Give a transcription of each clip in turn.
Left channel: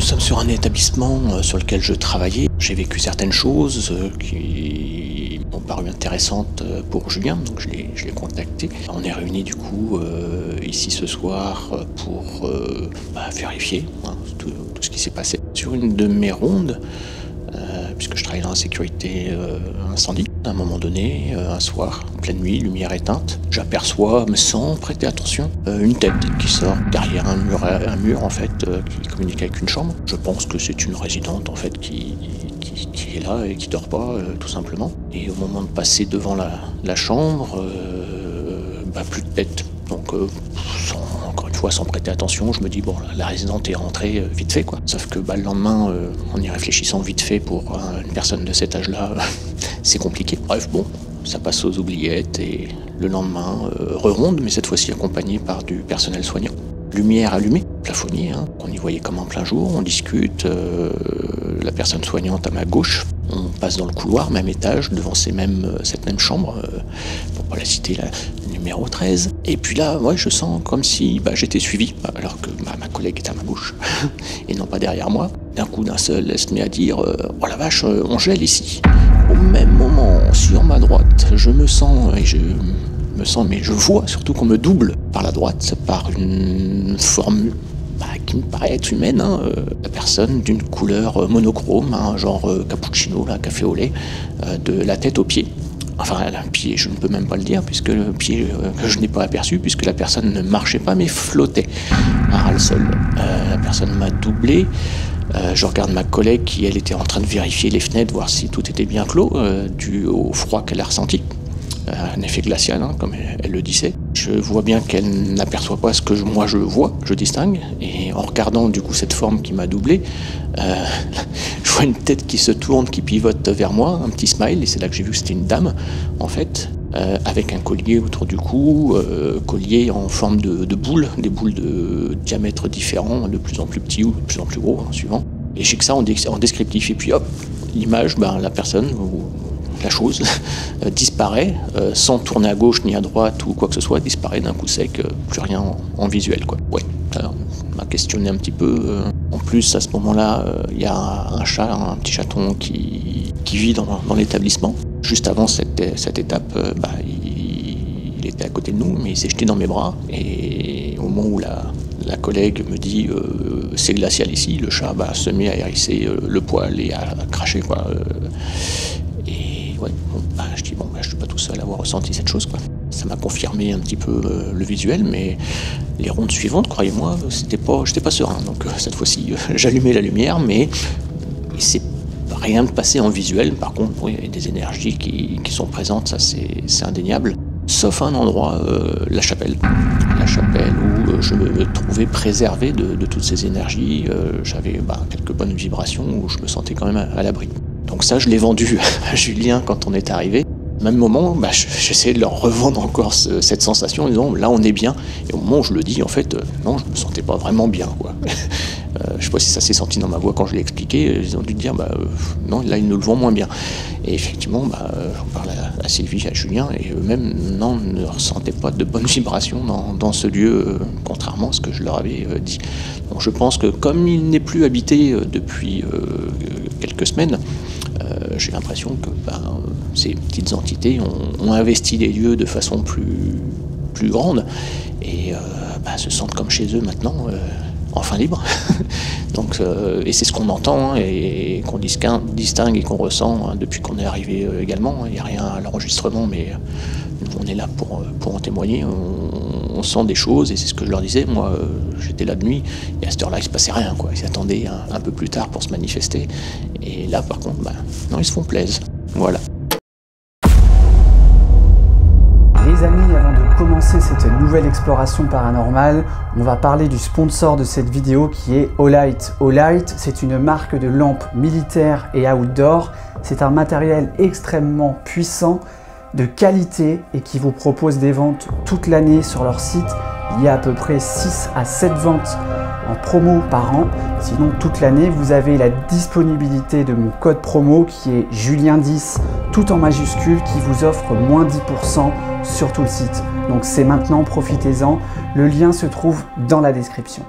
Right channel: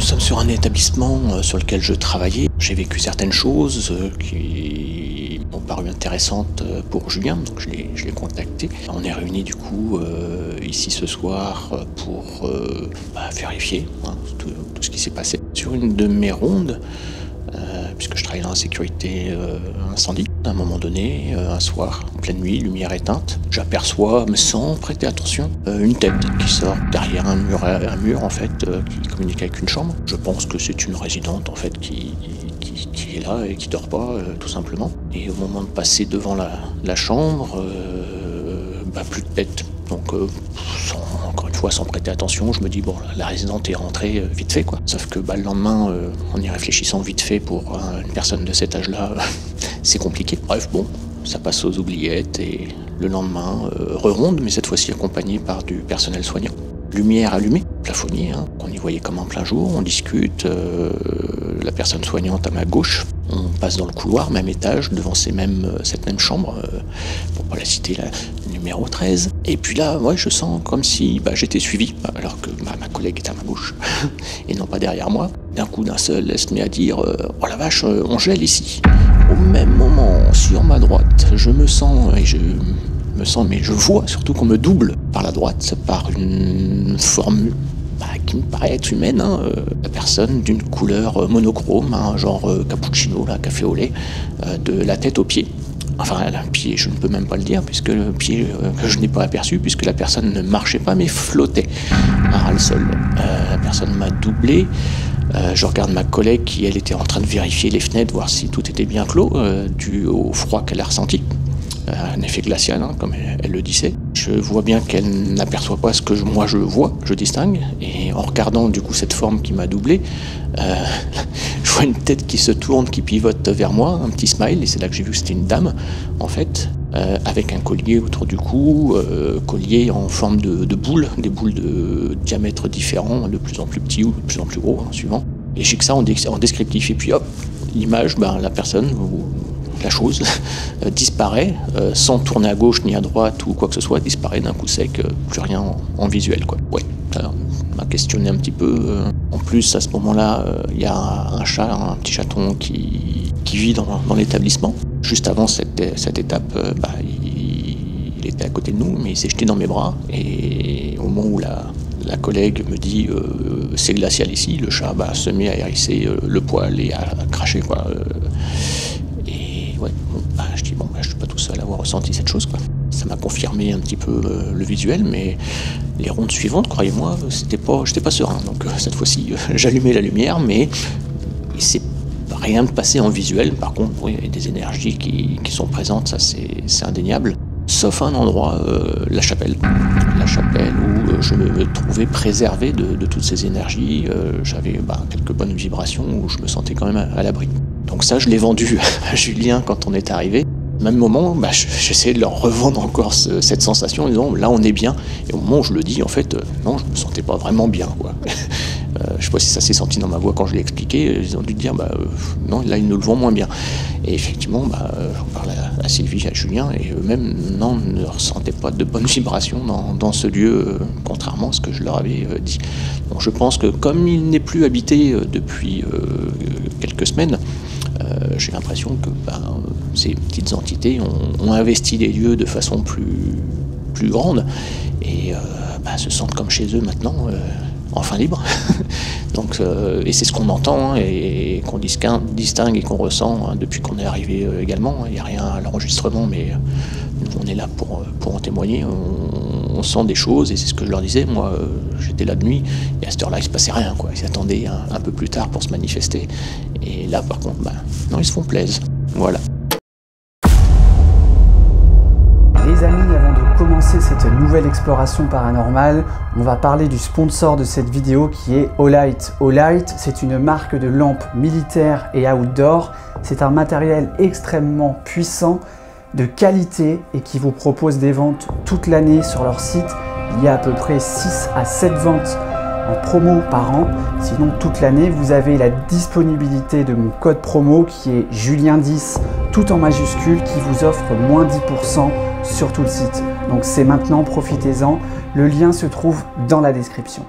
nous sommes sur un établissement sur lequel je travaillais. J'ai vécu certaines choses qui m'ont paru intéressantes pour Julien, donc je l'ai contacté. On est réunis du coup ici ce soir pour vérifier tout ce qui s'est passé. Sur une de mes rondes, puisque je travaille dans la sécurité incendie, à un moment donné, un soir, en pleine nuit, lumière éteinte, j'aperçois, mais sans prêter attention, une tête qui sort derrière un mur en fait, qui communique avec une chambre. Je pense que c'est une résidente en fait qui est là et qui dort pas, tout simplement. Et au moment de passer devant la chambre, plus de tête. Donc encore une fois, sans prêter attention, je me dis bon, la résidente est rentrée vite fait quoi. Sauf que le lendemain, en y réfléchissant vite fait pour une personne de cet âge-là, c'est compliqué. Bref, bon, ça passe aux oubliettes et le lendemain, re-ronde, mais cette fois-ci accompagné par du personnel soignant. Lumière allumée, plafonnier, on y voyait comme en plein jour, on discute, la personne soignante à ma gauche, on passe dans le couloir, même étage, devant cette même chambre, pour pas la citer, la numéro 13. Et puis là, ouais, je sens comme si j'étais suivi, alors que ma collègue est à ma gauche, et non pas derrière moi. D'un coup, d'un seul, elle se met à dire « Oh la vache, on gèle ici !» Au même moment, sur ma droite, je me sens, mais je vois surtout qu'on me double par la droite, par une forme qui me paraît être humaine, la personne d'une couleur monochrome, genre cappuccino, café au lait, de la tête aux pieds. Enfin, un pied, je ne peux même pas le dire, puisque le pied que je n'ai pas aperçu, puisque la personne ne marchait pas, mais flottait à ras le sol. La personne m'a doublé. Je regarde ma collègue qui, elle, était en train de vérifier les fenêtres, voir si tout était bien clos, dû au froid qu'elle a ressenti. Un effet glacial, comme elle le disait. Je vois bien qu'elle n'aperçoit pas ce que moi je vois, je distingue, et en regardant du coup cette forme qui m'a doublé, je vois une tête qui se tourne, qui pivote vers moi, un petit smile, et c'est là que j'ai vu que c'était une dame, en fait, avec un collier autour du cou, collier en forme de boules, des boules de diamètre différents, de plus en plus petits ou de plus en plus gros, suivant. Et j'ai que ça en descriptif, et puis hop, l'image, la personne, la chose disparaît, sans tourner à gauche ni à droite ou quoi que ce soit, disparaît d'un coup sec, plus rien en visuel quoi. Ouais, ça m'a questionné un petit peu. En plus, à ce moment-là, il y a un chat, un petit chaton qui vit dans l'établissement. Juste avant cette étape, il était à côté de nous, mais il s'est jeté dans mes bras. Et au moment où la collègue me dit c'est glacial ici, le chat se met à hérisser le poil et à cracher quoi. Ouais, je dis je suis pas tout seul à avoir ressenti cette chose quoi. Ça m'a confirmé un petit peu le visuel, mais les rondes suivantes, croyez-moi, j'étais pas serein. Donc cette fois-ci, j'allumais la lumière, mais il s'est rien de passé en visuel. Par contre, oui, il y a des énergies qui sont présentes, ça c'est indéniable. Sauf un endroit, la chapelle. La chapelle où je me trouvais préservé de toutes ces énergies. J'avais quelques bonnes vibrations où je me sentais quand même à l'abri. Donc ça, je l'ai vendu à Julien quand on est arrivé. Au même moment, j'essayais de leur revendre encore cette sensation en disant là on est bien. Et au moment où je le dis, en fait, non, je me sentais pas vraiment bien quoi. Je sais pas si ça s'est senti dans ma voix quand je l'ai expliqué. Ils ont dû dire non, là ils nous le vendent moins bien. Et effectivement, j'en parle à Sylvie, à Julien, et eux-mêmes ne ressentaient pas de bonnes vibrations dans ce lieu, contrairement à ce que je leur avais dit. Donc je pense que comme il n'est plus habité depuis quelques semaines, j'ai l'impression que ces petites entités ont investi les lieux de façon plus grande et se sentent comme chez eux maintenant, enfin libres. Donc, et c'est ce qu'on entend et qu'on distingue et qu'on ressent depuis qu'on est arrivé également. Il n'y a rien à l'enregistrement, mais nous, on est là pour en témoigner. On sent des choses et c'est ce que je leur disais. Moi, j'étais là de nuit et à cette heure-là, il ne se passait rien, quoi. Ils attendaient un peu plus tard pour se manifester. Et là, par contre, non, ils se font plaisir. Voilà. Les amis, avant de commencer cette nouvelle exploration paranormale, on va parler du sponsor de cette vidéo qui est Olight. Olight, c'est une marque de lampes militaires et outdoor. C'est un matériel extrêmement puissant, de qualité et qui vous propose des ventes toute l'année sur leur site. Il y a à peu près 6 à 7 ventes en promo par an. Sinon, toute l'année, vous avez la disponibilité de mon code promo qui est Julien10, tout en majuscule, qui vous offre moins 10% sur tout le site. Donc c'est maintenant, profitez-en. Le lien se trouve dans la description.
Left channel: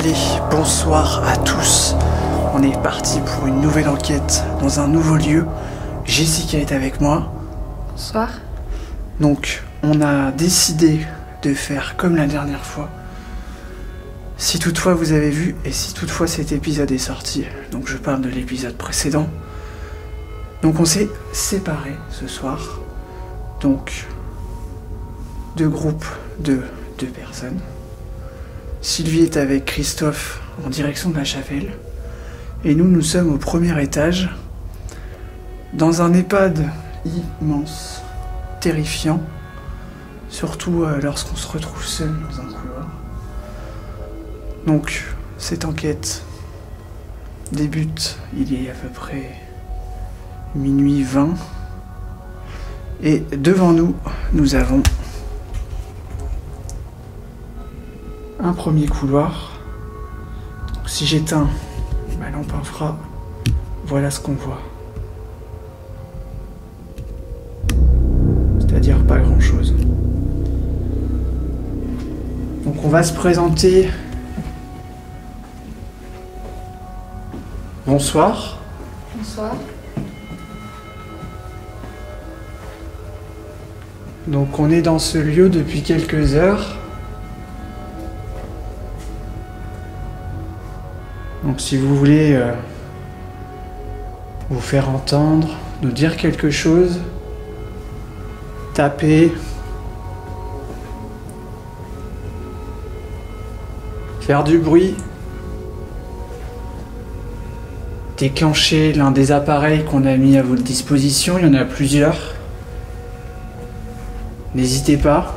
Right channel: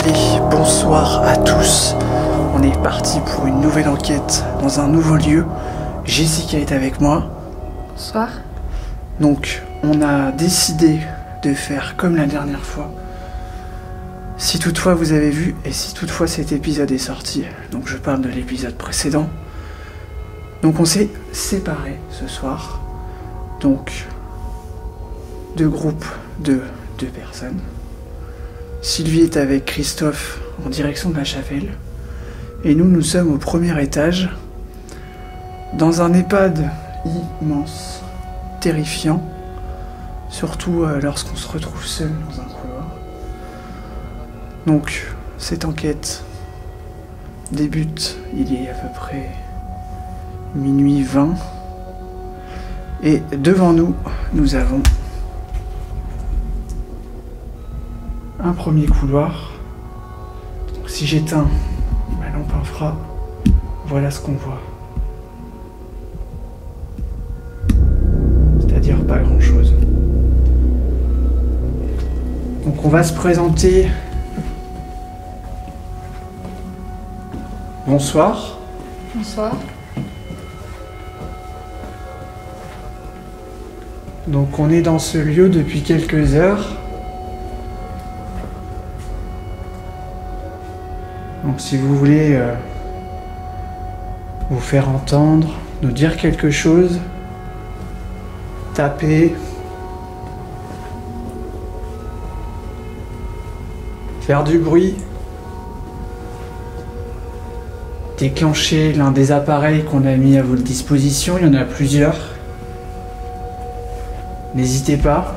Allez, bonsoir à tous. On est parti pour une nouvelle enquête dans un nouveau lieu. Jessica est avec moi. Bonsoir. Donc, on a décidé de faire comme la dernière fois. Si toutefois vous avez vu et si toutefois cet épisode est sorti, donc je parle de l'épisode précédent. Donc on s'est séparés ce soir. Donc, deux groupes de 2 personnes. Sylvie est avec Christophe en direction de la chapelle. Et nous sommes au premier étage, dans un EHPAD immense, terrifiant, surtout lorsqu'on se retrouve seul dans un couloir. Donc, cette enquête débute, il est à peu près minuit 20. Et devant nous, nous avons un premier couloir. Donc, si j'éteins ma lampe infra, voilà ce qu'on voit. C'est-à-dire pas grand-chose. Donc on va se présenter. Bonsoir. Bonsoir. Donc on est dans ce lieu depuis quelques heures. Donc si vous voulez vous faire entendre, nous dire quelque chose, tapez, faire du bruit, déclencher l'un des appareils qu'on a mis à votre disposition, il y en a plusieurs. N'hésitez pas.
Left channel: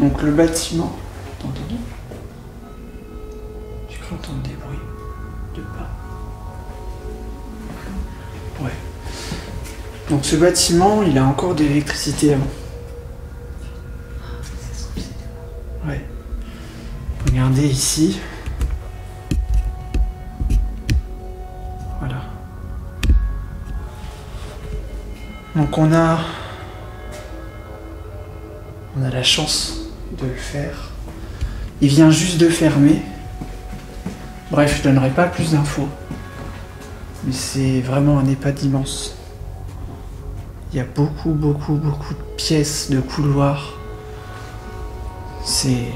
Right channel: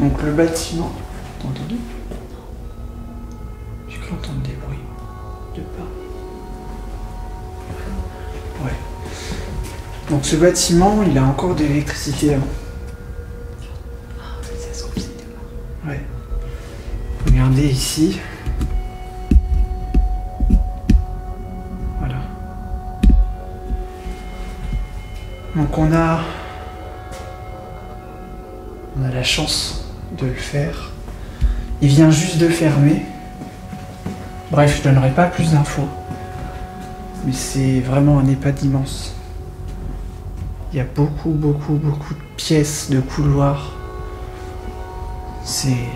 Donc le bâtiment, t'as entendu? J'ai cru entendre des bruits de pas. Ouais. Donc ce bâtiment, il a encore de l'électricité avant. Ouais. Regardez ici. Voilà. Donc on a la chance de le faire. Il vient juste de fermer. Bref, je donnerai pas plus d'infos. Mais c'est vraiment un EHPAD immense. Il y a beaucoup de pièces, de couloirs. C'est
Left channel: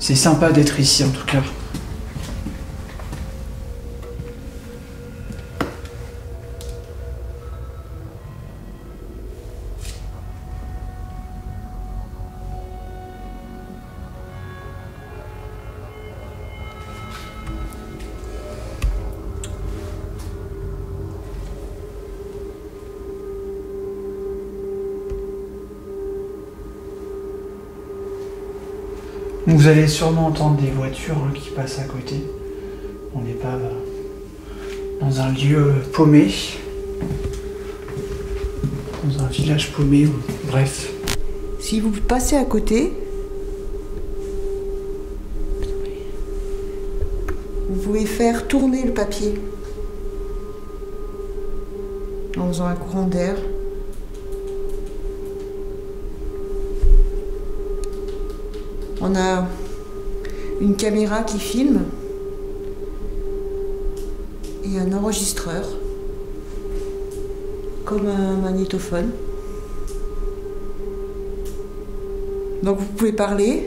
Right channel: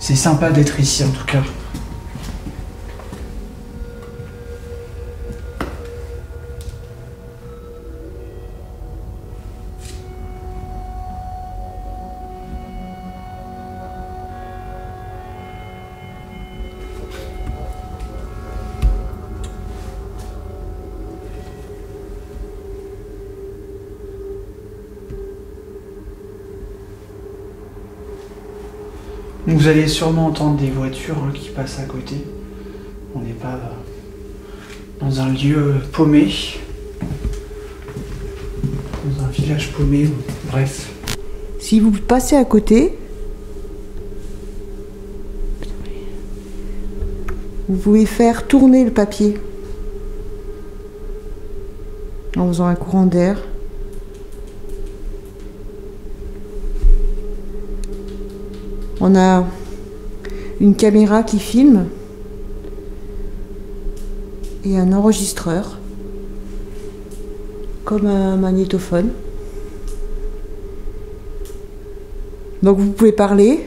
sympa d'être ici en tout cas. Vous allez sûrement entendre des voitures qui passent à côté. On n'est pas dans un lieu paumé, dans un village paumé, bref. Si vous passez à côté, vous pouvez faire tourner le papier en faisant un courant d'air. On a une caméra qui filme et un enregistreur, comme un magnétophone. Donc vous pouvez parler.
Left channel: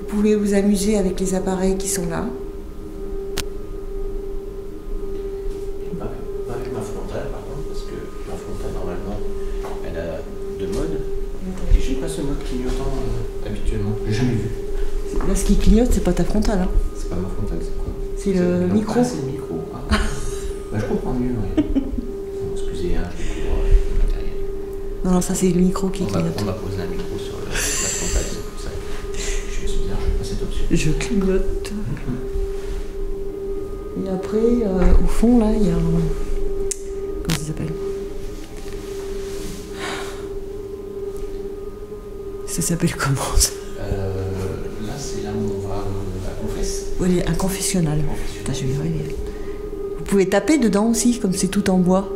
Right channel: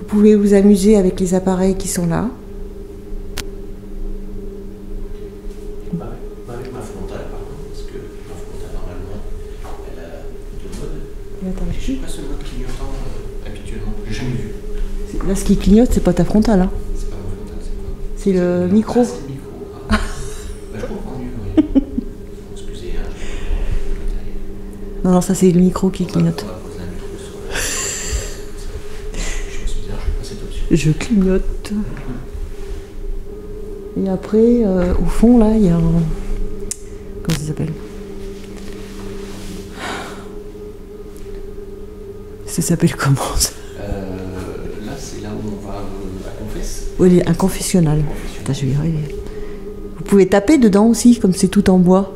Vous pouvez vous amuser avec les appareils qui sont là. Ce qui clignote, c'est pas ta frontale. Hein. C'est pas ma frontale, c'est quoi? C'est le micro. Ah, c'est le micro. Ah. Bah, je comprends mieux. Ouais. Excusez, pour le matériel. Non, ça c'est le micro qui clignote. On m'a posé un micro sur la frontale, c'est pour ça. Je suis bien, Je clignote. Et après, montrer, au fond, là, il y a un... Comment ça s'appelle? Ça s'appelle comment? Là, c'est là où on va à confesse. Oui, un confessionnal. Confessionnal. Putain, ouais. Vous pouvez taper dedans aussi, comme c'est tout en bois.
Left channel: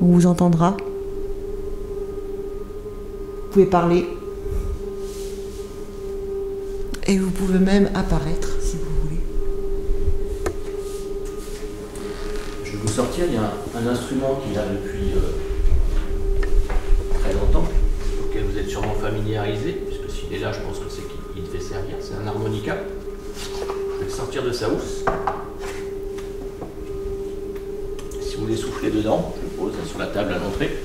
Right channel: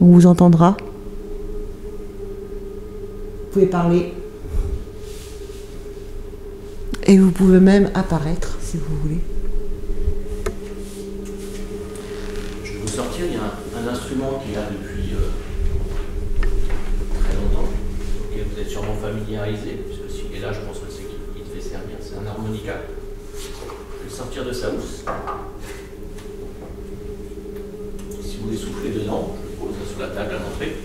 On vous entendra. Vous pouvez parler. Et vous pouvez même apparaître, si vous voulez. Je vais vous sortir, il y a un instrument qui est là depuis très longtemps, auquel vous êtes sûrement familiarisé, puisque s'il est là, je pense que c'est qu'il devait servir. C'est un harmonica. Je vais le sortir de sa housse. Si vous voulez souffler dedans, je le pose sur la table à l'entrée.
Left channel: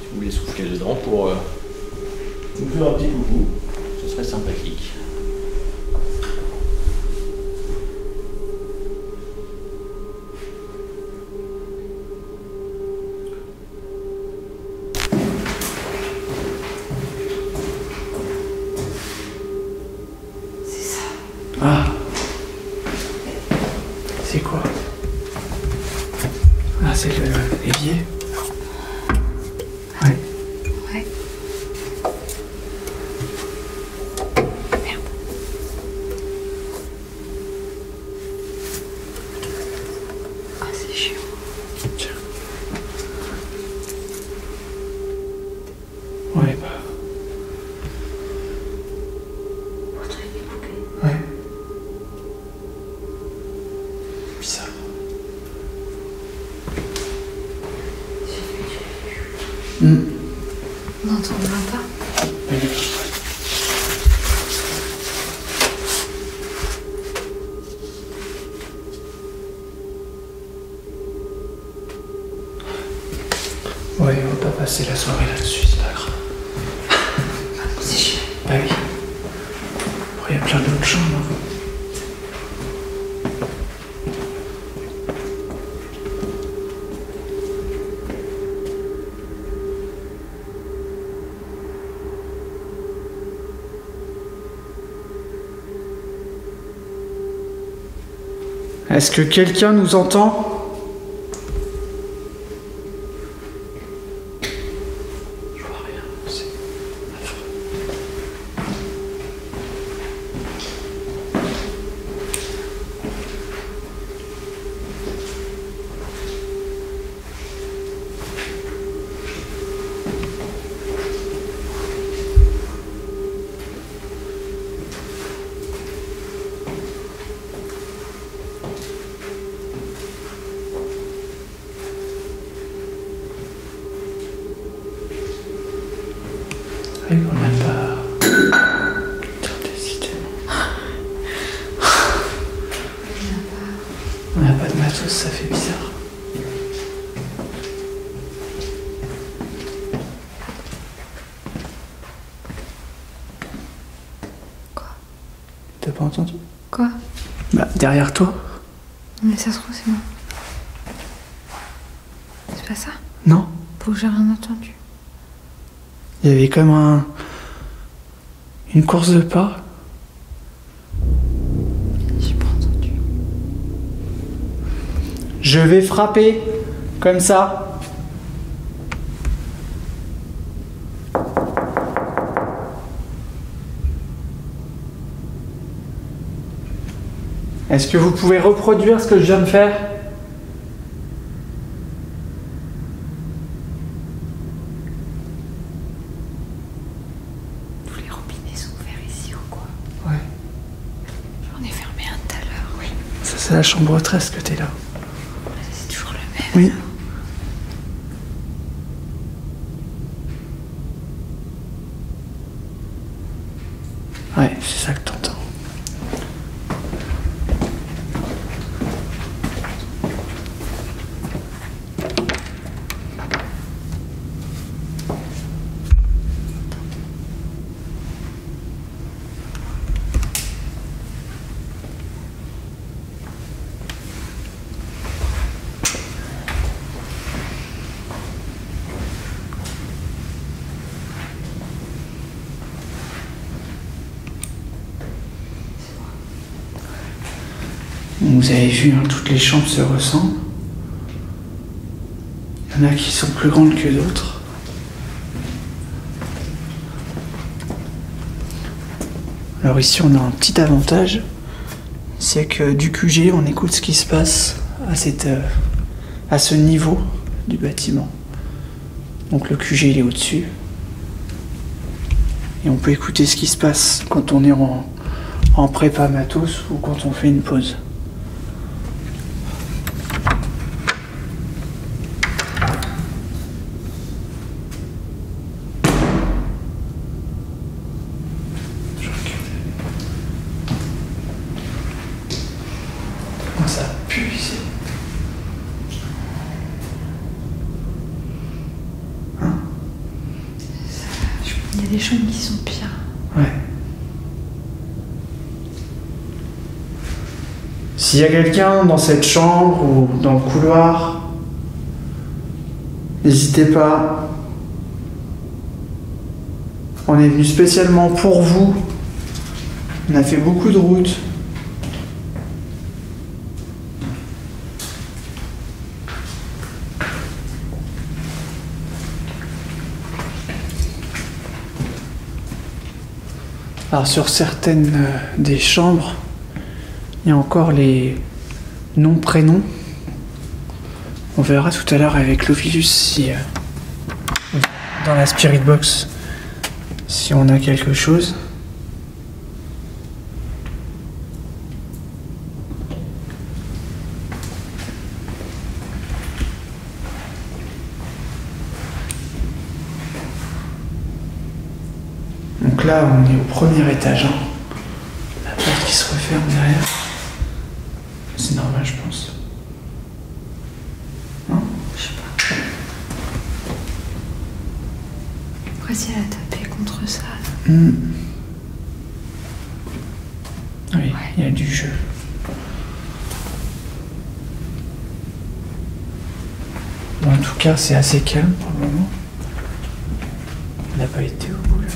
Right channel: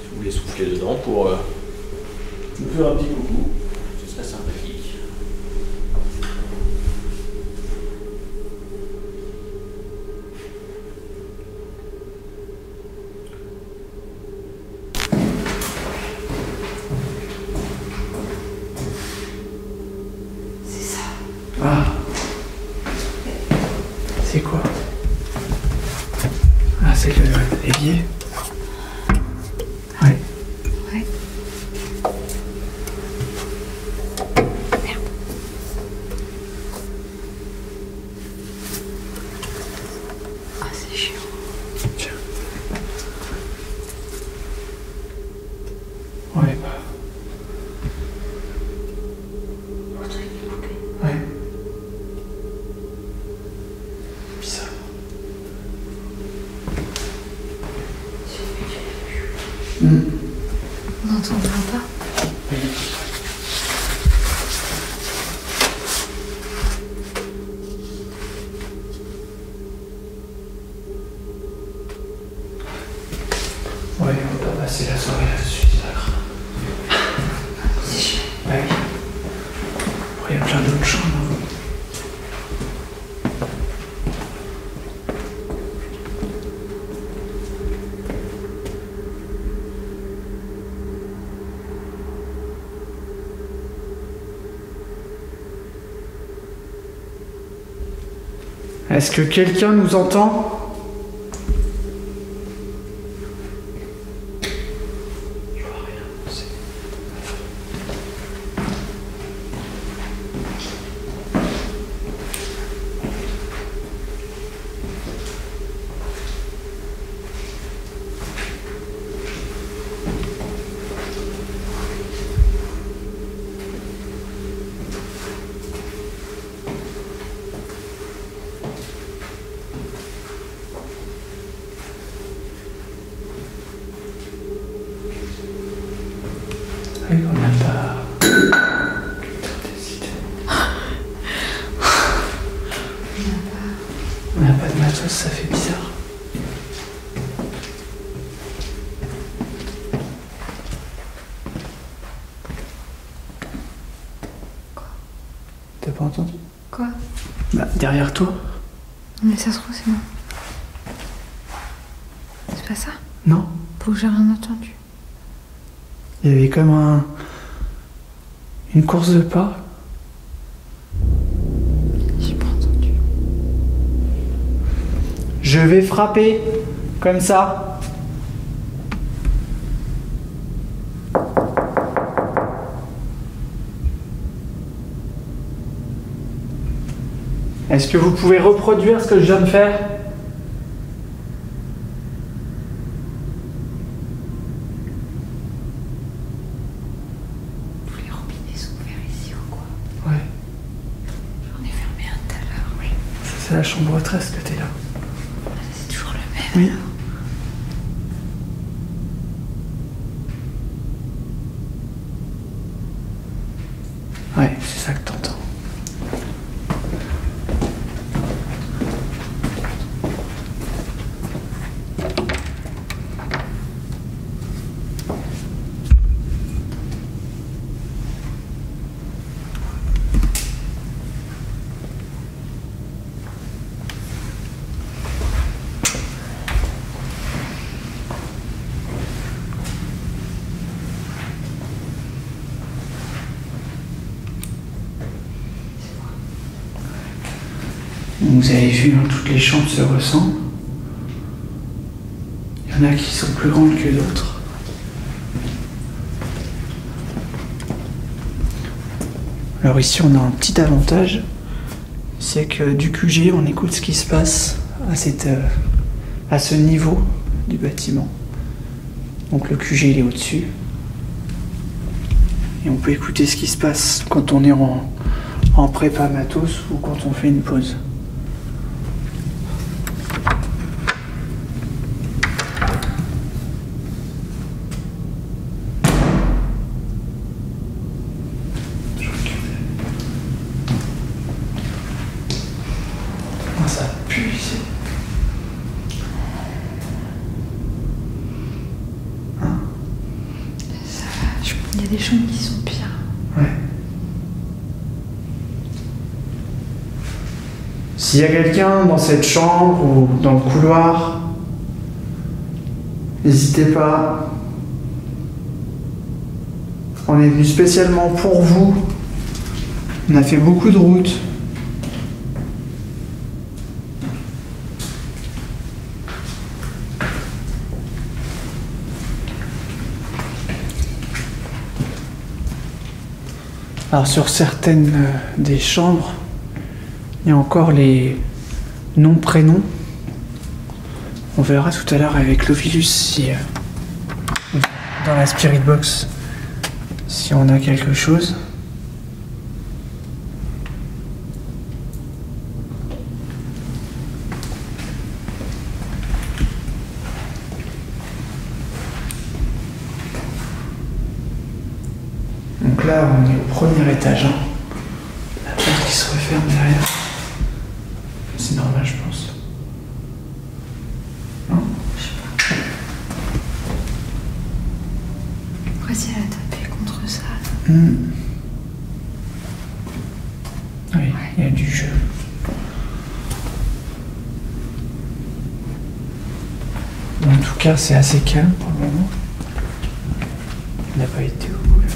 Si vous voulez souffler dedans pour nous faire un petit coucou, ce serait sympathique. Ah. C'est quoi? Ah, c'est l'évier. Ouais. Ouais. Merde. Ah, c'est chiant. Tiens. Ouais, bah. Ouais. Bizarre. On n'entendra pas. Ouais, on va pas passer la soirée là-dessus, c'est pas grave. C'est chiant. Bah oui. Il y a plein d'autres chambres. Est-ce que quelqu'un nous entend? Je vois rien, c'est... Oui, on n'a pas... On n'a pas de matos, ça fait bizarre. Quoi? T'as pas entendu? Quoi? Bah, derrière toi. Mais ça se trouve, c'est moi. C'est pas ça? Non. Faut que j'ai rien entendu. Il y avait comme une course de pas. J'ai pas entendu. Je vais frapper, comme ça. Est-ce que vous pouvez reproduire ce que je viens de faire? Tous les robinets sont ouverts ici ou quoi? Ouais. J'en ai fermé un tout à l'heure. Oui. Ça, c'est la chambre 13 que t'es là. C'est toujours le même. Oui. alors. Ouais, c'est ça que t'entends. Vous avez vu, hein, toutes les chambres se ressemblent. Il y en a qui sont plus grandes que d'autres. Alors ici on a un petit avantage, c'est que du QG on écoute ce qui se passe à ce niveau du bâtiment. Donc le QG il est au-dessus. Et on peut écouter ce qui se passe quand on est en prépa matos ou quand on fait une pause. Ça pue ici. Hein? Il y a des chambres qui sont pires. Ouais. S'il y a quelqu'un dans cette chambre ou dans le couloir, n'hésitez pas. On est venu spécialement pour vous. On a fait beaucoup de routes. Alors sur certaines des chambres, il y a encore les noms-prénoms. On verra tout à l'heure avec l'Ovilus si dans la Spirit Box si on a quelque chose. Donc là, on est au premier étage. Hein. La porte qui se referme derrière. C'est normal, je pense. Non? Je sais pas. Après, si elle a tapé contre ça. Oui, il y a du jeu. Bon, en tout cas, c'est assez calme pour le moment. On n'a pas été au bout là-bas.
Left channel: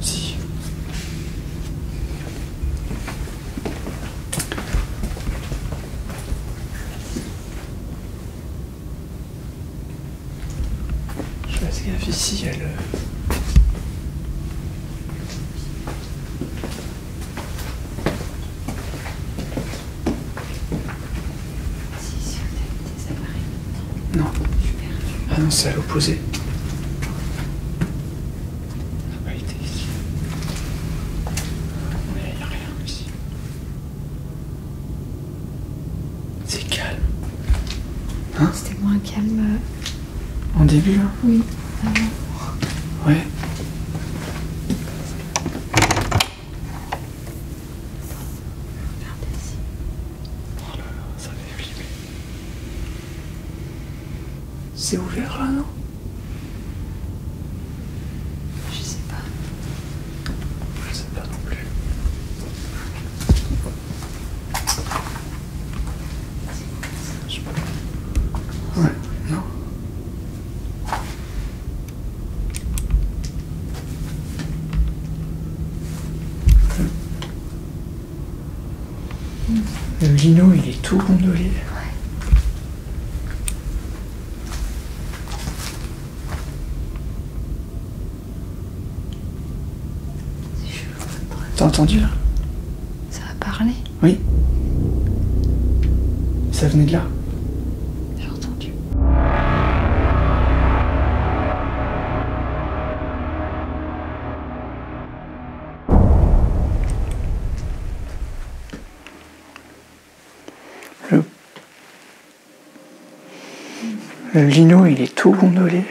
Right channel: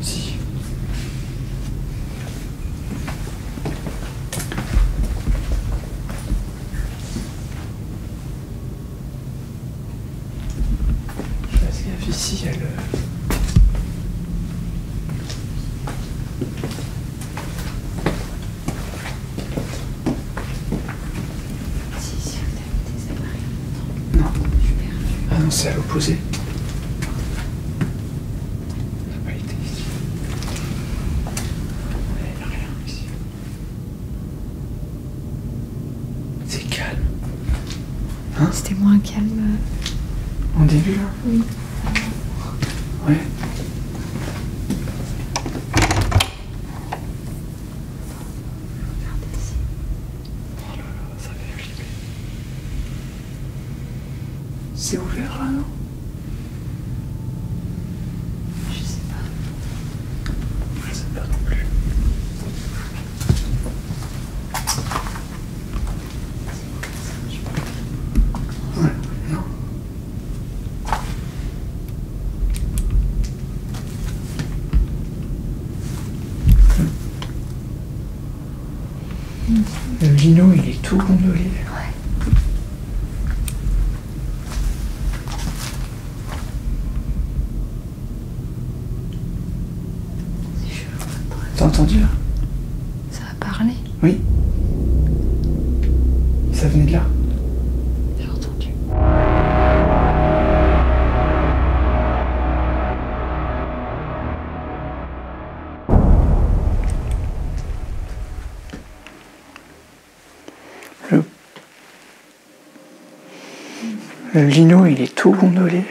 Si. Je fasse gaffe ici, elle. Si, on a mis des appareils. Non. Ah non, c'est à l'opposé. On n'a pas été ici. Il n'y a rien ici. C'est calme. Hein? C'était moins calme. En début, là? Oui. Ouais. Regardez ici. Oh là là, ça fait flipper. C'est ouvert là, non? Je sais pas. Je sais pas non plus. Ouais, non. Le lino, il est tout gondolé. C'est chelou. T'as entendu là? Ça a parlé. Oui. Ça venait de là. J'ai entendu. Le lino, il est tout gondolé.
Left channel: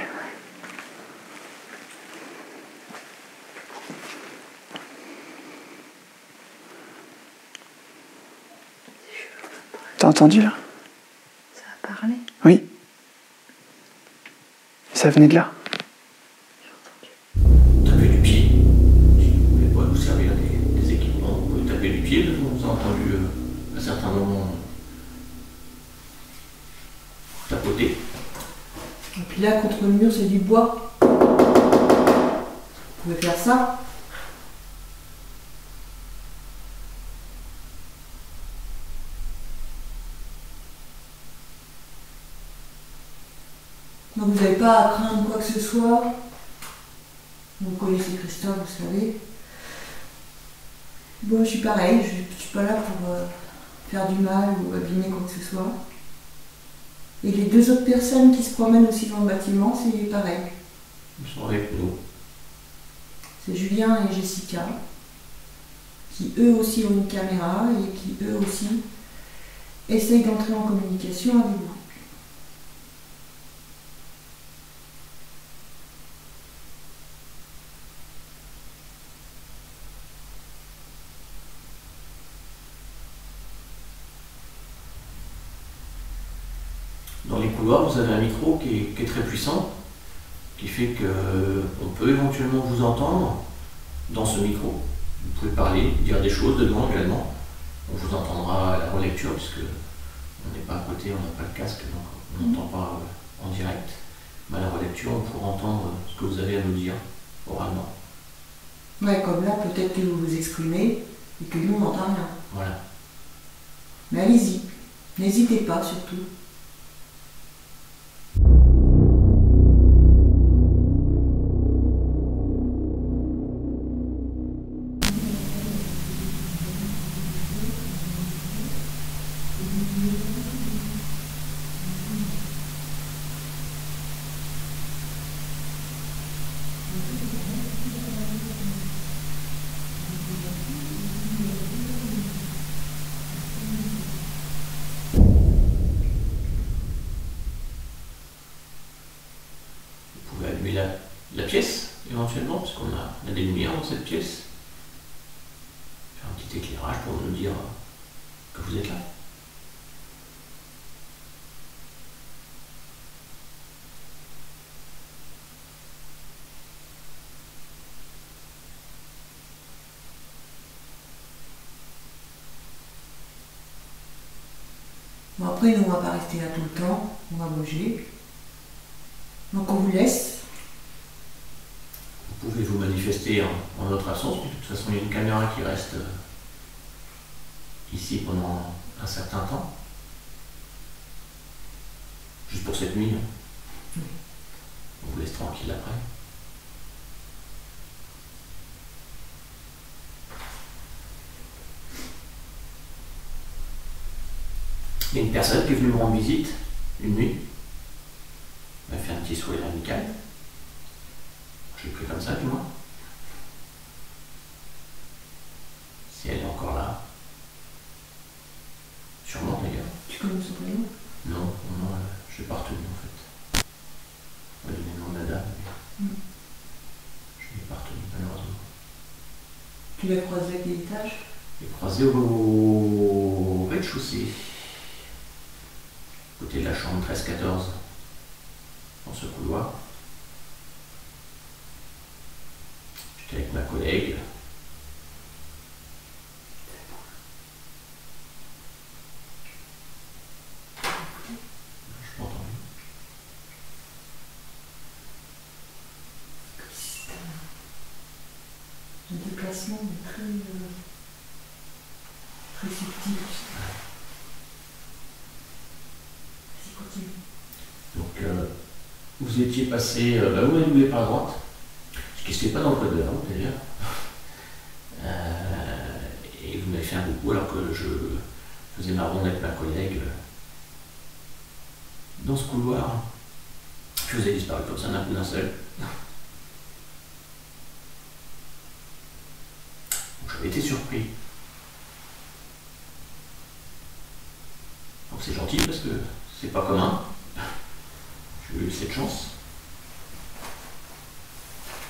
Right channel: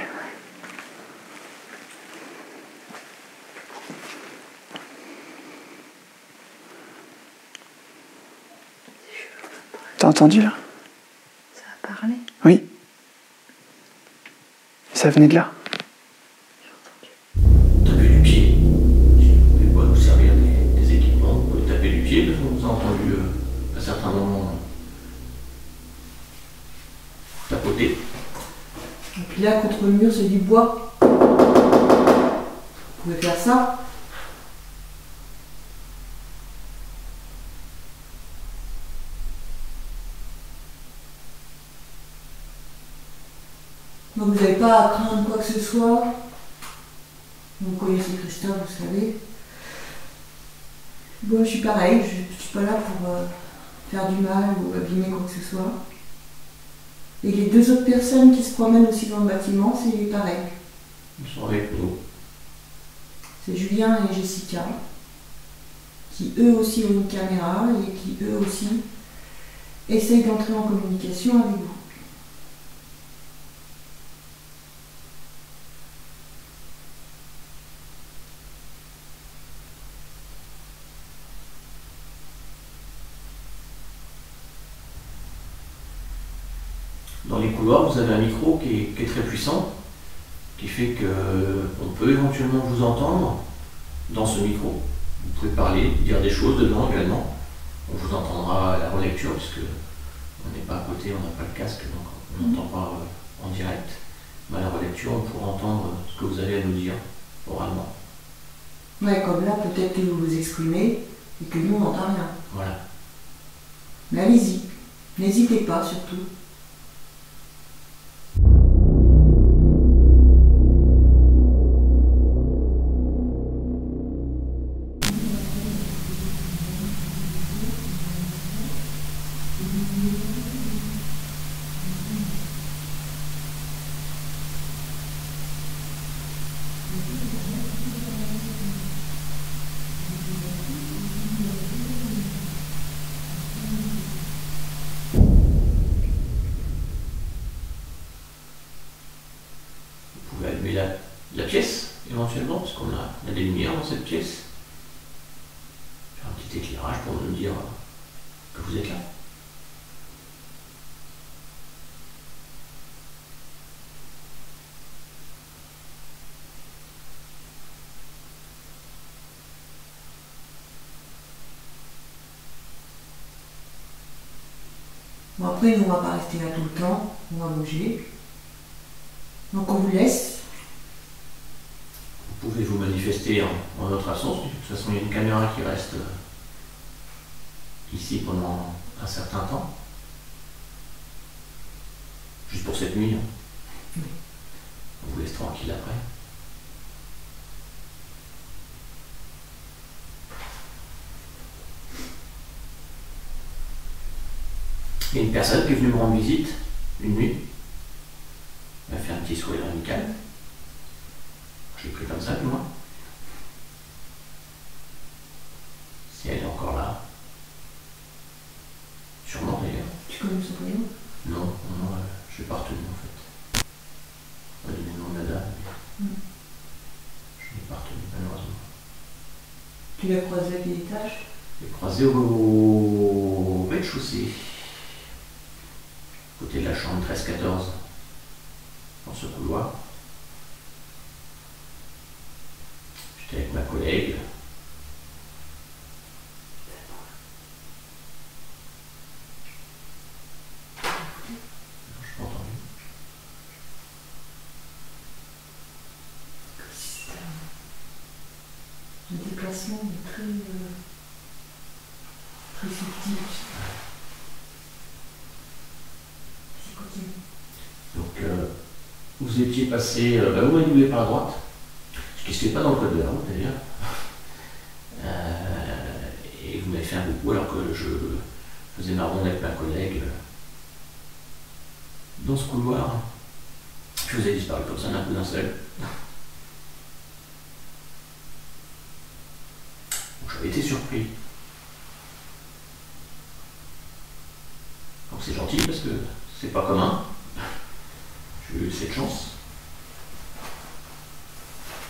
T'as entendu là? Ça a parlé. Oui. Ça venait de là. Taper du pied. Si vous voulez pas vous servir des équipements, vous pouvez taper du pied, parce qu'on vous a entendu à certains moments tapoter. Et puis là, contre le mur, c'est du bois. Vous pouvez faire ça. Donc vous n'avez pas à craindre quoi que ce soit. Vous connaissez Christophe, vous savez. Bon, je suis pareil, je ne suis pas là pour faire du mal ou abîmer quoi que ce soit. Et les deux autres personnes qui se promènent aussi dans le bâtiment, c'est pareil. Ils sont avec nous. C'est Julien et Jessica, qui eux aussi ont une caméra et qui eux aussi essayent d'entrer en communication avec vous. Dans les couloirs, vous avez un micro qui est très puissant, qui fait qu'on peut éventuellement vous entendre dans ce micro. Vous pouvez parler, dire des choses dedans également. On vous entendra à la relecture, puisque on n'est pas à côté, on n'a pas de casque, donc on n'entend pas en direct. Mais à la relecture, on pourra entendre ce que vous avez à nous dire oralement. Ouais, comme là, peut-être que vous vous exprimez et que nous, on n'entend rien. Voilà. Mais allez-y, n'hésitez pas surtout. Vous pouvez allumer la pièce, éventuellement, parce qu'on a des lumières dans cette pièce. Faire un petit éclairage pour nous dire que vous êtes là. Bon, après, nous, on ne va pas rester là tout le temps, on va bouger. Donc, on vous laisse. Vous pouvez vous manifester en notre absence. De toute façon, il y a une caméra qui reste ici pendant un certain temps. Juste pour cette nuit. On vous laisse tranquille après. Il y a une personne qui est venue me rendre visite une nuit. Elle a fait un petit sourire amical. Je l'ai pris comme ça, du moins. Si elle est encore là. Sûrement d'ailleurs. Tu connais son prénom? Non, je l'ai pas retenu en fait. On va donner le nom de la dame. Je ne l'ai pas retenu malheureusement. Tu l'as croisé à quel étage? Je l'ai croisé au rez-de-chaussée. Côté de la chambre 13-14. Dans ce couloir. J'étais avec ma collègue. Je m'entends. C'est un déplacement très subtil. C'est continue. Donc, vous étiez passé, vous m'avez doublé par la droite, ce qui ne se fait pas dans le code de la route d'ailleurs, et vous m'avez fait un coucou alors que je faisais ma ronde avec ma collègue dans ce couloir. Je vous ai disparu comme ça d'un coup d'un seul. Donc j'avais été surpris. Donc c'est gentil parce que c'est pas commun. J'ai eu cette chance.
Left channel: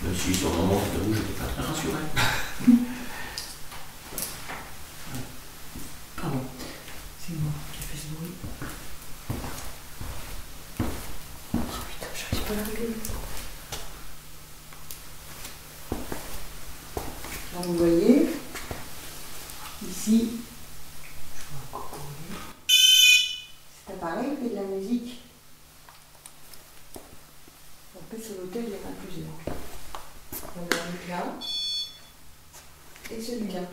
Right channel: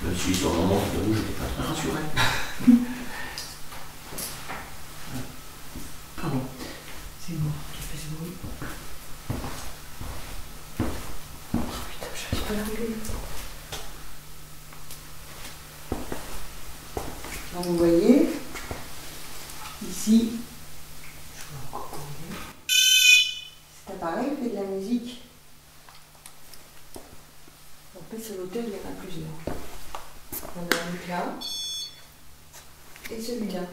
Même si sur le moment, je t'avoue, j'étais pas très rassuré. Pardon. C'est moi qui fais ce bruit. Oh putain, j'arrive pas à la gueule. Alors vous voyez, ici, je vois encore où il est. Cet appareil fait de la musique. En fait, sur l'hôtel, il y en a plusieurs. On a un là et celui-là.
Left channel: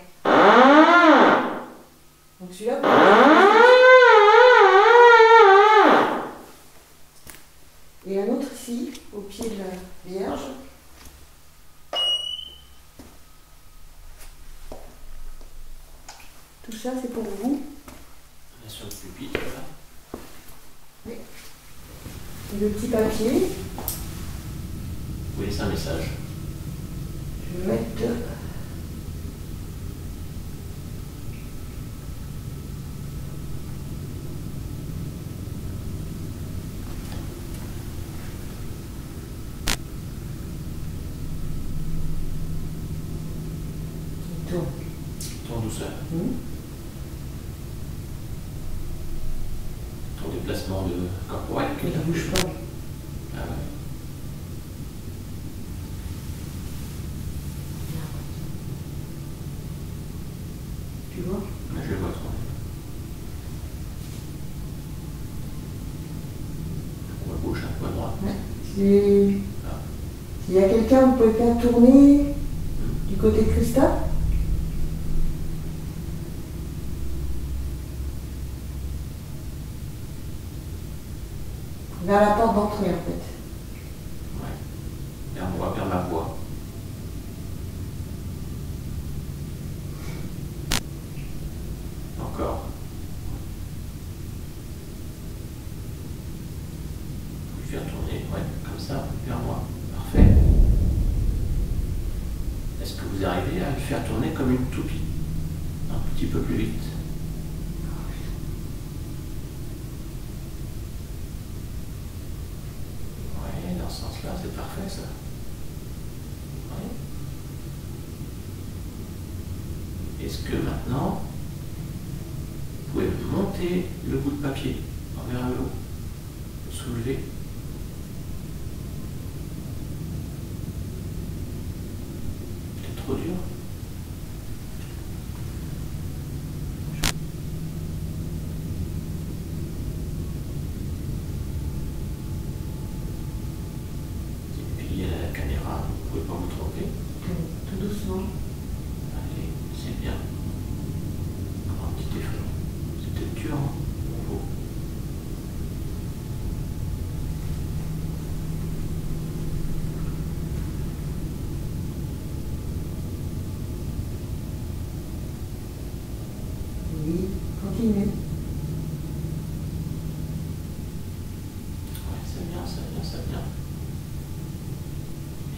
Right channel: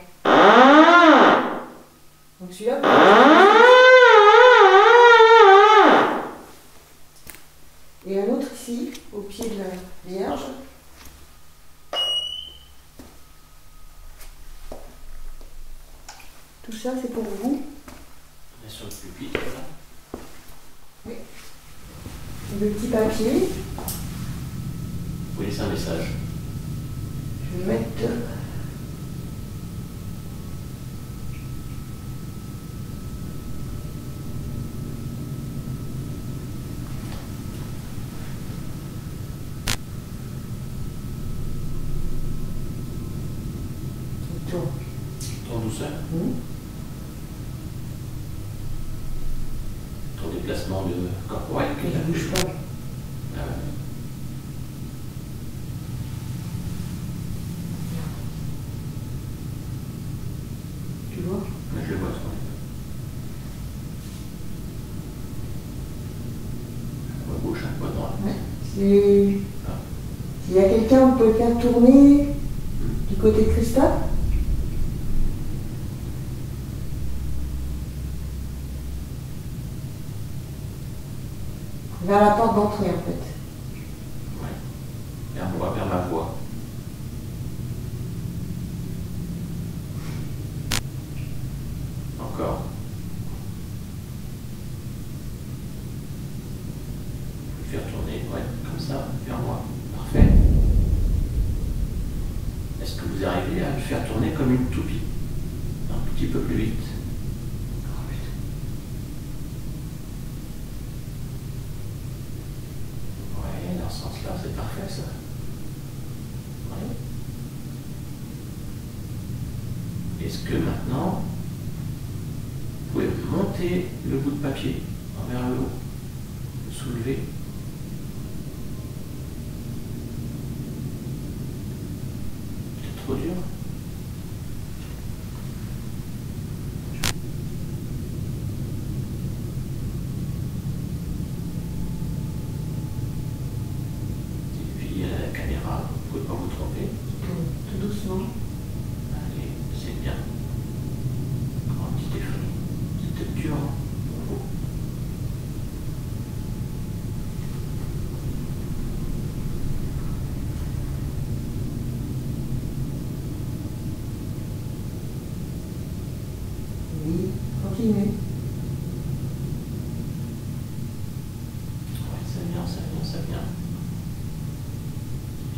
Donc celui-là, et un autre ça, c'est pour vous. On est sur le pupitre, là. Oui. Et le petit papier, Vous laissez un message. je vais mettre. Il tourne. Tourne douceur. Ton déplacement de corporel. Il ne bouge pas. Ah ouais. Tu vois? Ouais, je le vois tourner. À quoi gauche, à quoi droite. Ouais. C'est. Ah. S'il y a quelqu'un, vous pouvez faire tourner du côté de Christophe. Vers la porte d'entrée, en fait. Ouais. Vers moi, vers ma voix. Encore. Je vais faire tourner, ouais, comme ça, vers moi. Parfait. Est-ce que vous arrivez à le faire tourner comme une toupie? Un petit peu plus vite. Ouais, dans ce sens-là, c'est parfait ça. Ouais. Est-ce que maintenant, vous pouvez monter le bout de papier vers le haut, le soulever? C'est trop dur. Et puis il y a la caméra, vous ne pouvez pas vous tromper. Tout doucement. Allez, c'est bien. Un petit effort. C'était dur, hein, pour vous. Oui, continue. Ouais, c'est bien, c'est bien, c'est bien.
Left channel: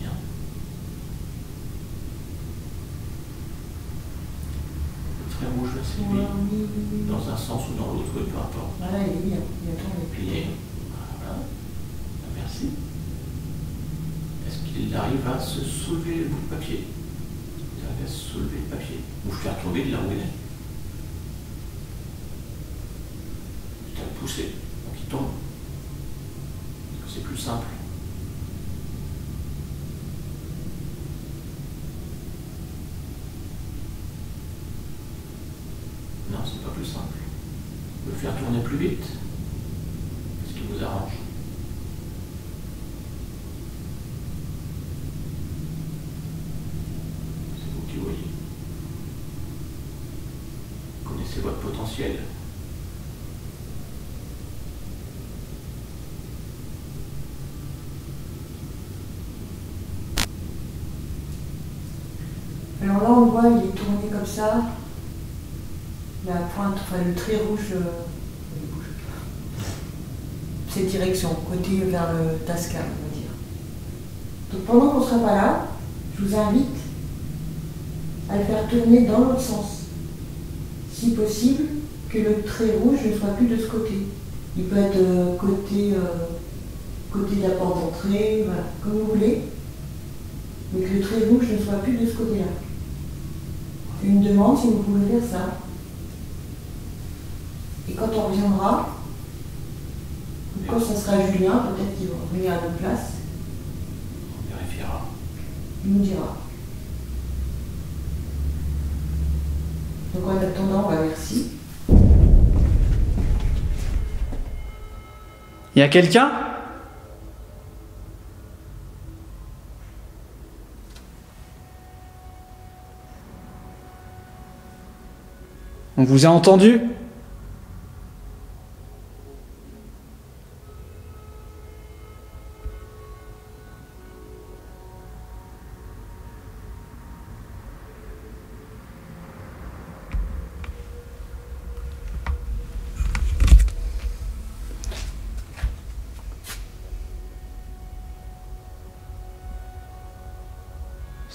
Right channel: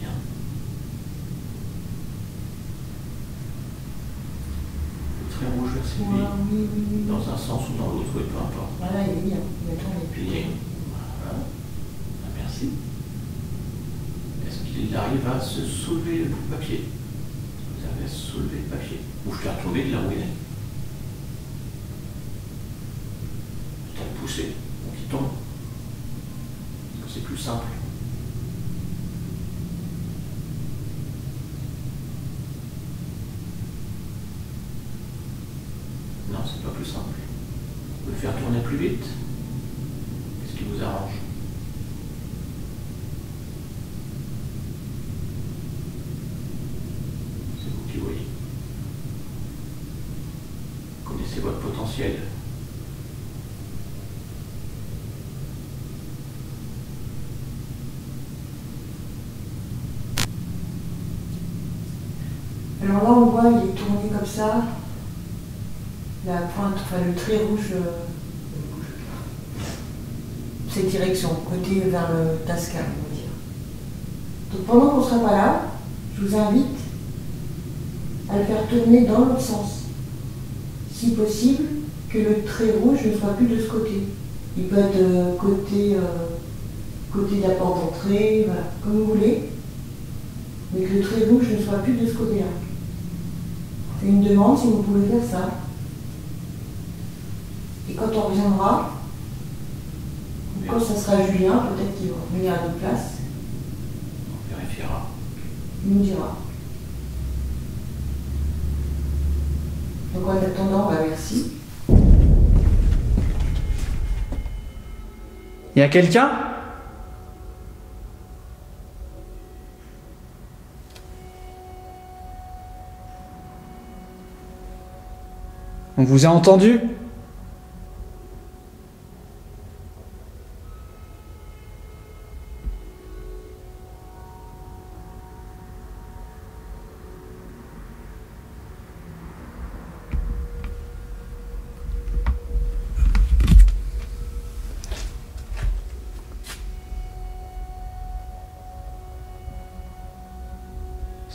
Bien. Le trait rouge, là, c'est lui. Oui, oui, oui. Dans un sens ou dans l'autre, oui, peu importe. Voilà, il est bien. Il attend les Puis, voilà. Ah, merci. Est-ce qu'il arrive à se soulever le bout de papier? Vous arrivez à soulever le papier. Ou faire tomber de là où il est. Peut-être le pousser. Donc il tombe. C'est plus simple. Non, c'est pas plus simple. Vous pouvez le faire tourner plus vite. Qu'est-ce qui vous arrange? C'est vous qui voyez. Vous connaissez votre potentiel. Alors là, on voit, il est tourné comme ça. La pointe, enfin le trait rouge, cette direction, côté vers le Tasca, on va dire. Donc pendant qu'on ne sera pas là, je vous invite à le faire tourner dans l'autre sens. Si possible, que le trait rouge ne soit plus de ce côté. Il peut être côté de la porte d'entrée, voilà, comme vous voulez. Mais que le trait rouge ne soit plus de ce côté-là. Je fais une demande si vous pouvez faire ça. Et quand on reviendra, ou quand ça sera Julien, peut-être qu'il va revenir à notre place, On vérifiera. il nous dira. Donc en attendant, on va merci. Il y a quelqu'un? On vous a entendu?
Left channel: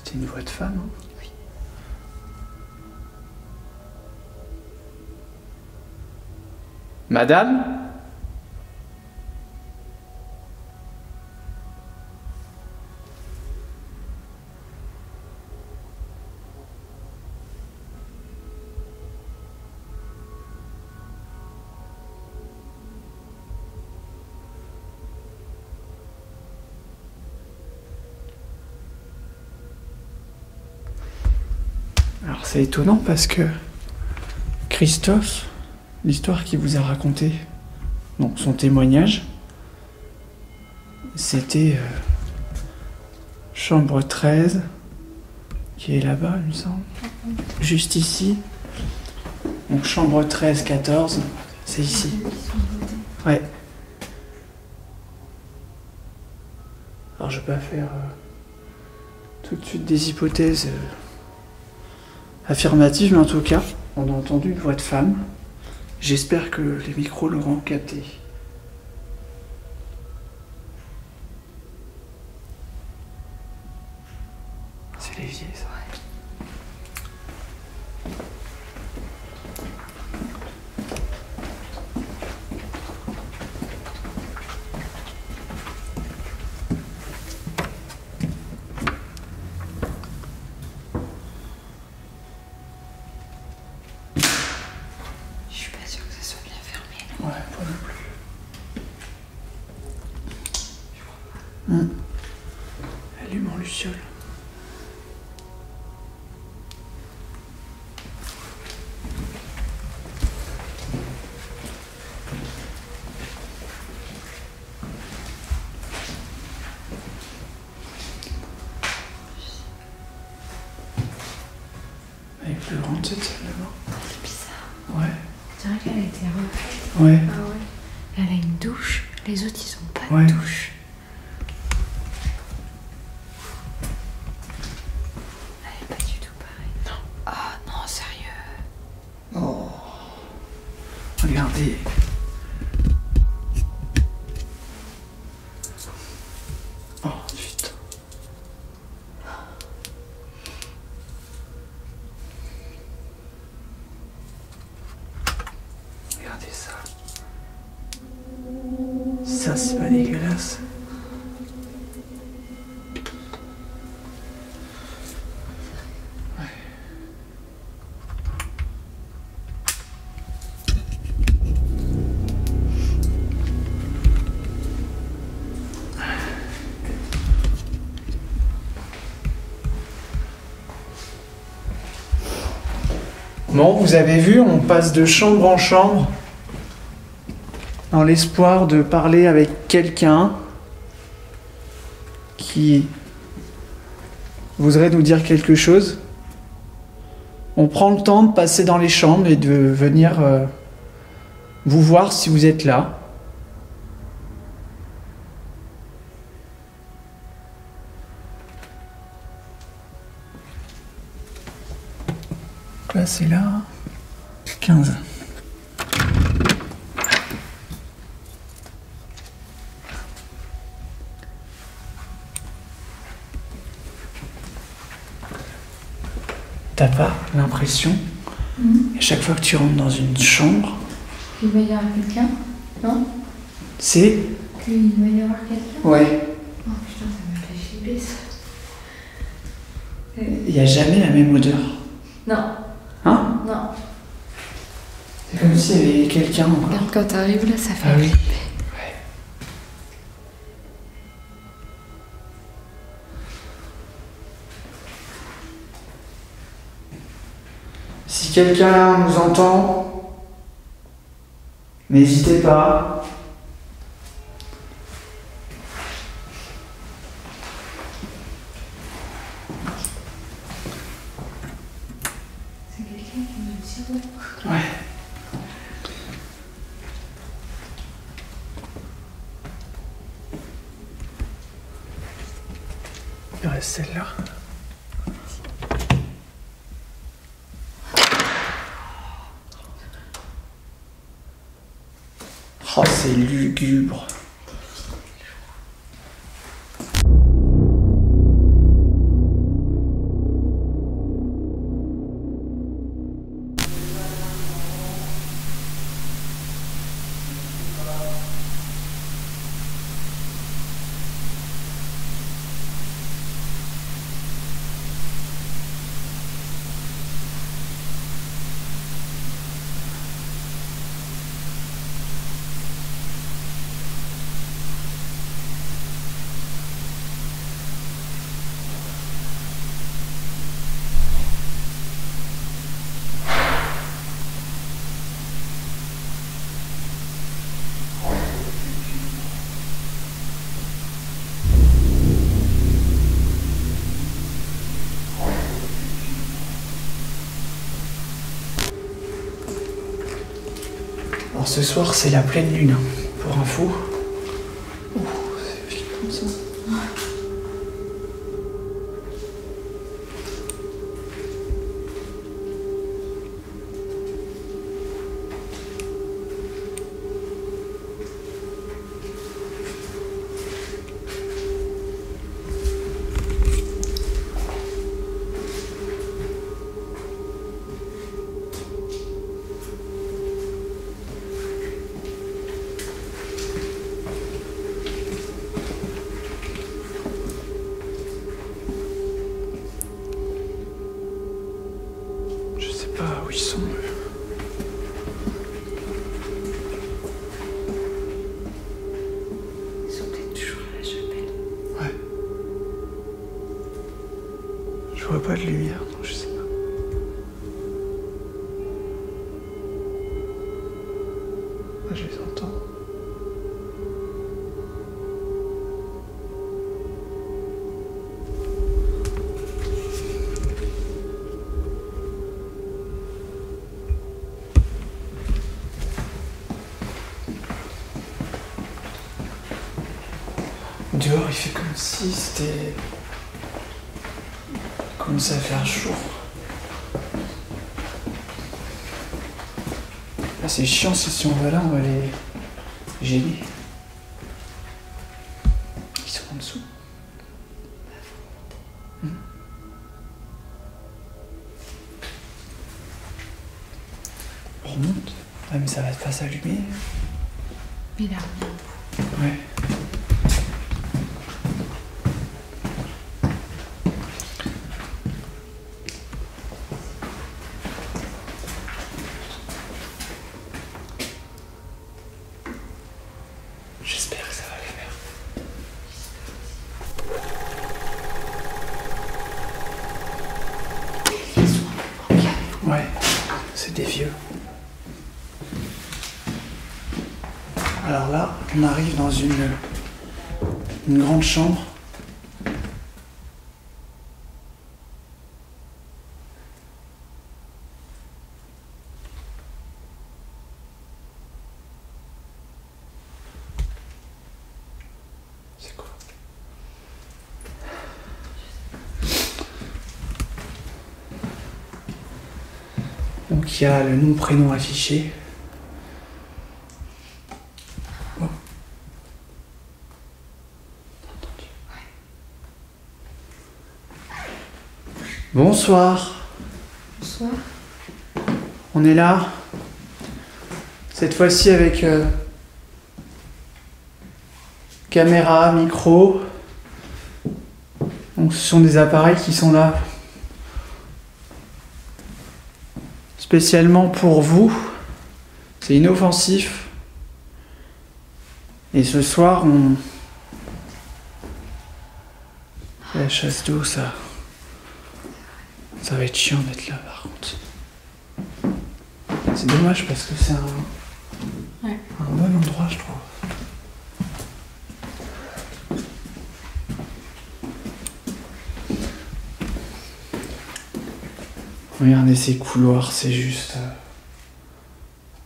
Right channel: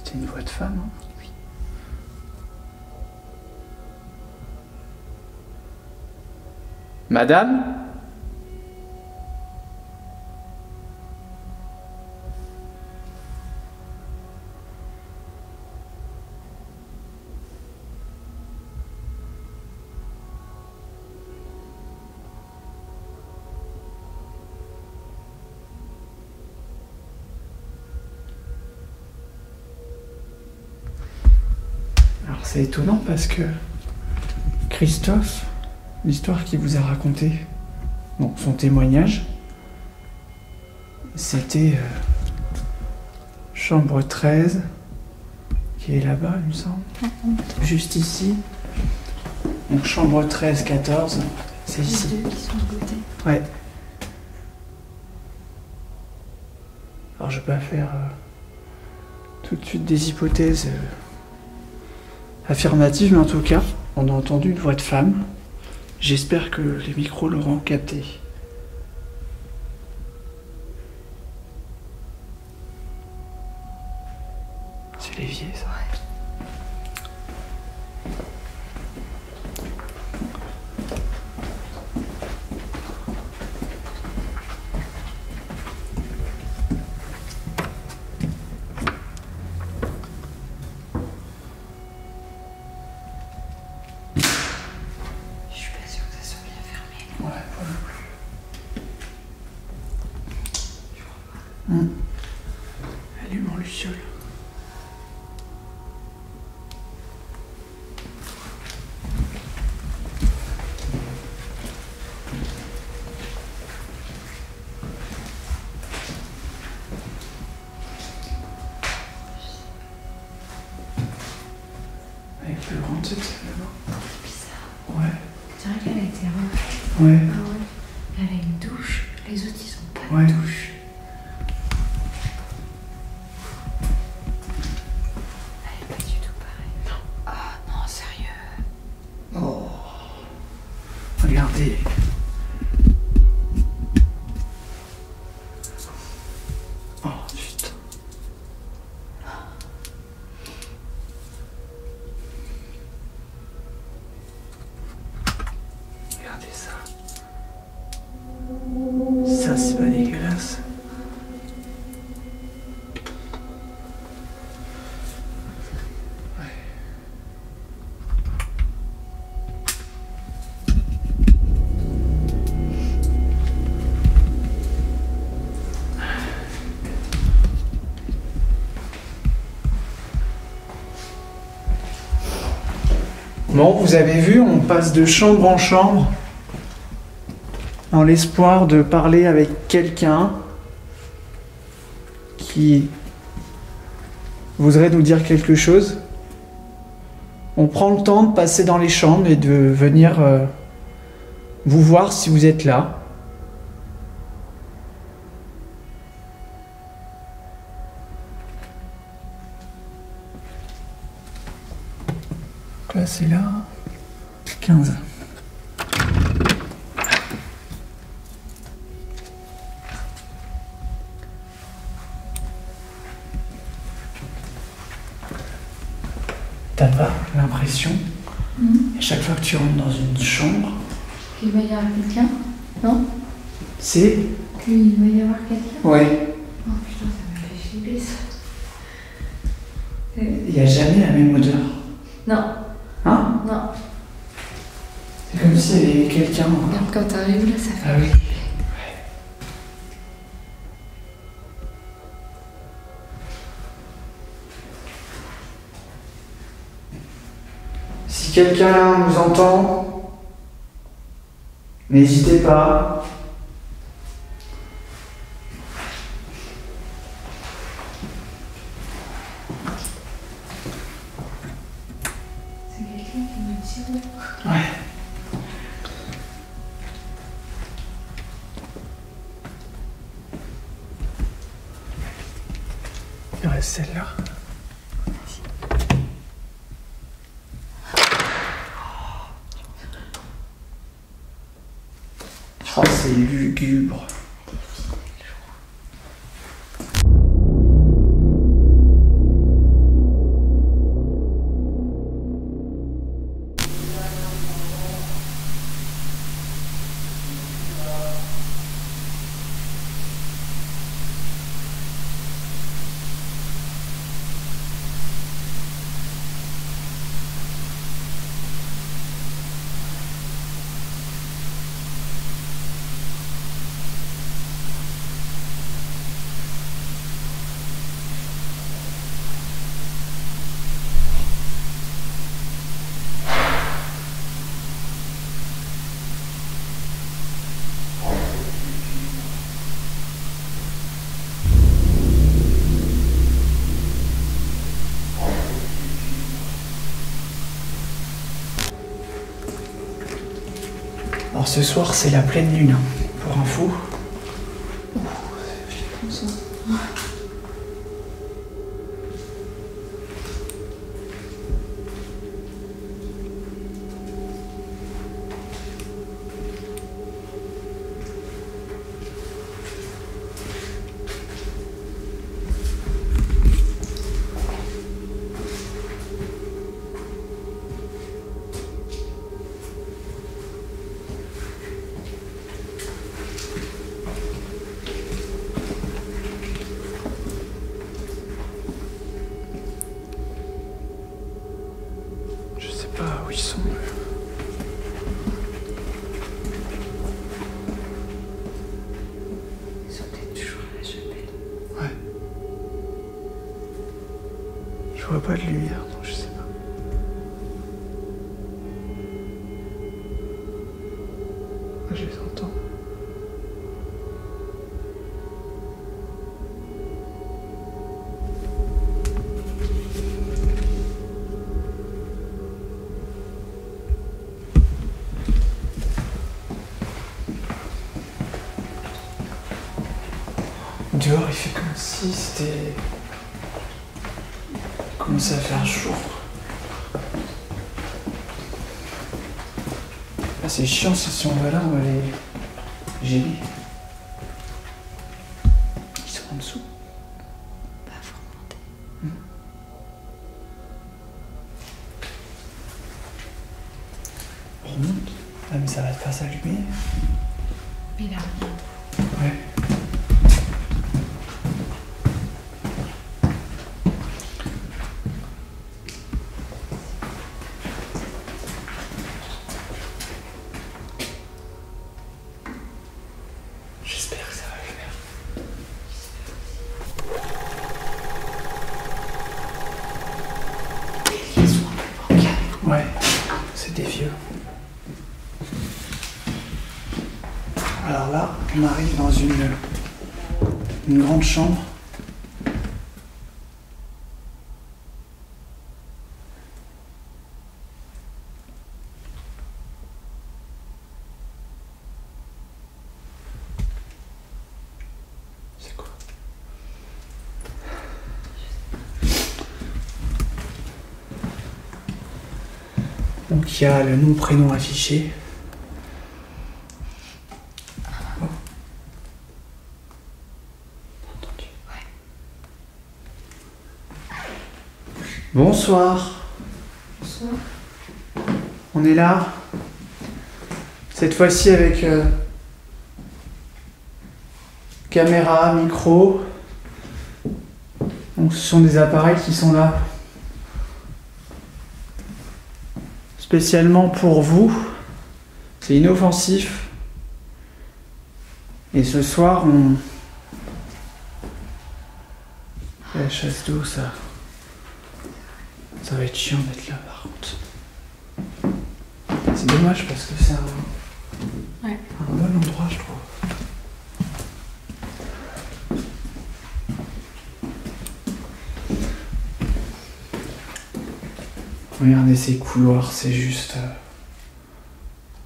C'était une voix de femme, hein? Oui. Madame? Alors c'est étonnant parce que Christophe, l'histoire qu'il vous a racontée, donc son témoignage, c'était chambre 13, qui est là-bas, il me semble. Juste ici. Donc chambre 13, 14, c'est ici. Les deux qui sont de côté. Ouais. Alors je vais pas faire tout de suite des hypothèses affirmatives, mais en tout cas, on a entendu une voix de femme. J'espère que les micros l'auront capté. C'est l'évier, ça. Je suis pas sûre que ça soit bien fermé. Ouais, pas non plus. Je crois pas. Allume en luciole. Elle est plus grande cette salle là-bas. C'est bizarre. Ouais. Je dirais qu'elle a été refaite. Ouais. Ah ouais. Elle a une douche. Les autres, ils ont pas Ouais. de douche. Elle est pas du tout pareille. Non. Ah non, sérieux. Oh. Regardez. Oh putain. Regardez ça. Ça, c'est pas dégueulasse. Bon, vous avez vu, on passe de chambre en chambre dans l'espoir de parler avec quelqu'un qui voudrait nous dire quelque chose. On prend le temps de passer dans les chambres et de venir vous voir si vous êtes là. Là, c'est là. 15. T'as pas l'impression, à chaque fois que tu rentres dans une chambre, Il va y avoir quelqu'un? Non? c'est... Qu'il va y avoir quelqu'un? Ouais, Oh putain, ça m'a fait chier ça. il n'y a jamais la même odeur. Non, Hein? non. C'est comme s'il y avait quelqu'un. Regarde, quand t'arrives là, ça fait Ah oui. flipper. Si quelqu'un nous entend, n'hésitez pas. C'est quelqu'un qui me tire. Ouais. Il reste celle-là. Oh, c'est lugubre. Alors ce soir c'est la pleine lune, hein, pour info. Je sais pas où ils sont. Ils sont peut-être toujours à la chapelle. Ouais. Je vois pas de lumière, donc je sais pas. Moi je les entends. Dehors, il fait comme si c'était... commençait à faire jour. Ah, c'est chiant, si on va là, on va les gêner. Ils sont en dessous. Bah, faut remonter. On remonte. Ah, mais ça va pas s'allumer. Mais là, Ouais. J'espère que ça va le faire. ils sont un peu bancals. Ouais, c'est des vieux. Alors là, on arrive dans une grande chambre. C'est quoi? Donc il y a le nom, prénom affiché. Oh. Entendu. Bonsoir. Bonsoir. On est là. Cette fois-ci avec caméra, micro. Donc ce sont des appareils qui sont là spécialement pour vous. C'est inoffensif. Et ce soir, on... La chasse d'eau, ça va être chiant d'être là par contre. C'est dommage parce que c'est un bon endroit, je trouve. Regardez ces couloirs, c'est juste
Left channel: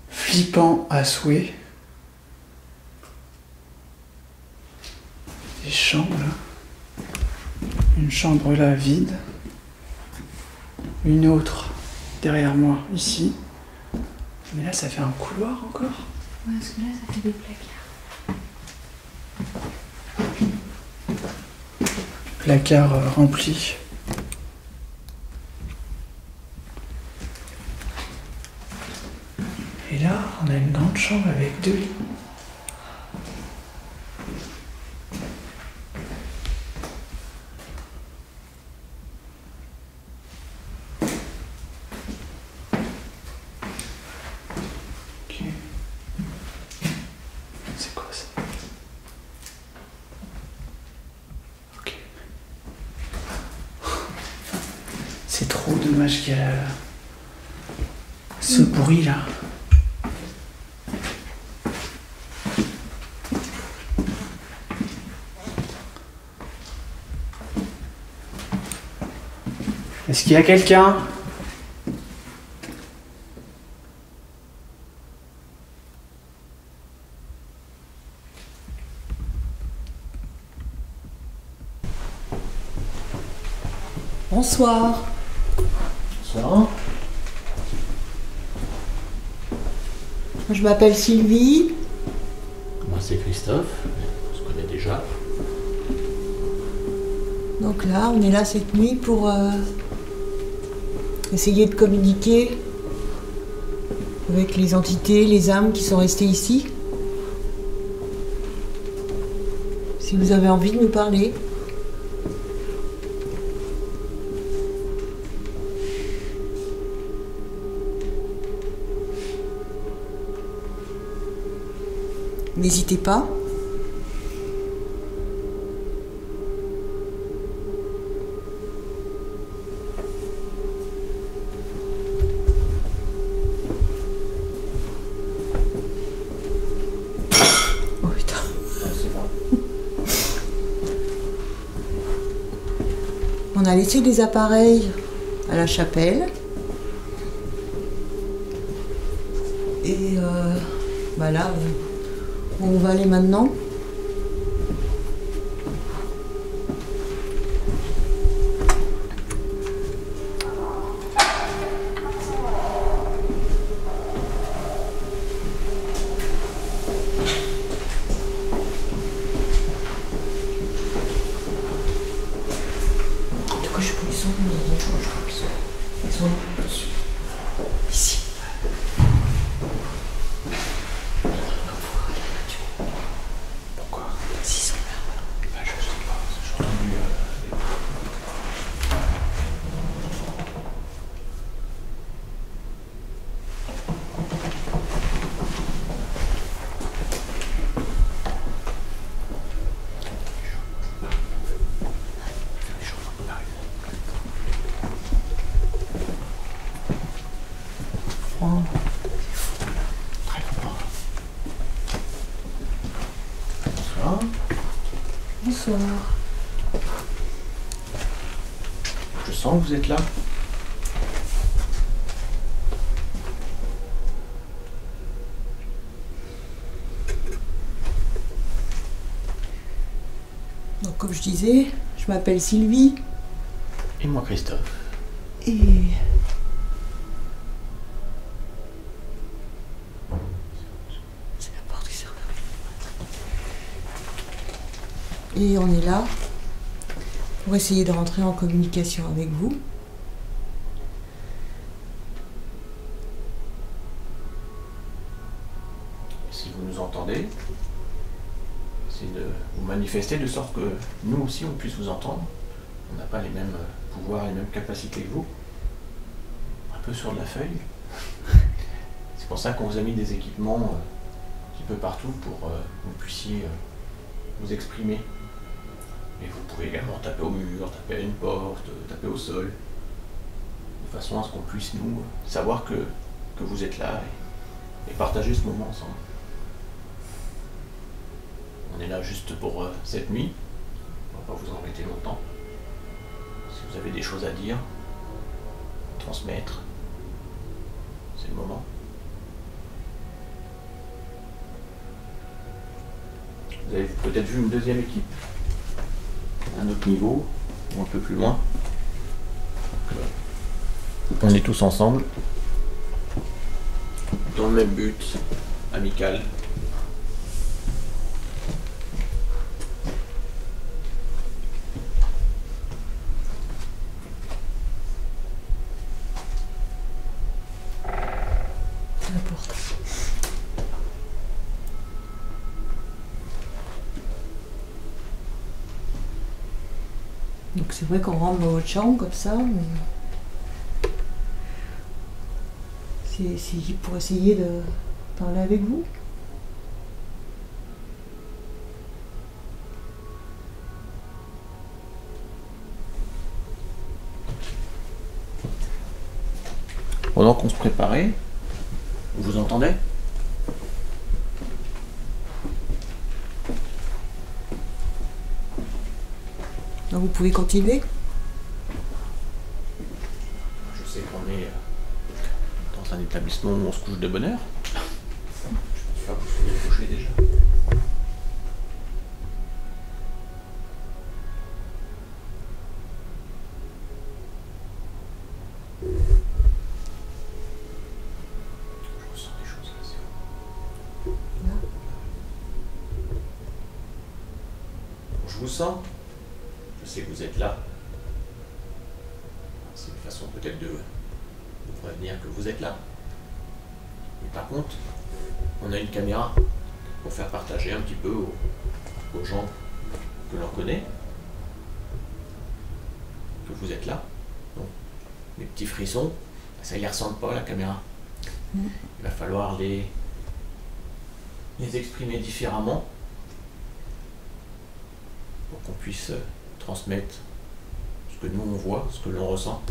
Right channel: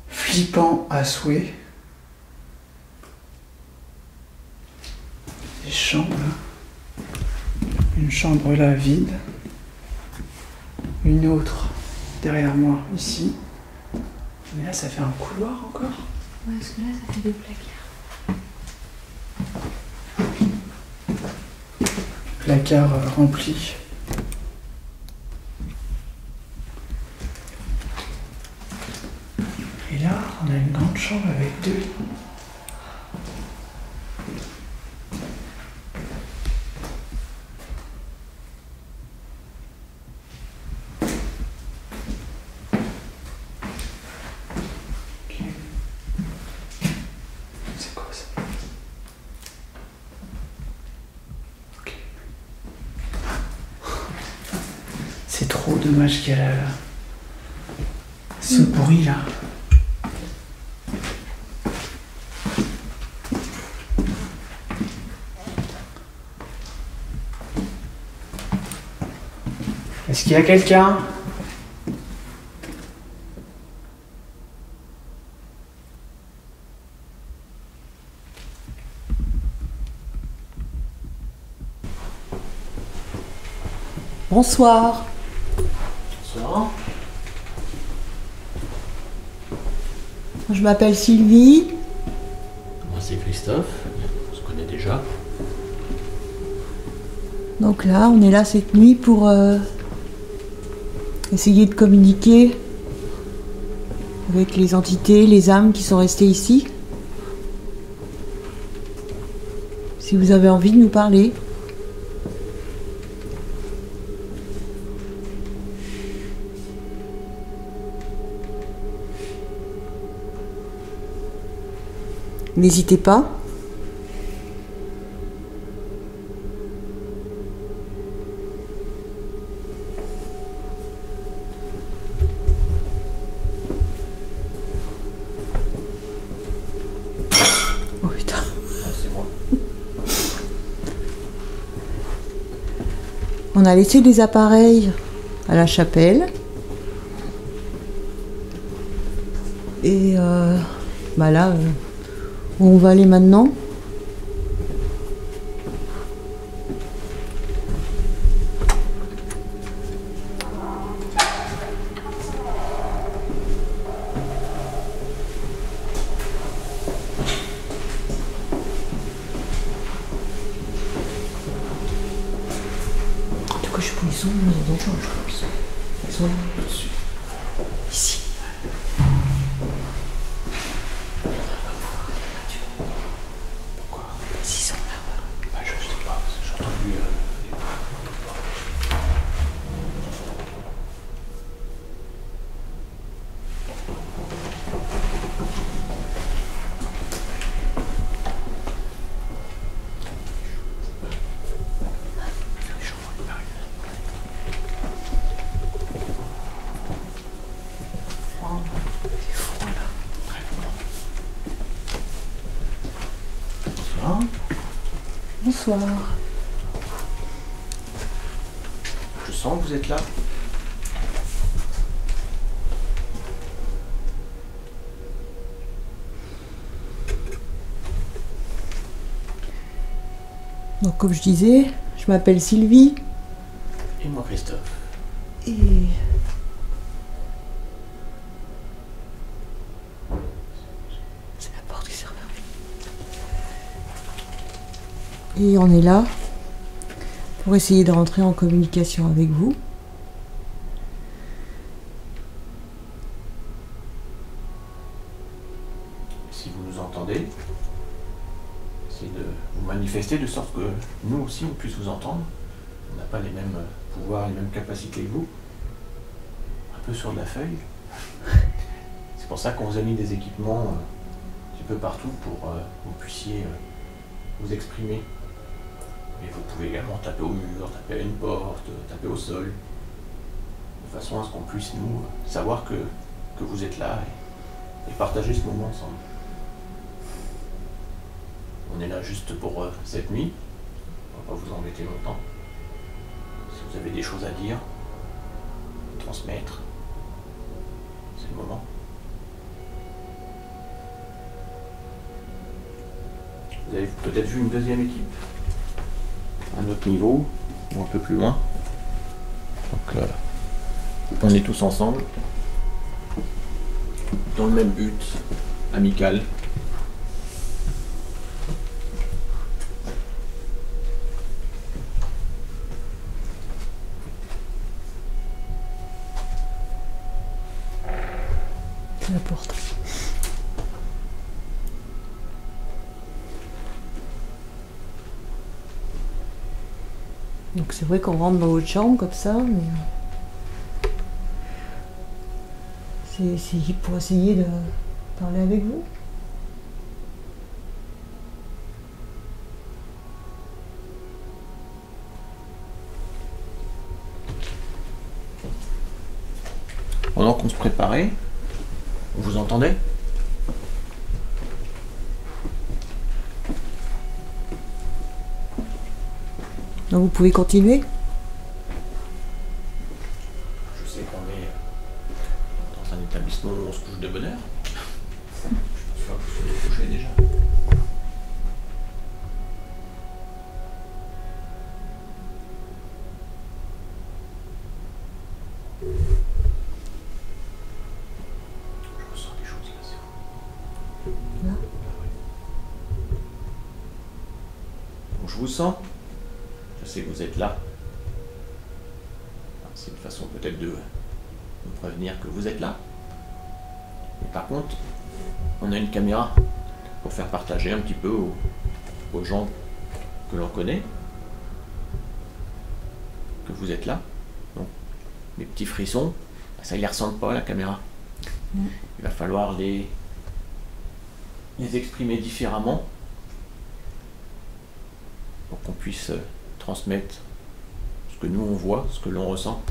flippant à souhait. Des chambres là. Une chambre là vide. Une autre derrière moi ici. Mais là ça fait un couloir encore. Ouais, parce que là, ça fait des placards. Placard rempli. Et là, on a une grande chambre avec 2 lits. Ok. C'est quoi ça? Ok. C'est trop dommage qu'il y a ce bruit là. Est-ce qu'il y a quelqu'un? Bonsoir. Bonsoir. Je m'appelle Sylvie. Moi c'est Christophe, on se connaît déjà. Donc là, on est là cette nuit pour essayer de communiquer avec les entités, les âmes qui sont restées ici. Si vous avez envie de nous parler. N'hésitez pas. Oh putain. On a laissé des appareils à la chapelle. Et bah là, où on va aller maintenant? Très fort. Bonsoir. Bonsoir. Je sens que vous êtes là. Donc comme je disais, je m'appelle Sylvie. Et moi Christophe. Et... c'est la porte du cerveau. Et on est là pour essayer de rentrer en communication avec vous. Si vous nous entendez, essayez de vous manifester de sorte que nous aussi on puisse vous entendre. On n'a pas les mêmes pouvoirs, les mêmes capacités que vous. Un peu sur de la feuille. C'est pour ça qu'on vous a mis des équipements un petit peu partout pour que vous puissiez vous exprimer. Mais vous pouvez également taper au mur, taper à une porte, taper au sol, de façon à ce qu'on puisse nous savoir que vous êtes là et partager ce moment ensemble. On est là juste pour cette nuit, on va pas vous embêter longtemps. Si vous avez des choses à dire, transmettre, c'est le moment. Vous avez peut-être vu une deuxième équipe, à un autre niveau, ou un peu plus loin. Donc on est tous ensemble, dans le même but, amical. Donc c'est vrai qu'on rentre dans votre chambre comme ça, mais c'est pour essayer de parler avec vous. Pendant qu'on se préparait, vous entendez ? Donc vous pouvez continuer. Je sais qu'on est dans un établissement où on se couche de bonne heure. Je pense pas que vous soyez couché déjà. sens. Je sais que vous êtes là. C'est une façon peut-être de me prévenir que vous êtes là. Mais par contre, on a une caméra pour faire partager un petit peu aux gens que l'on connaît que vous êtes là. Donc, mes petits frissons, ça ne les ressemble pas à la caméra. Il va falloir les exprimer différemment pour qu'on puisse transmettre ce que nous on voit, ce que l'on ressent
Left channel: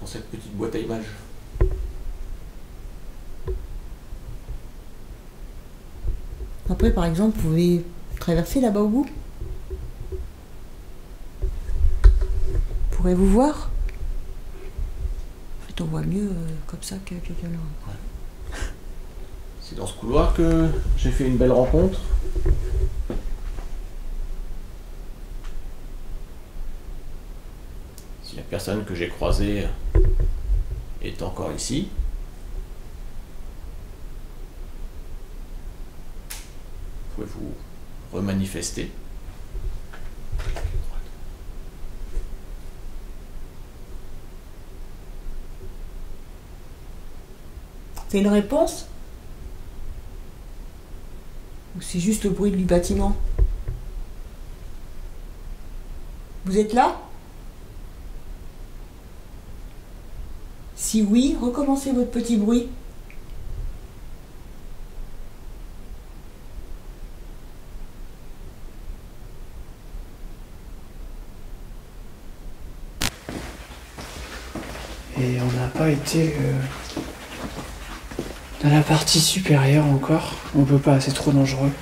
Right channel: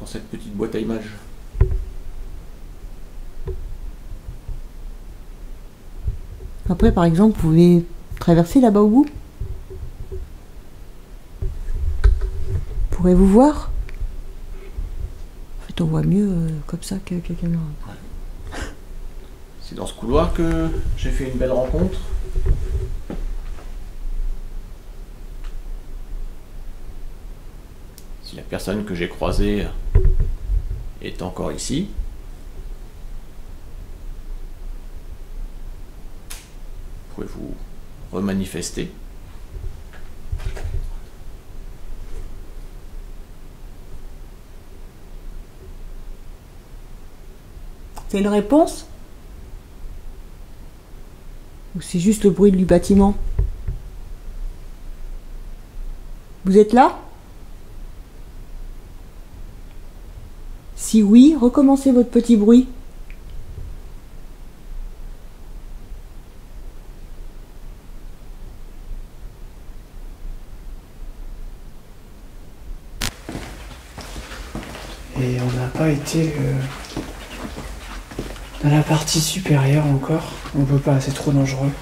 dans cette petite boîte à images. Après, par exemple, vous pouvez traverser là-bas au bout. Pourrez-vous voir? En fait, on voit mieux comme ça qu'avec la caméra. C'est dans ce couloir que j'ai fait une belle rencontre. Si la personne que j'ai croisée est encore ici, pouvez-vous remanifester? C'est une réponse? Ou c'est juste le bruit du bâtiment? Vous êtes là? Si oui, recommencez votre petit bruit. Et on n'a pas été dans la partie supérieure encore. On peut pas, c'est trop dangereux.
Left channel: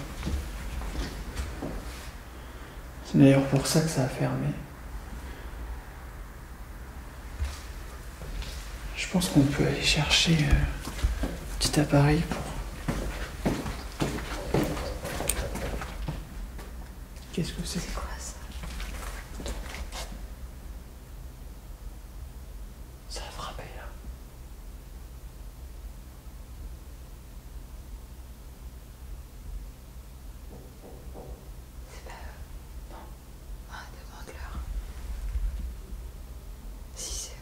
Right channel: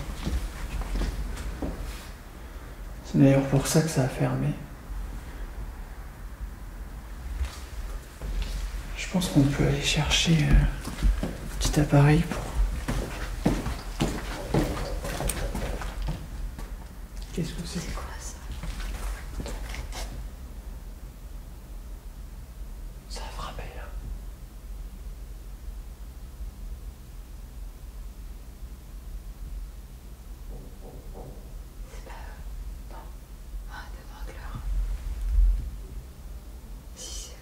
C'est d'ailleurs pour ça que ça a fermé. Je pense qu'on peut aller chercher un petit appareil pour... Qu'est-ce que c'est? C'est quoi ça? Ça a frappé là. Ah, de Grogler. Si, c'est eux.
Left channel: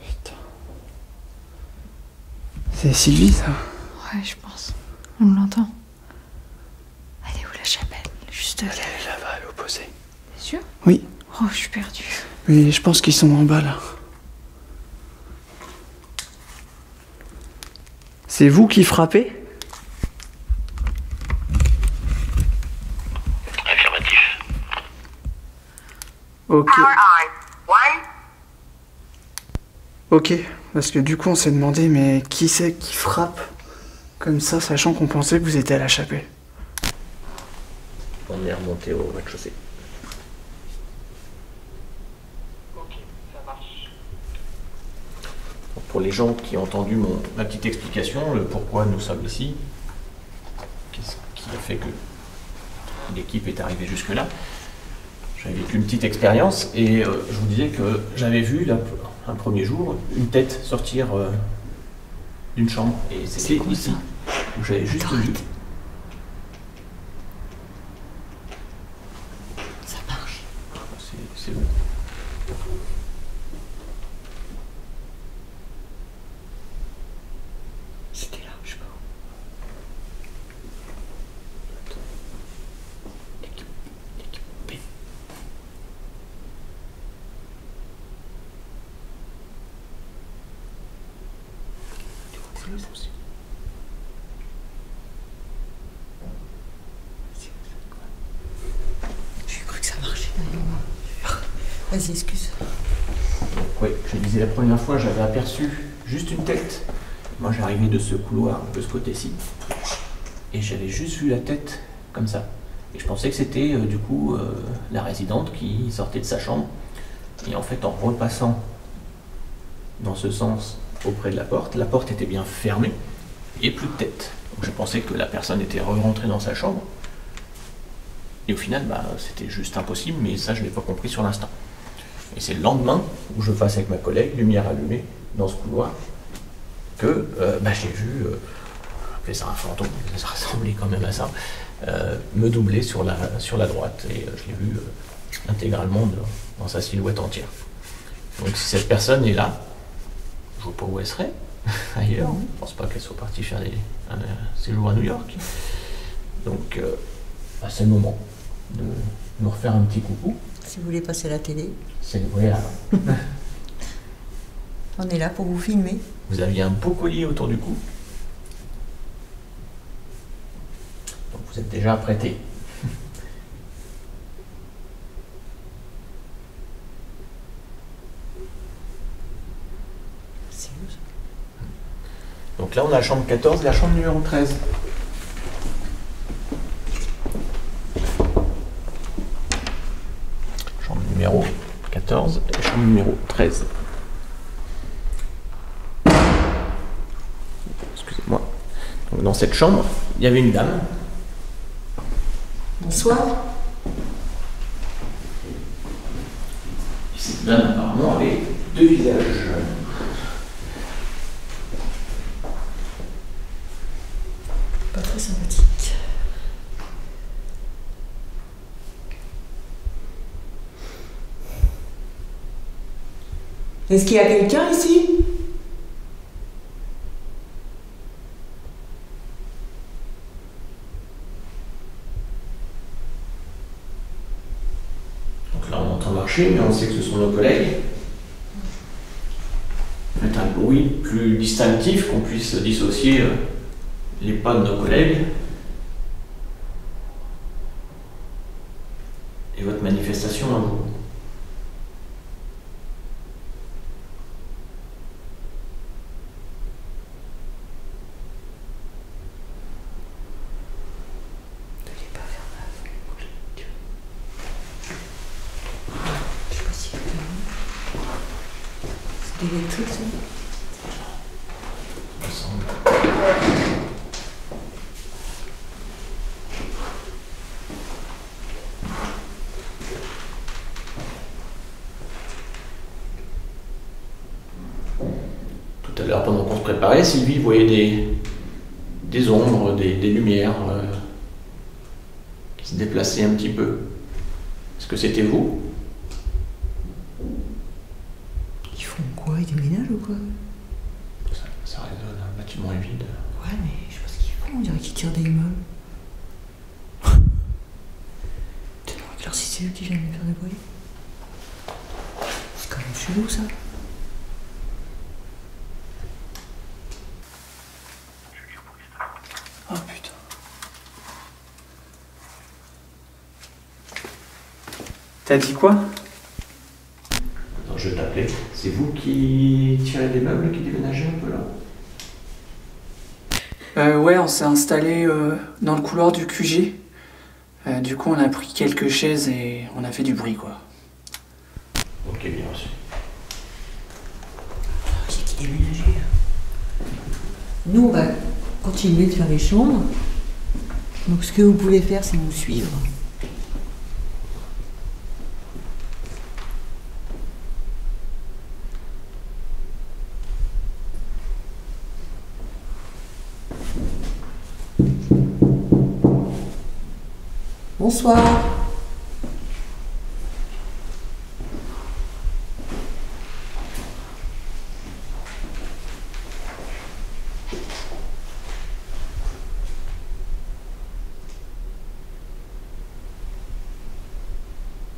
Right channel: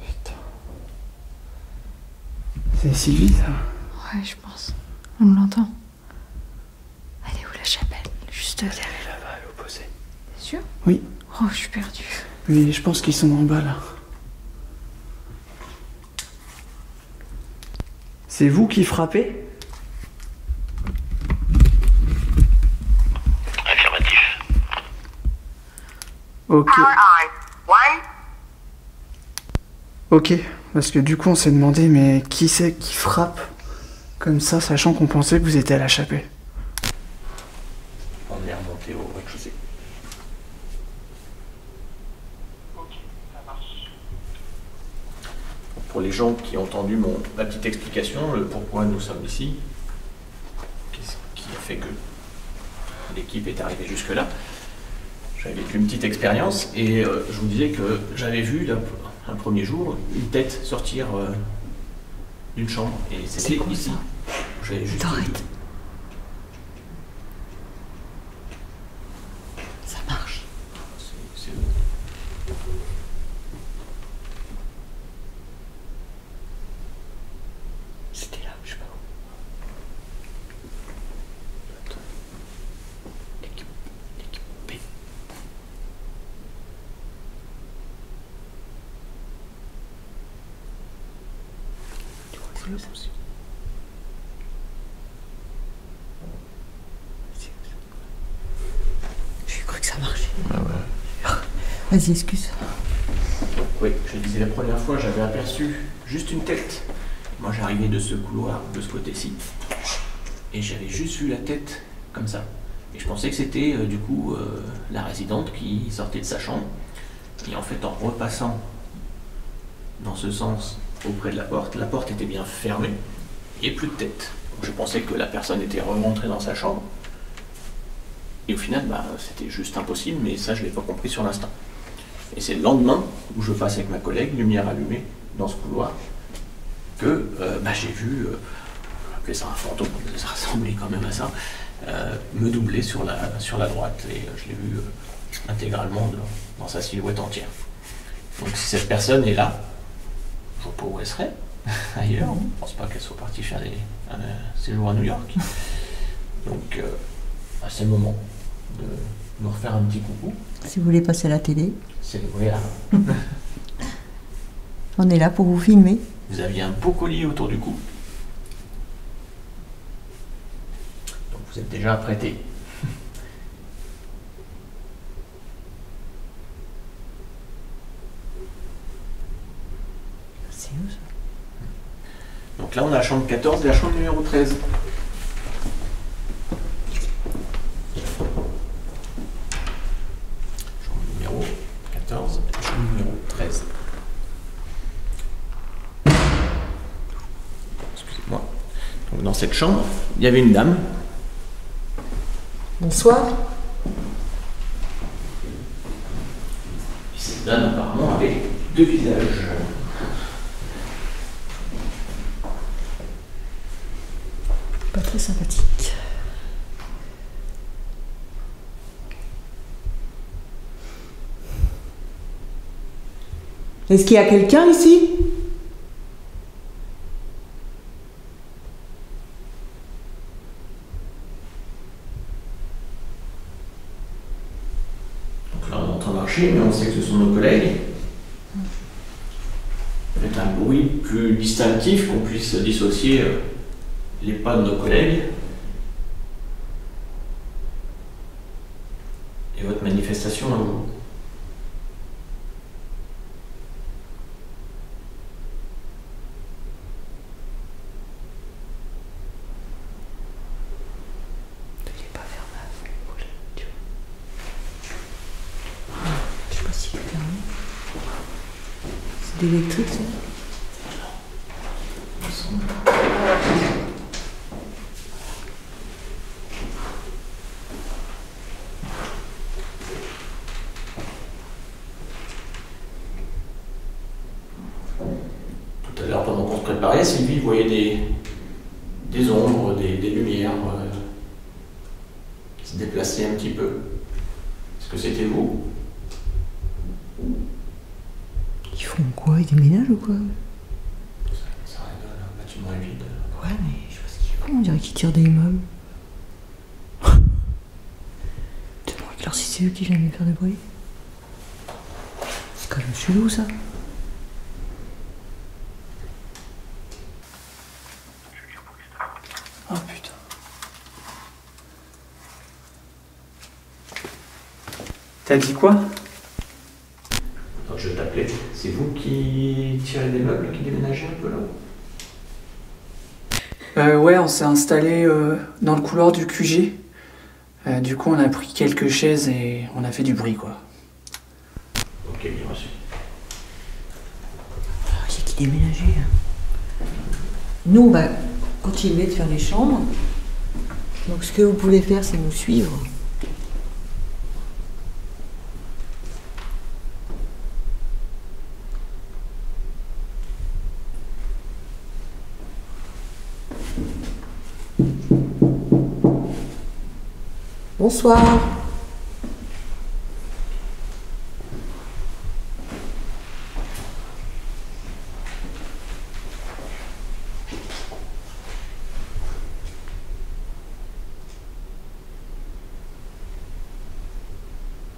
Putain. C'est Sylvie ça? Ouais, je pense. On l'entend. Elle est où la chapelle? Juste Elle est là-bas à l'opposé. T'es sûr? Oui. Oh, je suis perdue. Oui, je pense qu'ils sont en bas là. C'est vous qui frappez? Affirmatif. Ok. Ok, parce que du coup on s'est demandé mais qui c'est qui frappe comme ça, sachant qu'on pensait que vous étiez à la chapelle. On est remonté au rez-de-chaussée. Ok, ça marche. Pour les gens qui ont entendu ma petite explication, le pourquoi nous sommes ici, qu'est-ce qui a fait que l'équipe est arrivée jusque-là, j'avais vécu une petite expérience et je vous disais que j'avais vu un premier jour une tête sortir d'une chambre et c'était quoi, ici. ça? J'avais juste Attends, vu. arrête. Ça marche. C'est eux. C'était là, je sais pas où. Tu crois que c'est eux, ça aussi? J'ai cru que ça marchait. Vas-y, excuse. Donc oui, je disais la première fois, j'avais aperçu juste une tête. Moi j'arrivais de ce couloir, de ce côté-ci, et j'avais juste vu la tête comme ça. Et je pensais que c'était du coup la résidente qui sortait de sa chambre. Et en fait, en repassant dans ce sens auprès de la porte était bien fermée et plus de tête. Donc je pensais que la personne était rentrée dans sa chambre. Et au final, c'était juste impossible, mais ça je ne l'ai pas compris sur l'instant. Et c'est le lendemain où je passe avec ma collègue, lumière allumée, dans ce couloir, que j'ai vu appelé ça un fantôme, ça ressemblait quand même à ça, me doubler sur la droite, et je l'ai vu intégralement dans sa silhouette entière. Donc si cette personne est là, je vois pas où elle serait, ailleurs, je pense pas qu'elle soit partie faire un séjour à New York. Donc c'est le moment de nous refaire un petit coucou. Si vous voulez passer à la télé. Voilà. On est là pour vous filmer. Vous aviez un beau collier autour du cou. Donc vous êtes déjà apprêté. C'est où ça? Donc là on a la chambre 14 et la chambre numéro 13. Chambre numéro 14 et chambre numéro 13. Excusez-moi. Donc dans cette chambre, il y avait une dame. Bonsoir. Cette dame apparemment avait deux visages. Pas très sympathique. Est-ce qu'il y a quelqu'un ici? Donc là on entend marcher, mais on sait que ce sont nos collègues. Faites un bruit plus distinctif, qu'on puisse dissocier les pas de nos collègues et votre manifestation à vous. C'est électrique, ça? Tout à l'heure, pendant qu'on se préparait, Sylvie voyait des ombres, des lumières qui se déplaçaient un petit peu. Est-ce que c'était vous? Ils font quoi? Ils déménagent ou quoi? Ça résonne, un bâtiment est vide. Ouais, mais je sais pas ce qu'ils font. On dirait qu'ils tirent des immeubles. Alors si c'est eux qui viennent faire le bruit. C'est quand même chelou, ça. Oh putain. T'as dit quoi? Attends, je t'appelais. C'est vous qui tirez des meubles, qui déménagez un peu là? Ouais, on s'est installé dans le couloir du QG. Du coup, on a pris quelques chaises et on a fait du bruit, quoi. Ok, bien reçu. Qui déménageait là. Nous, on va continuer de faire les chambres. Donc, ce que vous pouvez faire, c'est nous suivre. Bonsoir.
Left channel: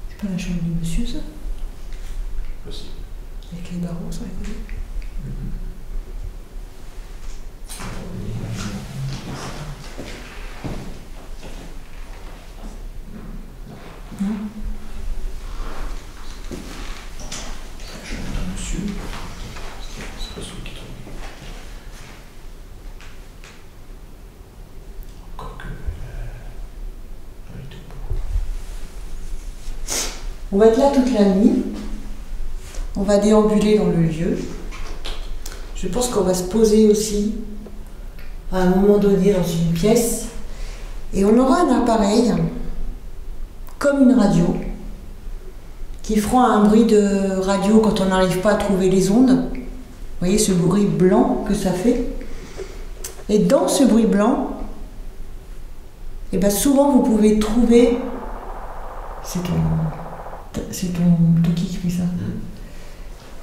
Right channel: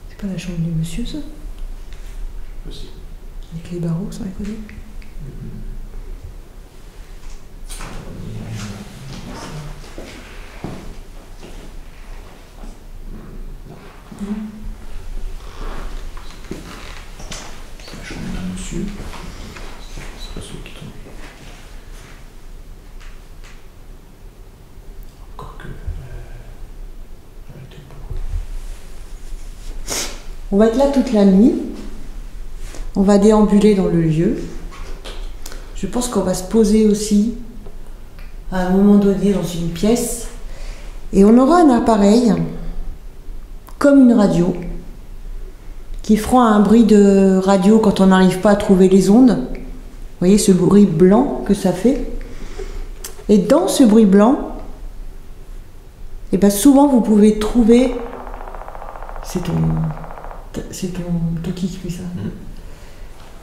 C'est pas la chambre du monsieur, ça? Possible. Avec les barreaux sur les côtés? Non. La chambre de monsieur. C'est pas ceux qui tombent. Encore que. J'arrête pas. On va être là toute la nuit. On va déambuler dans le lieu. Je pense qu'on va se poser aussi à un moment donné dans une pièce. Et on aura un appareil, comme une radio, qui fera un bruit de radio quand on n'arrive pas à trouver les ondes. Vous voyez ce bruit blanc que ça fait? Et dans ce bruit blanc, et ben souvent vous pouvez trouver, c'est ton Toki qui fait ça.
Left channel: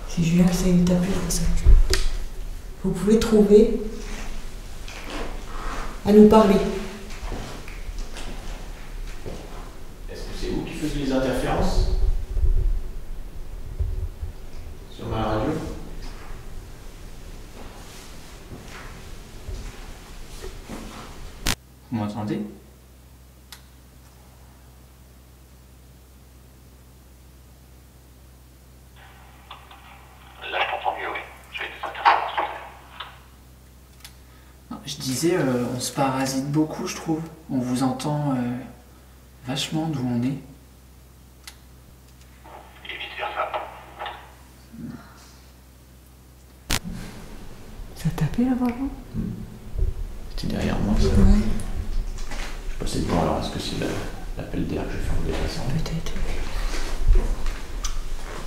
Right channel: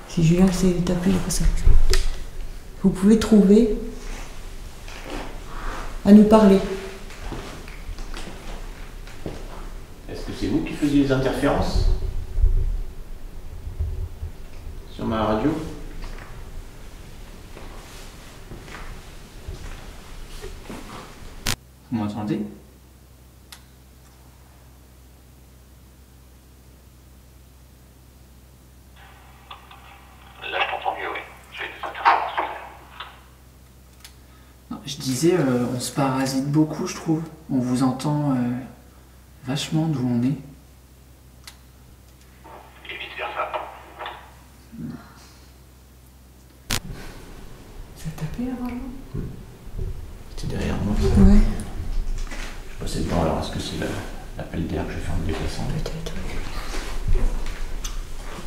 C'est Julien qui s'est tapé comme ça. Vous pouvez trouver à nous parler. Est-ce que c'est vous qui faisiez les interférences sur ma radio? Vous m'entendez? Là, je t'entends mieux, oui. J'ai des interférences. Non, je disais, on se parasite beaucoup, je trouve. On vous entend vachement d'où on est. Évite faire ça. Ça tapait là vraiment? C'était derrière moi, ça. Ouais, Je passais devant, alors est-ce que c'est l'appel d'air que j'ai fait en me déplaçant? peut-être.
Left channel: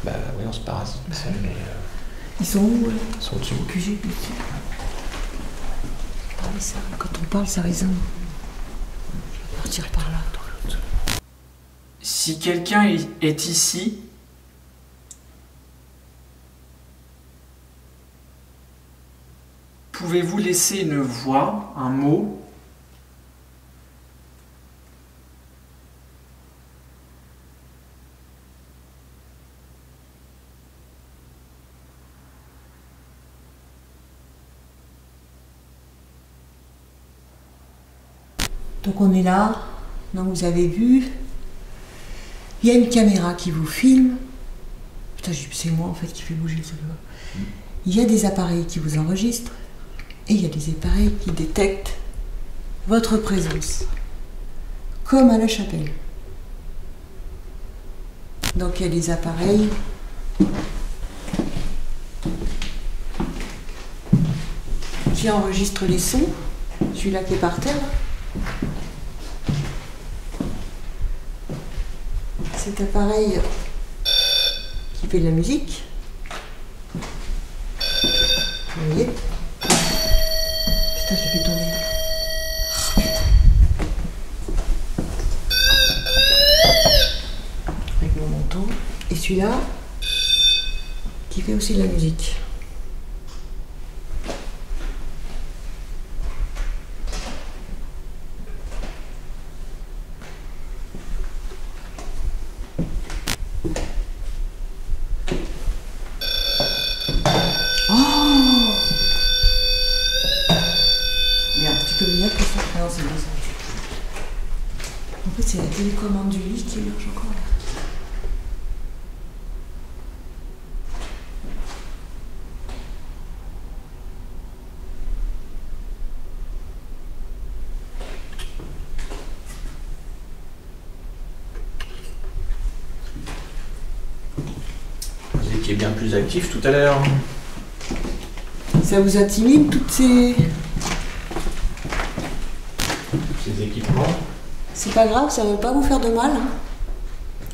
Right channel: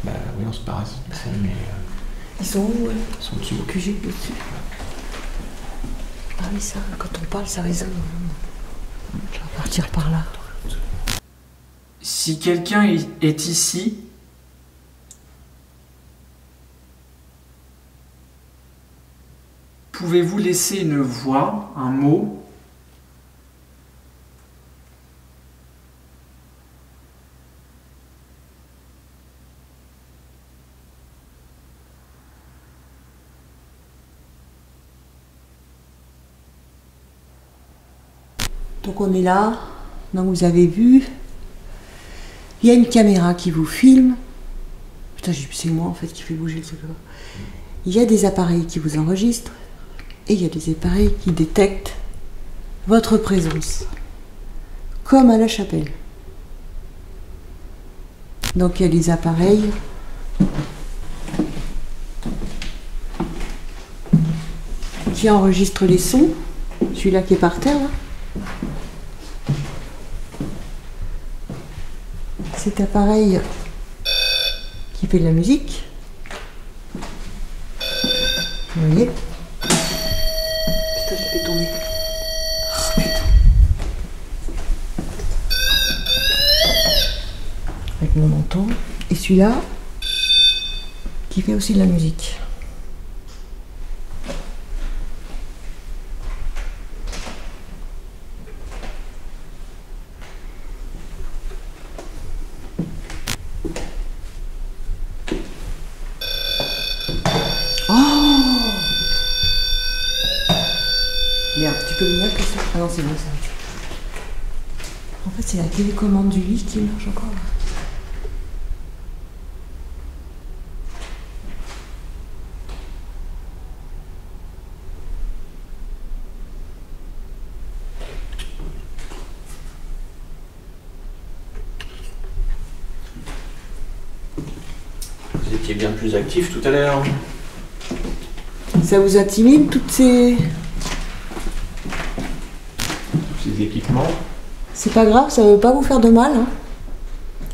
Bah oui, on se parasite, mais Ils sont où, ouais? ils sont au-dessus. Que j'ai dessus. Ah oui, ça, quand on parle, ça résonne. Je vais partir par là. Si quelqu'un est ici, pouvez-vous laisser une voix, un mot? Donc on est là, donc vous avez vu, il y a une caméra qui vous filme. Putain, c'est moi en fait qui fait bouger le truc là. Il y a des appareils qui vous enregistrent et il y a des appareils qui détectent votre présence, comme à la chapelle. Donc il y a des appareils qui enregistrent les sons, celui-là qui est par terre. Cet appareil qui fait de la musique. Vous voyez? Putain, je l'ai fait tomber. Oh putain. Avec mon manteau. Et celui-là qui fait aussi de la musique. Merde, tu peux le mettre comme ça? Ah non, c'est bon ça. En fait, c'est la télécommande du lit qui marche encore là. Vous étiez bien plus actif tout à l'heure. Ça vous intimide toutes ces Équipements. C'est pas grave, ça veut pas vous faire de mal. Hein.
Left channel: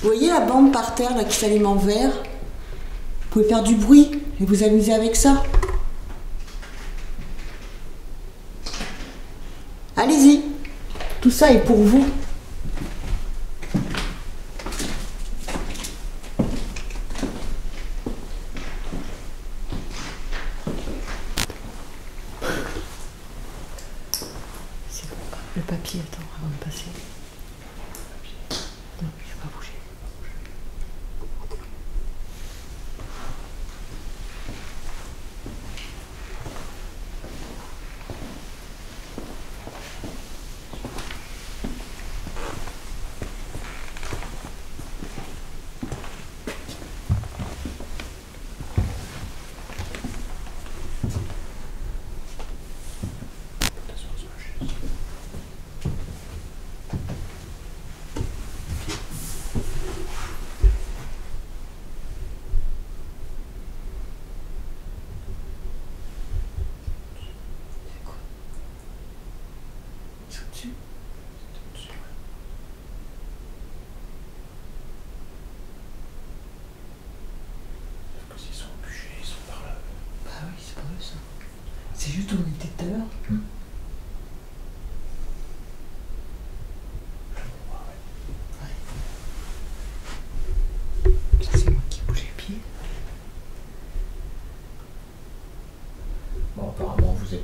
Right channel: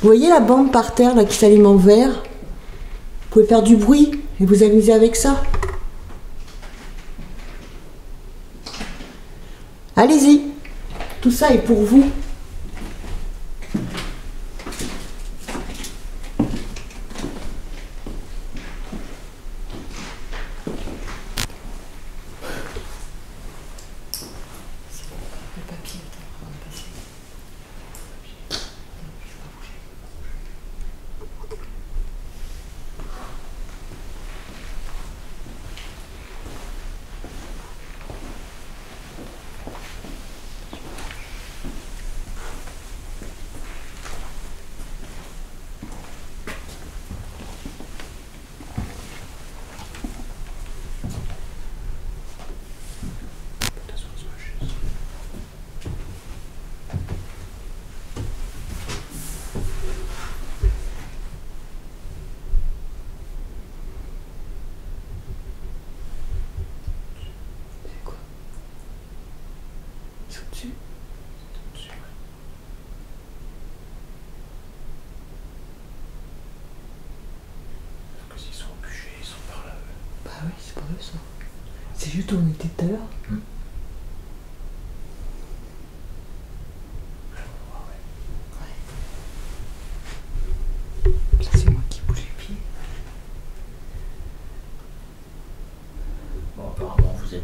Vous voyez la bande par terre là, qui s'allume en vert? Vous pouvez faire du bruit et vous amuser avec ça. Allez-y, tout ça est pour vous. Le papier était avant de passer. Non, je vais pas bouger. Ok. C'est juste où on était tout à l'heure.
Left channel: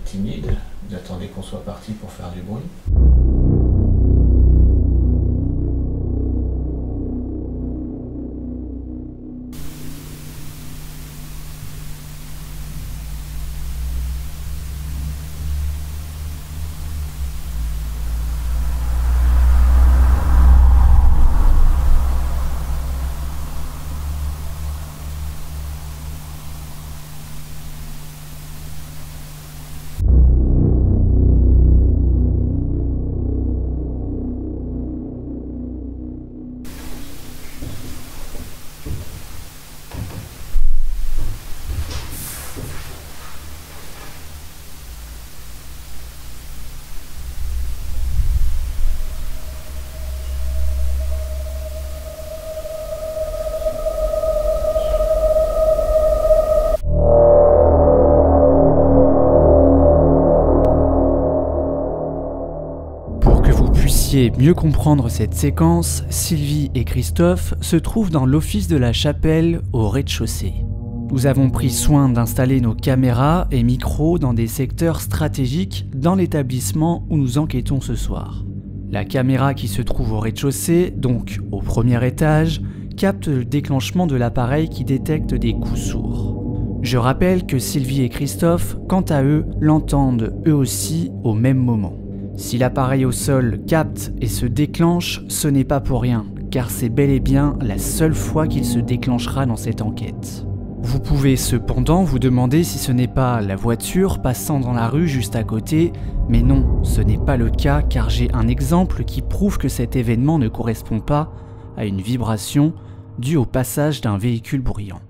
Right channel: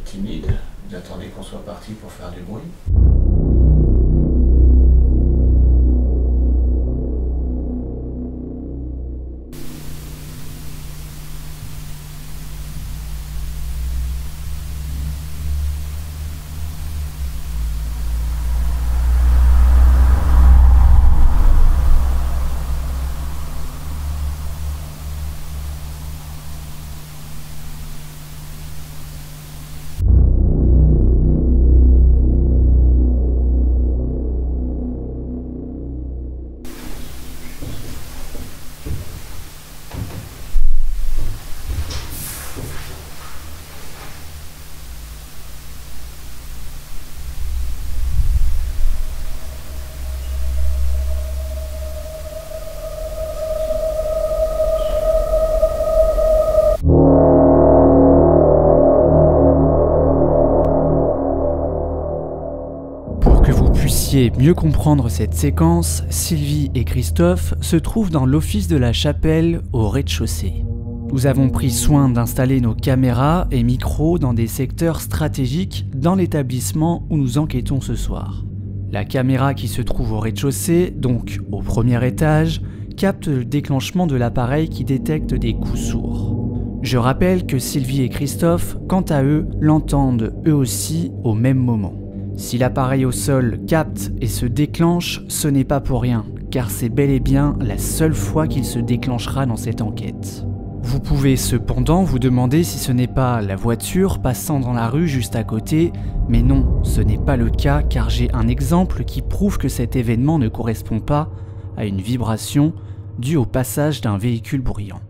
êtes timide, vous attendez qu'on soit parti pour faire du bruit. Mieux comprendre cette séquence, Sylvie et Christophe se trouvent dans l'office de la chapelle au rez-de-chaussée. Nous avons pris soin d'installer nos caméras et micros dans des secteurs stratégiques dans l'établissement où nous enquêtons ce soir. La caméra qui se trouve au rez-de-chaussée, donc au premier étage, capte le déclenchement de l'appareil qui détecte des coups sourds. Je rappelle que Sylvie et Christophe, quant à eux, l'entendent eux aussi au même moment. Si l'appareil au sol capte et se déclenche, ce n'est pas pour rien, car c'est bel et bien la seule fois qu'il se déclenchera dans cette enquête. Vous pouvez cependant vous demander si ce n'est pas la voiture passant dans la rue juste à côté, mais non, ce n'est pas le cas car j'ai un exemple qui prouve que cet événement ne correspond pas à une vibration due au passage d'un véhicule bruyant.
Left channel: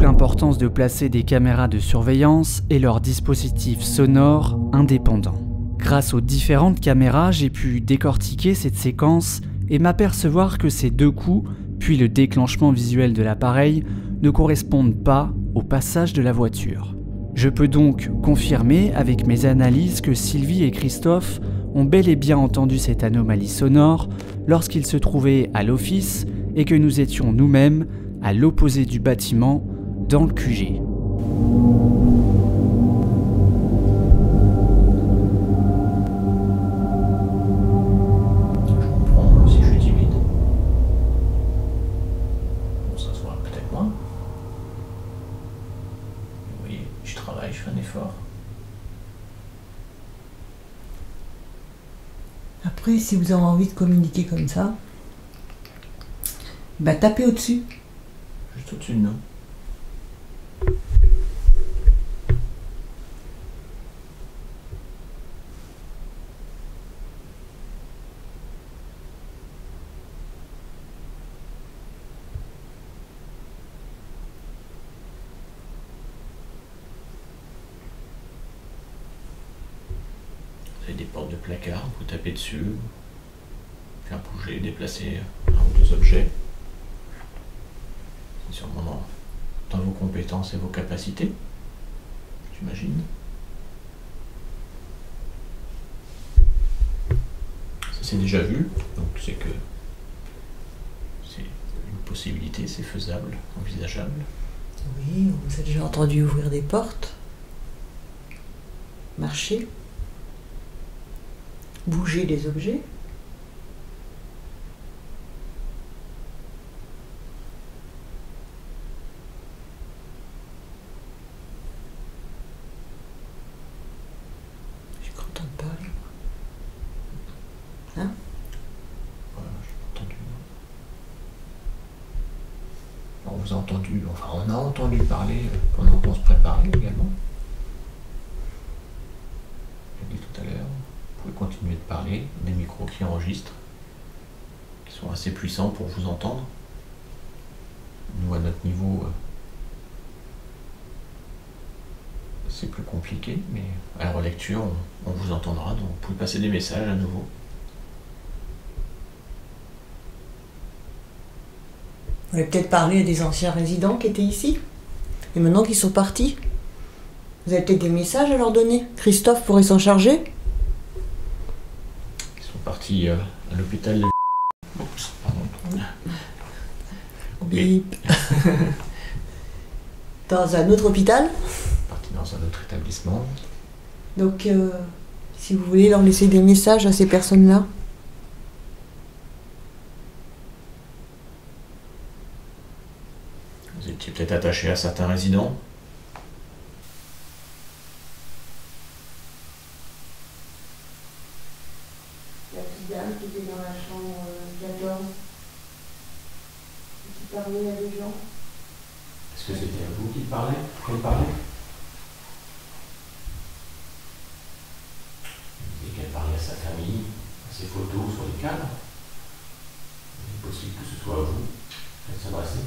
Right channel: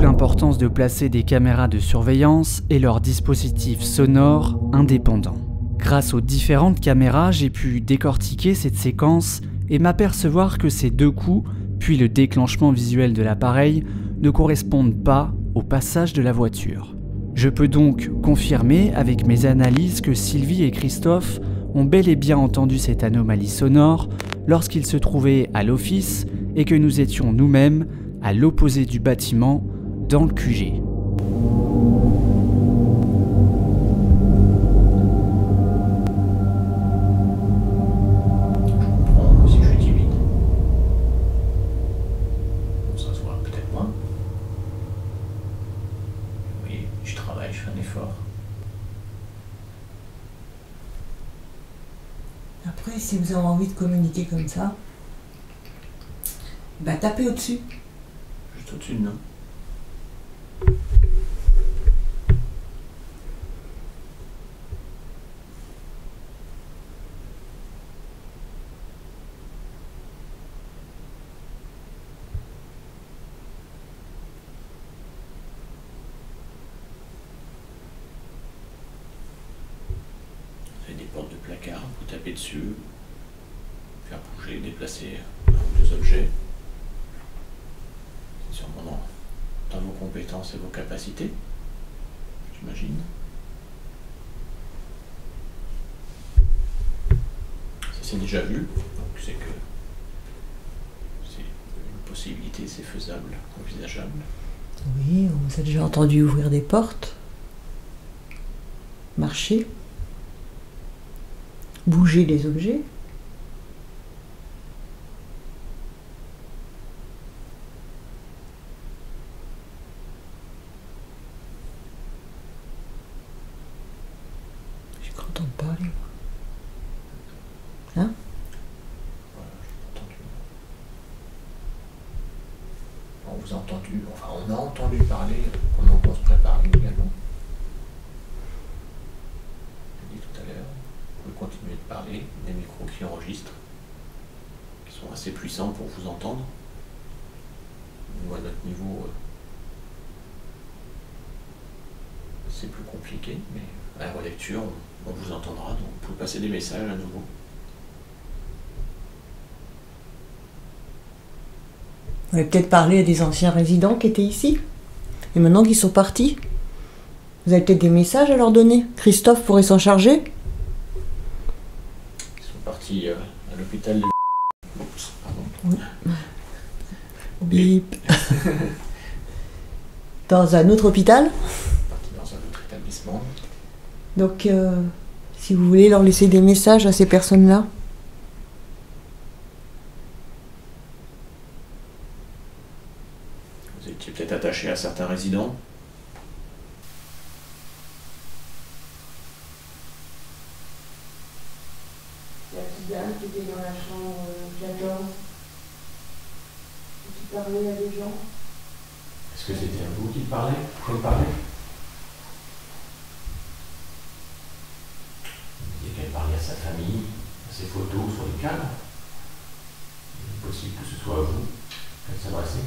L'importance de placer des caméras de surveillance et leurs dispositifs sonores indépendants. Grâce aux différentes caméras, j'ai pu décortiquer cette séquence et m'apercevoir que ces deux coups, puis le déclenchement visuel de l'appareil, ne correspondent pas au passage de la voiture. Je peux donc confirmer avec mes analyses que Sylvie et Christophe ont bel et bien entendu cette anomalie sonore lorsqu'ils se trouvaient à l'office et que nous étions nous-mêmes à l'opposé du bâtiment dans le QG. Si je suis timide, ça se voit peut-être moins. Oui, je travaille, je fais un effort. Après, si vous avez envie de communiquer comme ça, bah tapez au-dessus. Juste au-dessus de nous. Vous avez des portes de placard, vous tapez dessus, faire bouger, déplacer un ou deux objets. C'est sûrement dans vos compétences et vos capacités, j'imagine. Ça c'est déjà vu, donc c'est que c'est une possibilité, c'est faisable, envisageable. Oui, on vous a déjà entendu ouvrir des portes, marcher, bouger les objets. Et quand on parle, hein? Voilà, je n'ai pas entendu, non. On vous a entendu, enfin on a entendu parler pendant qu'on se préparait également. Je l'ai dit tout à l'heure. Vous pouvez continuer de parler, des micros qui enregistrent, qui sont assez puissants pour vous entendre. Nous, à notre niveau, c'est plus compliqué, mais à la relecture, on vous entendra, donc vous pouvez passer des messages à nouveau. Vous avez peut-être parlé à des anciens résidents qui étaient ici. Et maintenant qu'ils sont partis, vous avez peut-être des messages à leur donner. Christophe pourrait s'en charger. Ils sont partis à l'hôpital de... Oups, pardon. Oui. Dans un autre hôpital. Partis dans un autre établissement. Donc, si vous voulez leur laisser des messages à ces personnes-là. Vous étiez peut-être attaché à certains résidents. La petite dame qui était dans la chambre 14, qui parlait à des gens. Est-ce que c'était à vous qui parlez? Et qu'elle parlait à sa famille, à ses photos sur les cadres. Il est possible que ce soit à vous qu'elle s'adressait.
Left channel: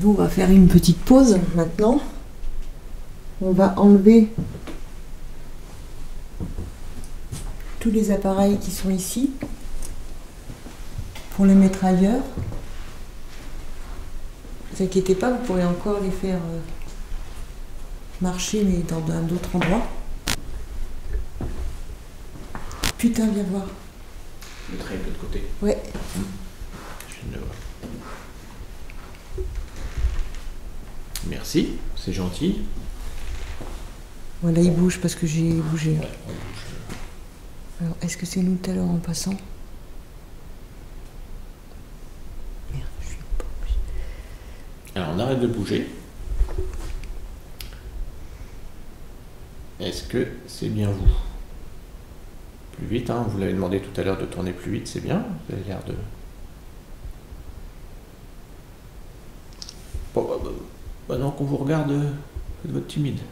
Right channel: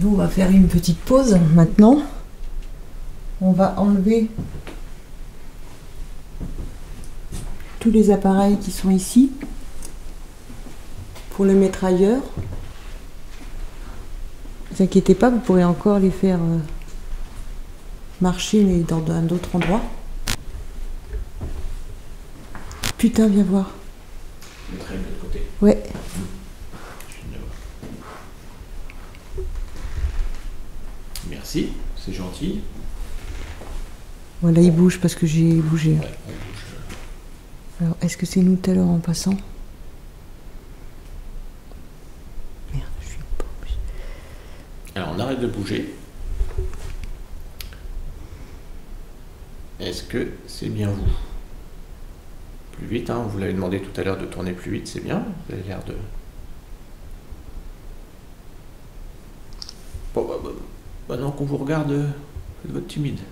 Nous, on va faire une petite pause maintenant. On va enlever tous les appareils qui sont ici pour les mettre ailleurs. Ne vous inquiétez pas, vous pourrez encore les faire marcher, mais dans un autre endroit. Putain, viens voir. Ouais. Merci, c'est gentil. Voilà, il bouge parce que j'ai bougé. Alors, est-ce que c'est nous tout à l'heure en passant? Merde, je suis pas obligée. Alors on arrête de bouger. Est-ce que c'est bien vous? Plus vite, hein, vous l'avez demandé tout à l'heure de tourner plus vite, c'est bien. Vous avez l'air de... Pas tant qu'on vous regarde de votre timide.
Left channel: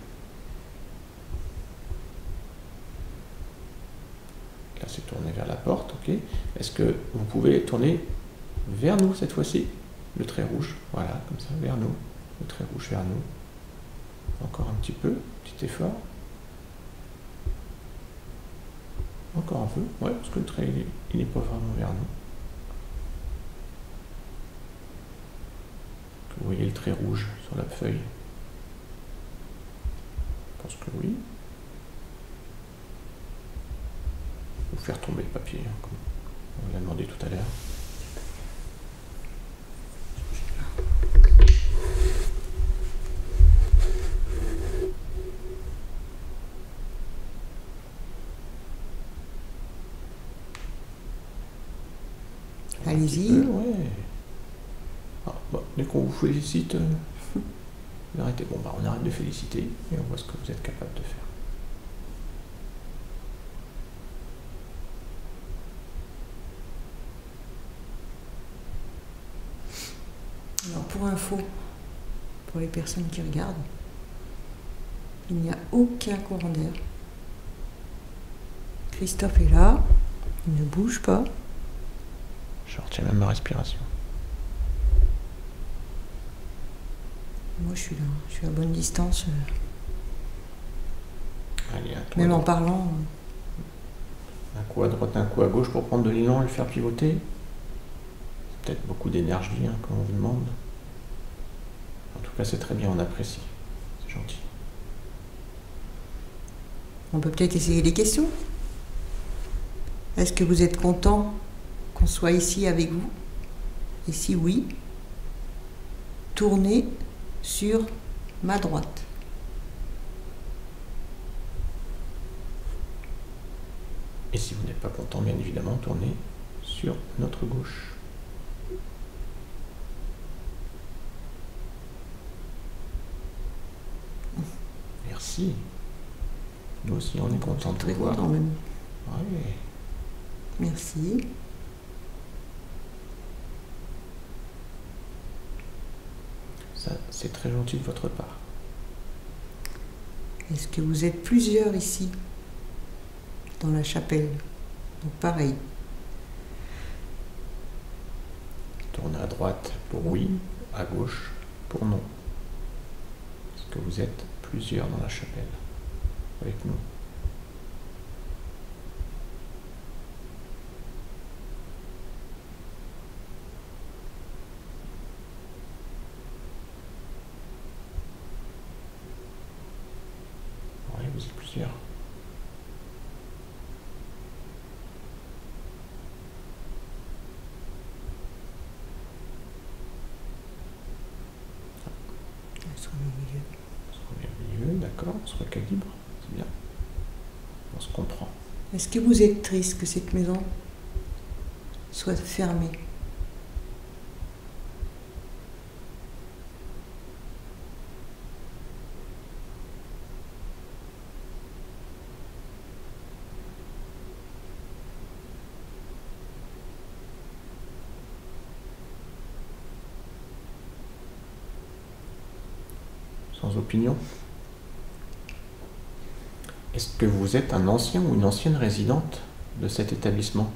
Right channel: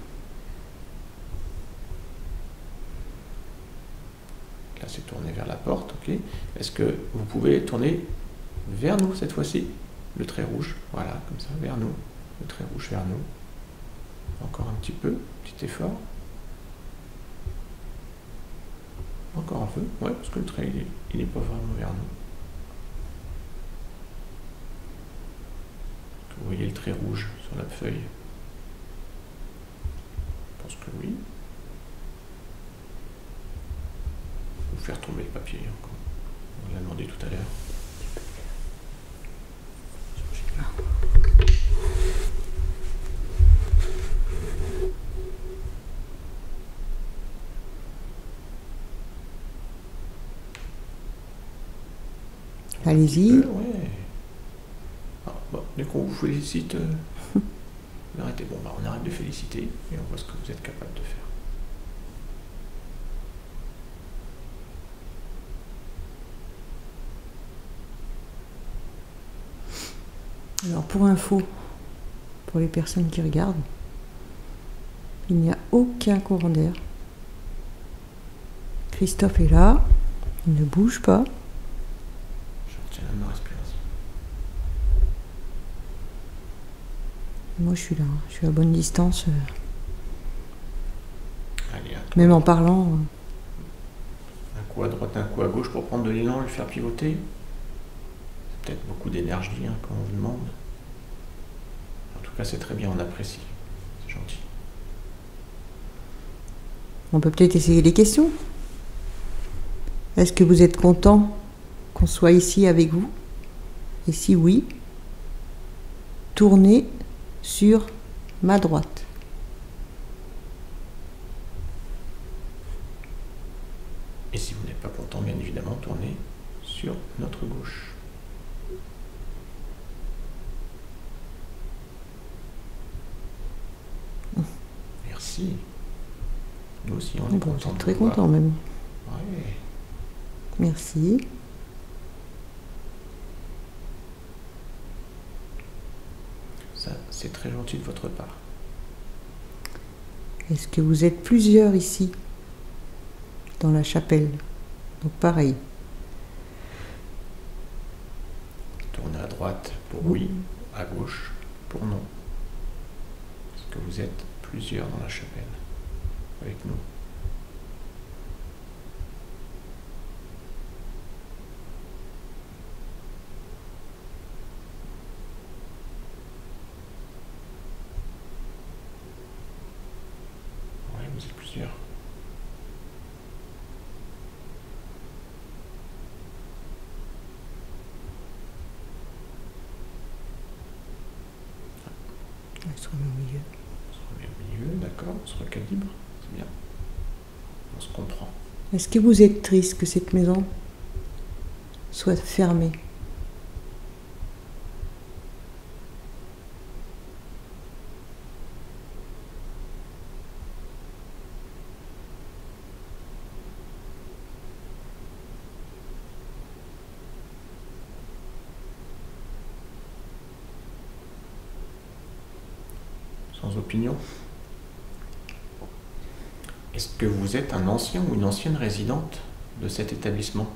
Là, c'est tourné vers la porte, ok. Est-ce que vous pouvez les tourner vers nous cette fois-ci? Le trait rouge, voilà, comme ça, vers nous. Le trait rouge vers nous. Encore un petit peu, petit effort. Encore un peu, ouais, parce que le trait, il n'est pas vraiment vers nous. Est-ce que vous voyez le trait rouge sur la feuille? Je pense que oui. Vous faire tomber le papier, hein, comme on l'a demandé tout à l'heure. Allez-y. Ouais. Ah, bon, dès qu'on vous félicite, arrêtez, bon, on arrête de féliciter et on voit ce que vous êtes capable de faire. Alors, pour info, pour les personnes qui regardent, il n'y a aucun courant d'air. Christophe est là, il ne bouge pas. Je retiens même ma respiration. Moi, je suis là, je suis à bonne distance. Allez, Même en parlant. un coup à droite, un coup à gauche pour prendre de l'élan et le faire pivoter. Peut-être beaucoup d'énergie hein, quand on vous demande. En tout cas, c'est très bien, on apprécie. C'est gentil. On peut peut-être essayer les questions. Est-ce que vous êtes content qu'on soit ici avec vous? Et si oui, tournez sur ma droite. Et si vous n'êtes pas content, bien évidemment, tournez sur notre gauche. Merci. Nous aussi, on est Bon, contents. très content même. Ouais. Merci. Ça, c'est très gentil de votre part. Est-ce que vous êtes plusieurs ici, dans la chapelle? Donc pareil. Tournez à droite pour oui, à gauche pour non. Est-ce que vous êtes plusieurs dans la chapelle avec nous? Oui, vous êtes plusieurs. On sera au milieu. Au milieu, d'accord, on se recalibre, c'est bien. On se comprend. Est-ce que vous êtes triste que cette maison soit fermée? Sans opinion. Est-ce que vous êtes un ancien ou une ancienne résidente de cet établissement?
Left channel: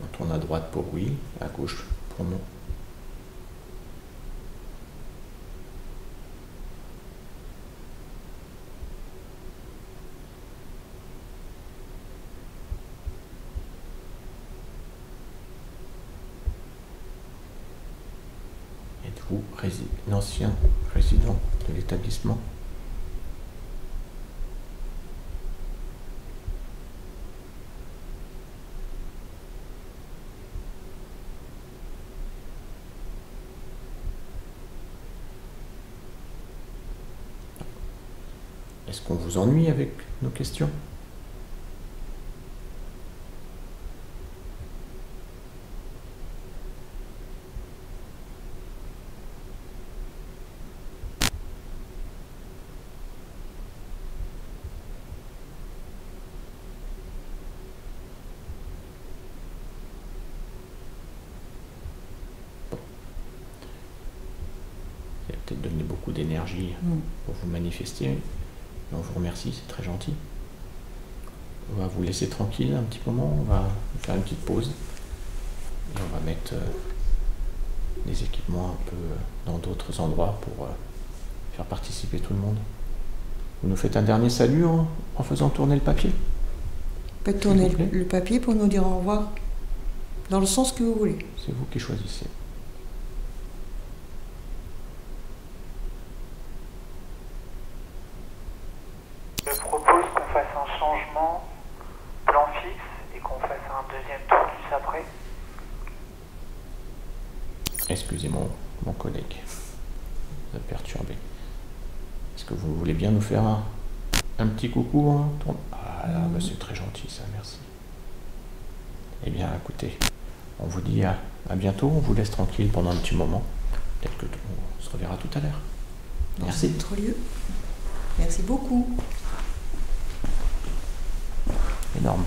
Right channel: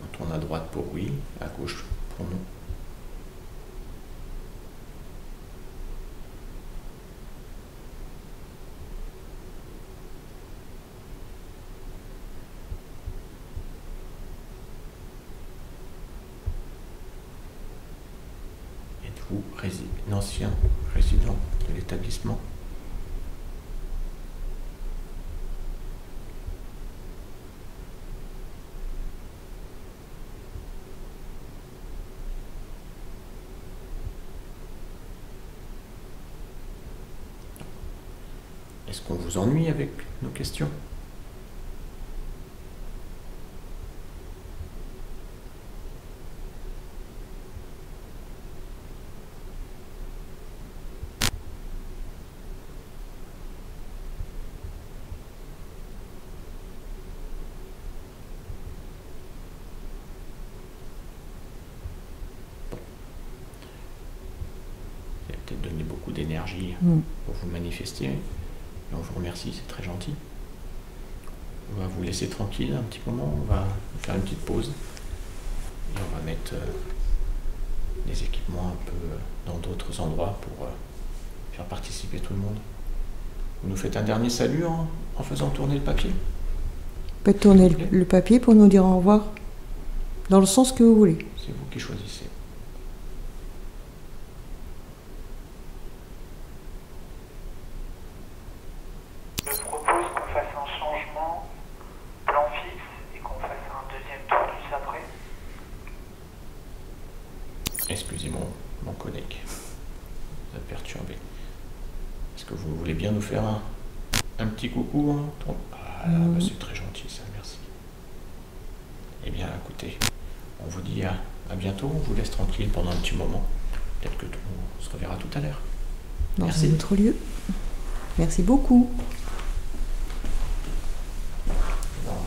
On tourne à droite pour oui, à gauche pour non. Êtes-vous un ancien résident de l'établissement? Est-ce qu'on vous ennuie avec nos questions? Il a peut-être donné beaucoup d'énergie pour vous manifester. Et on vous remercie, c'est très gentil. On va vous laisser tranquille un petit moment, on va faire une petite pause. Et on va mettre des équipements un peu dans d'autres endroits pour faire participer tout le monde. Vous nous faites un dernier salut en faisant tourner le papier. Vous pouvez tourner le papier pour nous dire au revoir, dans le sens que vous voulez. C'est vous qui choisissez. Je propose qu'on fasse un changement plan fixe et qu'on fasse un deuxième tour juste après. Excusez-moi, mon collègue, vous êtes perturbé. Est-ce que vous voulez bien nous faire un petit coucou? Ah là, c'est très gentil ça, merci. Eh bien, écoutez, on vous dit à bientôt, on vous laisse tranquille pendant un petit moment. Peut-être que on se reverra tout à l'heure. Dans Merci. un autre lieu. Merci beaucoup. Énorme.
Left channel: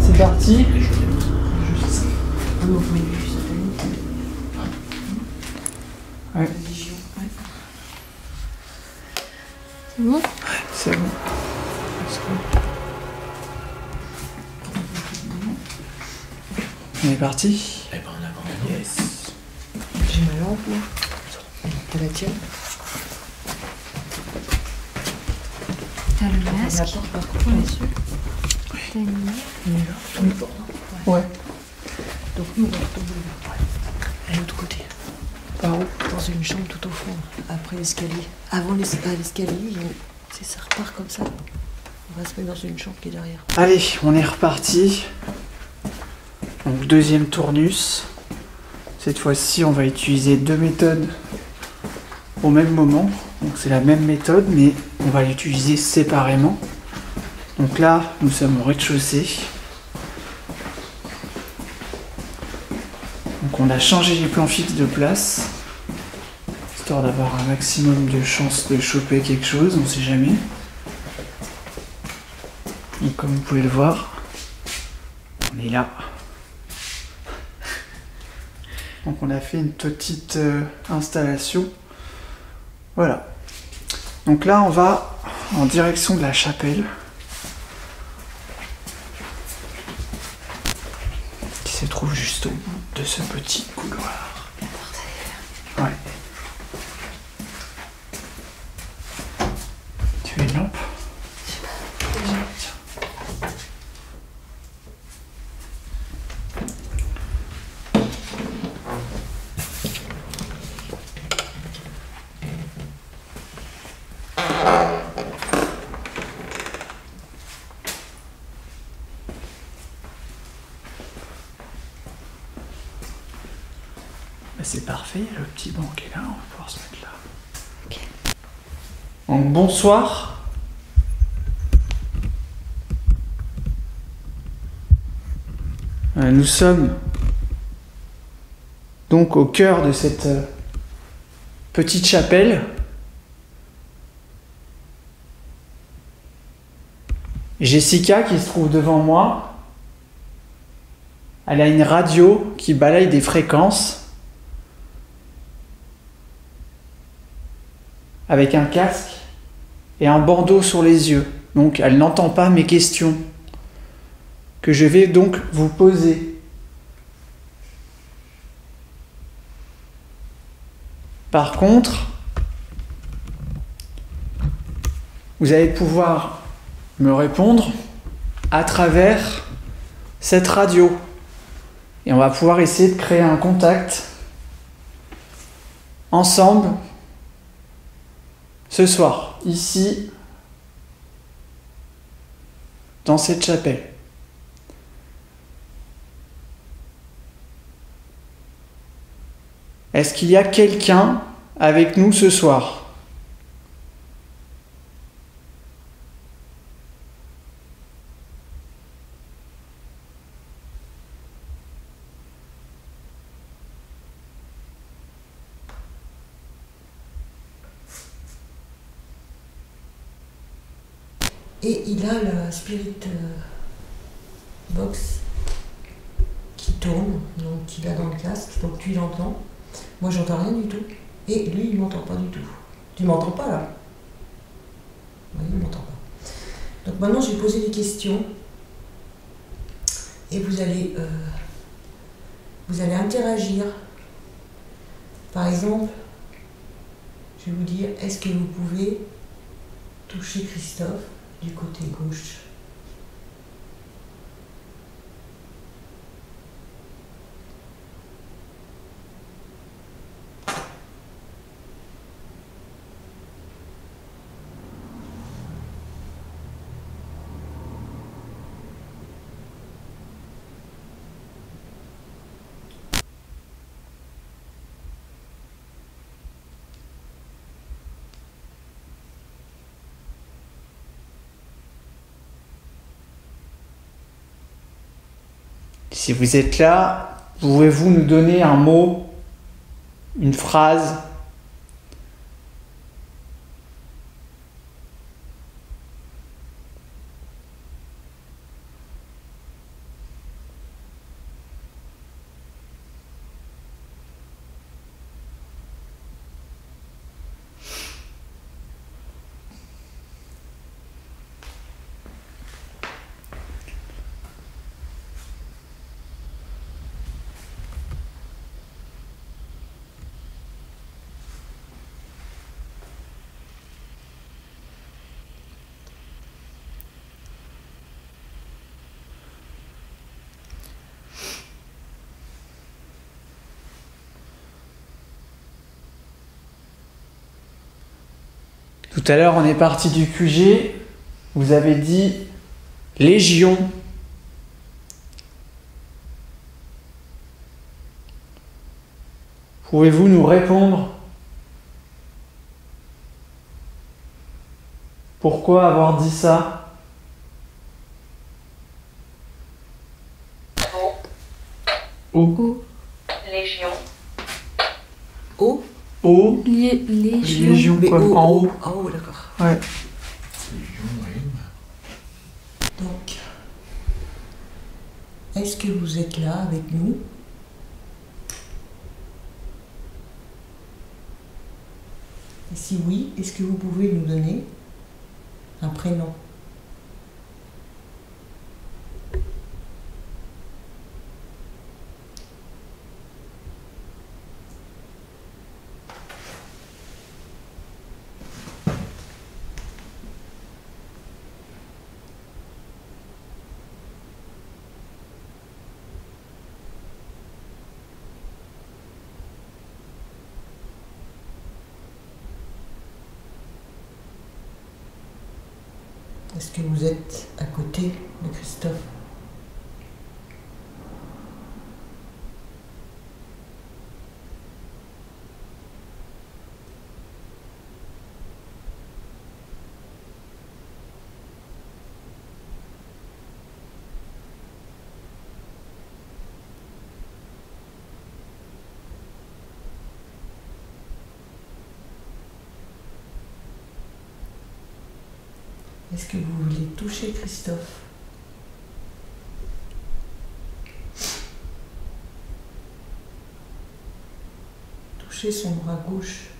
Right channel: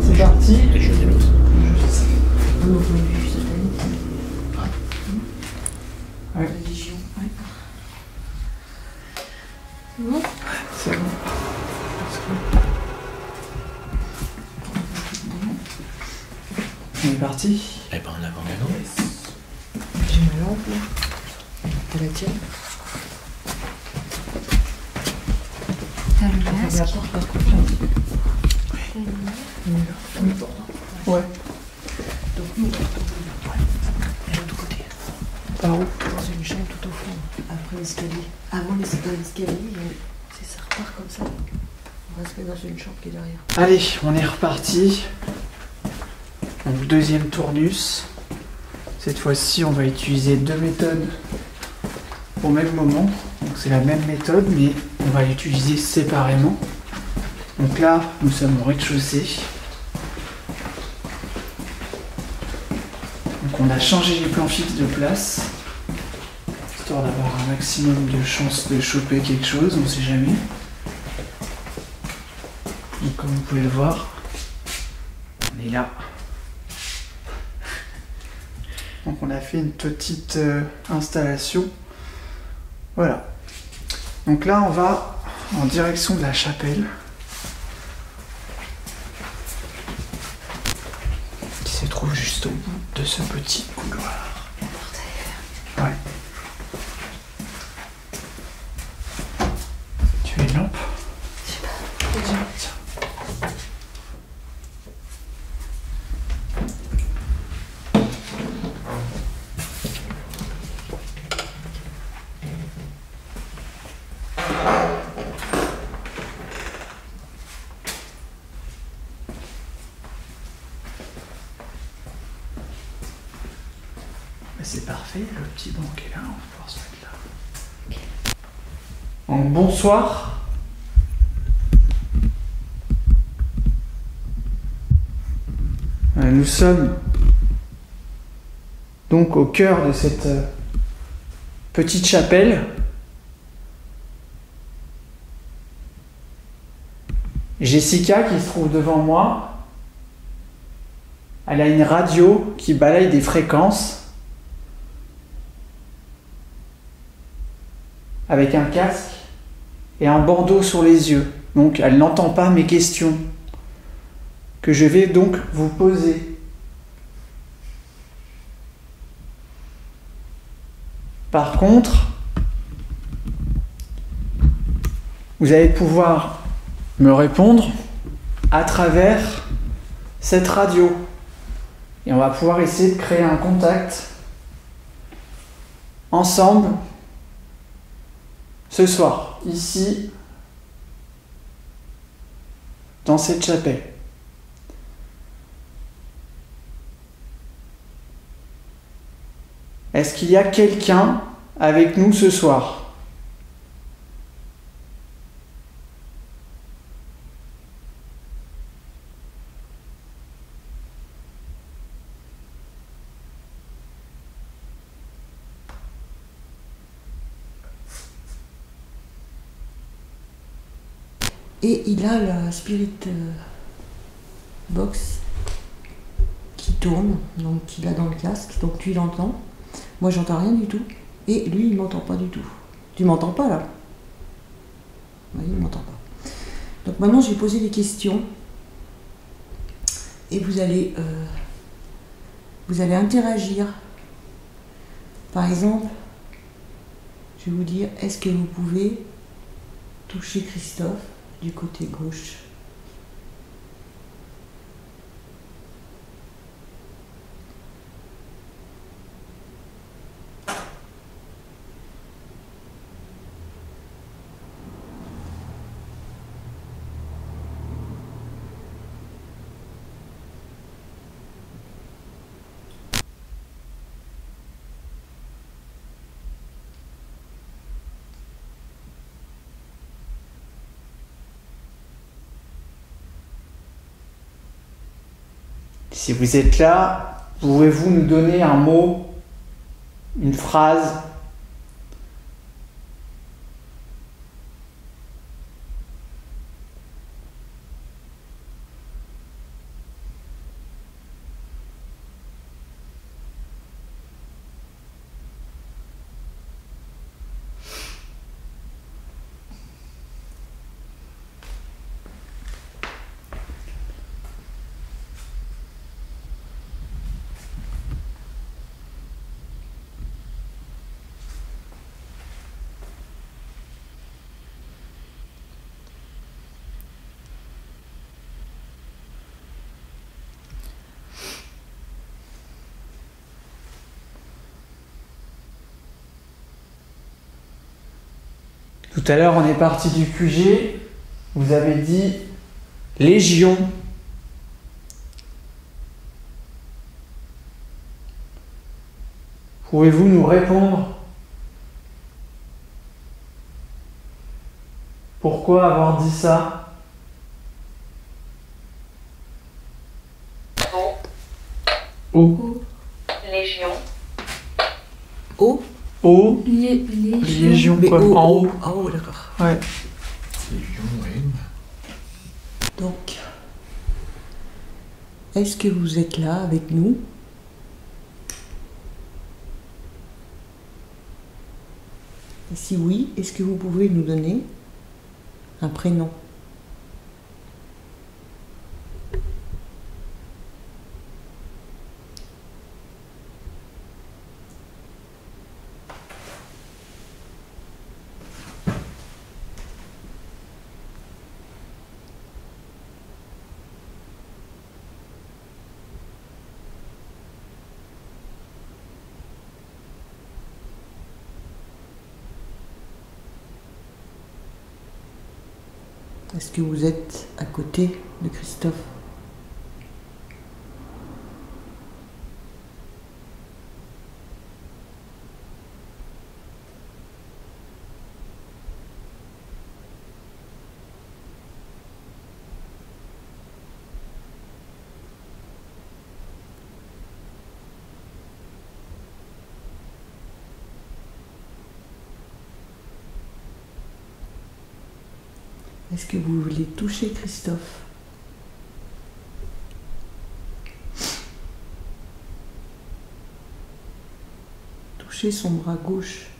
C'est parti. Les jeux des l'autre. Vous pouvez vivre cette année. Ouais, Religion. Ouais. C'est bon? c'est bon. On est parti. Eh ben, en avant. Yes. J'ai ma lampe là. T'as la tienne? T'as le masque. La porte, par contre. T'as une... Ouais. Donc nous, on va tomber là. À l'autre côté. Par où? Dans une chambre tout au fond, après l'escalier. Avant l'escalier, ça repart comme ça. On va se mettre dans une chambre qui est derrière. Allez, on est reparti. Donc deuxième tournus. Cette fois-ci, on va utiliser 2 méthodes au même moment. Donc c'est la même méthode, mais on va l'utiliser séparément. Donc là, nous sommes au rez-de-chaussée. Donc on a changé les plans fixes de place, histoire d'avoir un maximum de chances de choper quelque chose, on ne sait jamais. Donc comme vous pouvez le voir, on est là. Donc on a fait une petite installation. Voilà. Donc là on va en direction de la chapelle, qui se trouve juste au bout de ce petit couloir. Ouais. Tu veux une lampe? C'est parfait, le petit banc qui est là, on va pouvoir se mettre là. Ok. Donc bonsoir. Nous sommes donc au cœur de cette petite chapelle. Jessica qui se trouve devant moi, elle a une radio qui balaye des fréquences avec un casque et un bandeau sur les yeux. Donc elle n'entend pas mes questions que je vais donc vous poser. Par contre, vous allez pouvoir me répondre à travers cette radio. Et on va pouvoir essayer de créer un contact ensemble ce soir, ici, dans cette chapelle. Est-ce qu'il y a quelqu'un avec nous ce soir ? Et il a la Spirit Box qui tourne, donc qu'il a dans le casque, donc tu l'entends. Moi j'entends rien du tout, et lui il m'entend pas du tout. Tu m'entends pas là? Oui, il m'entend pas. Donc maintenant j'ai posé des questions, et vous allez interagir. Par exemple, je vais vous dire, est-ce que vous pouvez toucher Christophe du côté gauche? Si vous êtes là, pouvez-vous nous donner un mot, une phrase ? Tout à l'heure, on est parti du QG. Vous avez dit Légion. Pouvez-vous nous répondre? Pourquoi avoir dit ça? O. Légion. O. O. Légion. Légion, Mais quoi. O, En haut. en haut, d'accord. Ouais. Donc, est-ce que vous êtes là avec nous? Et si oui, est-ce que vous pouvez nous donner un prénom? Est-ce que vous êtes à côté de Christophe? Est-ce que vous voulez toucher Christophe? Toucher son bras gauche.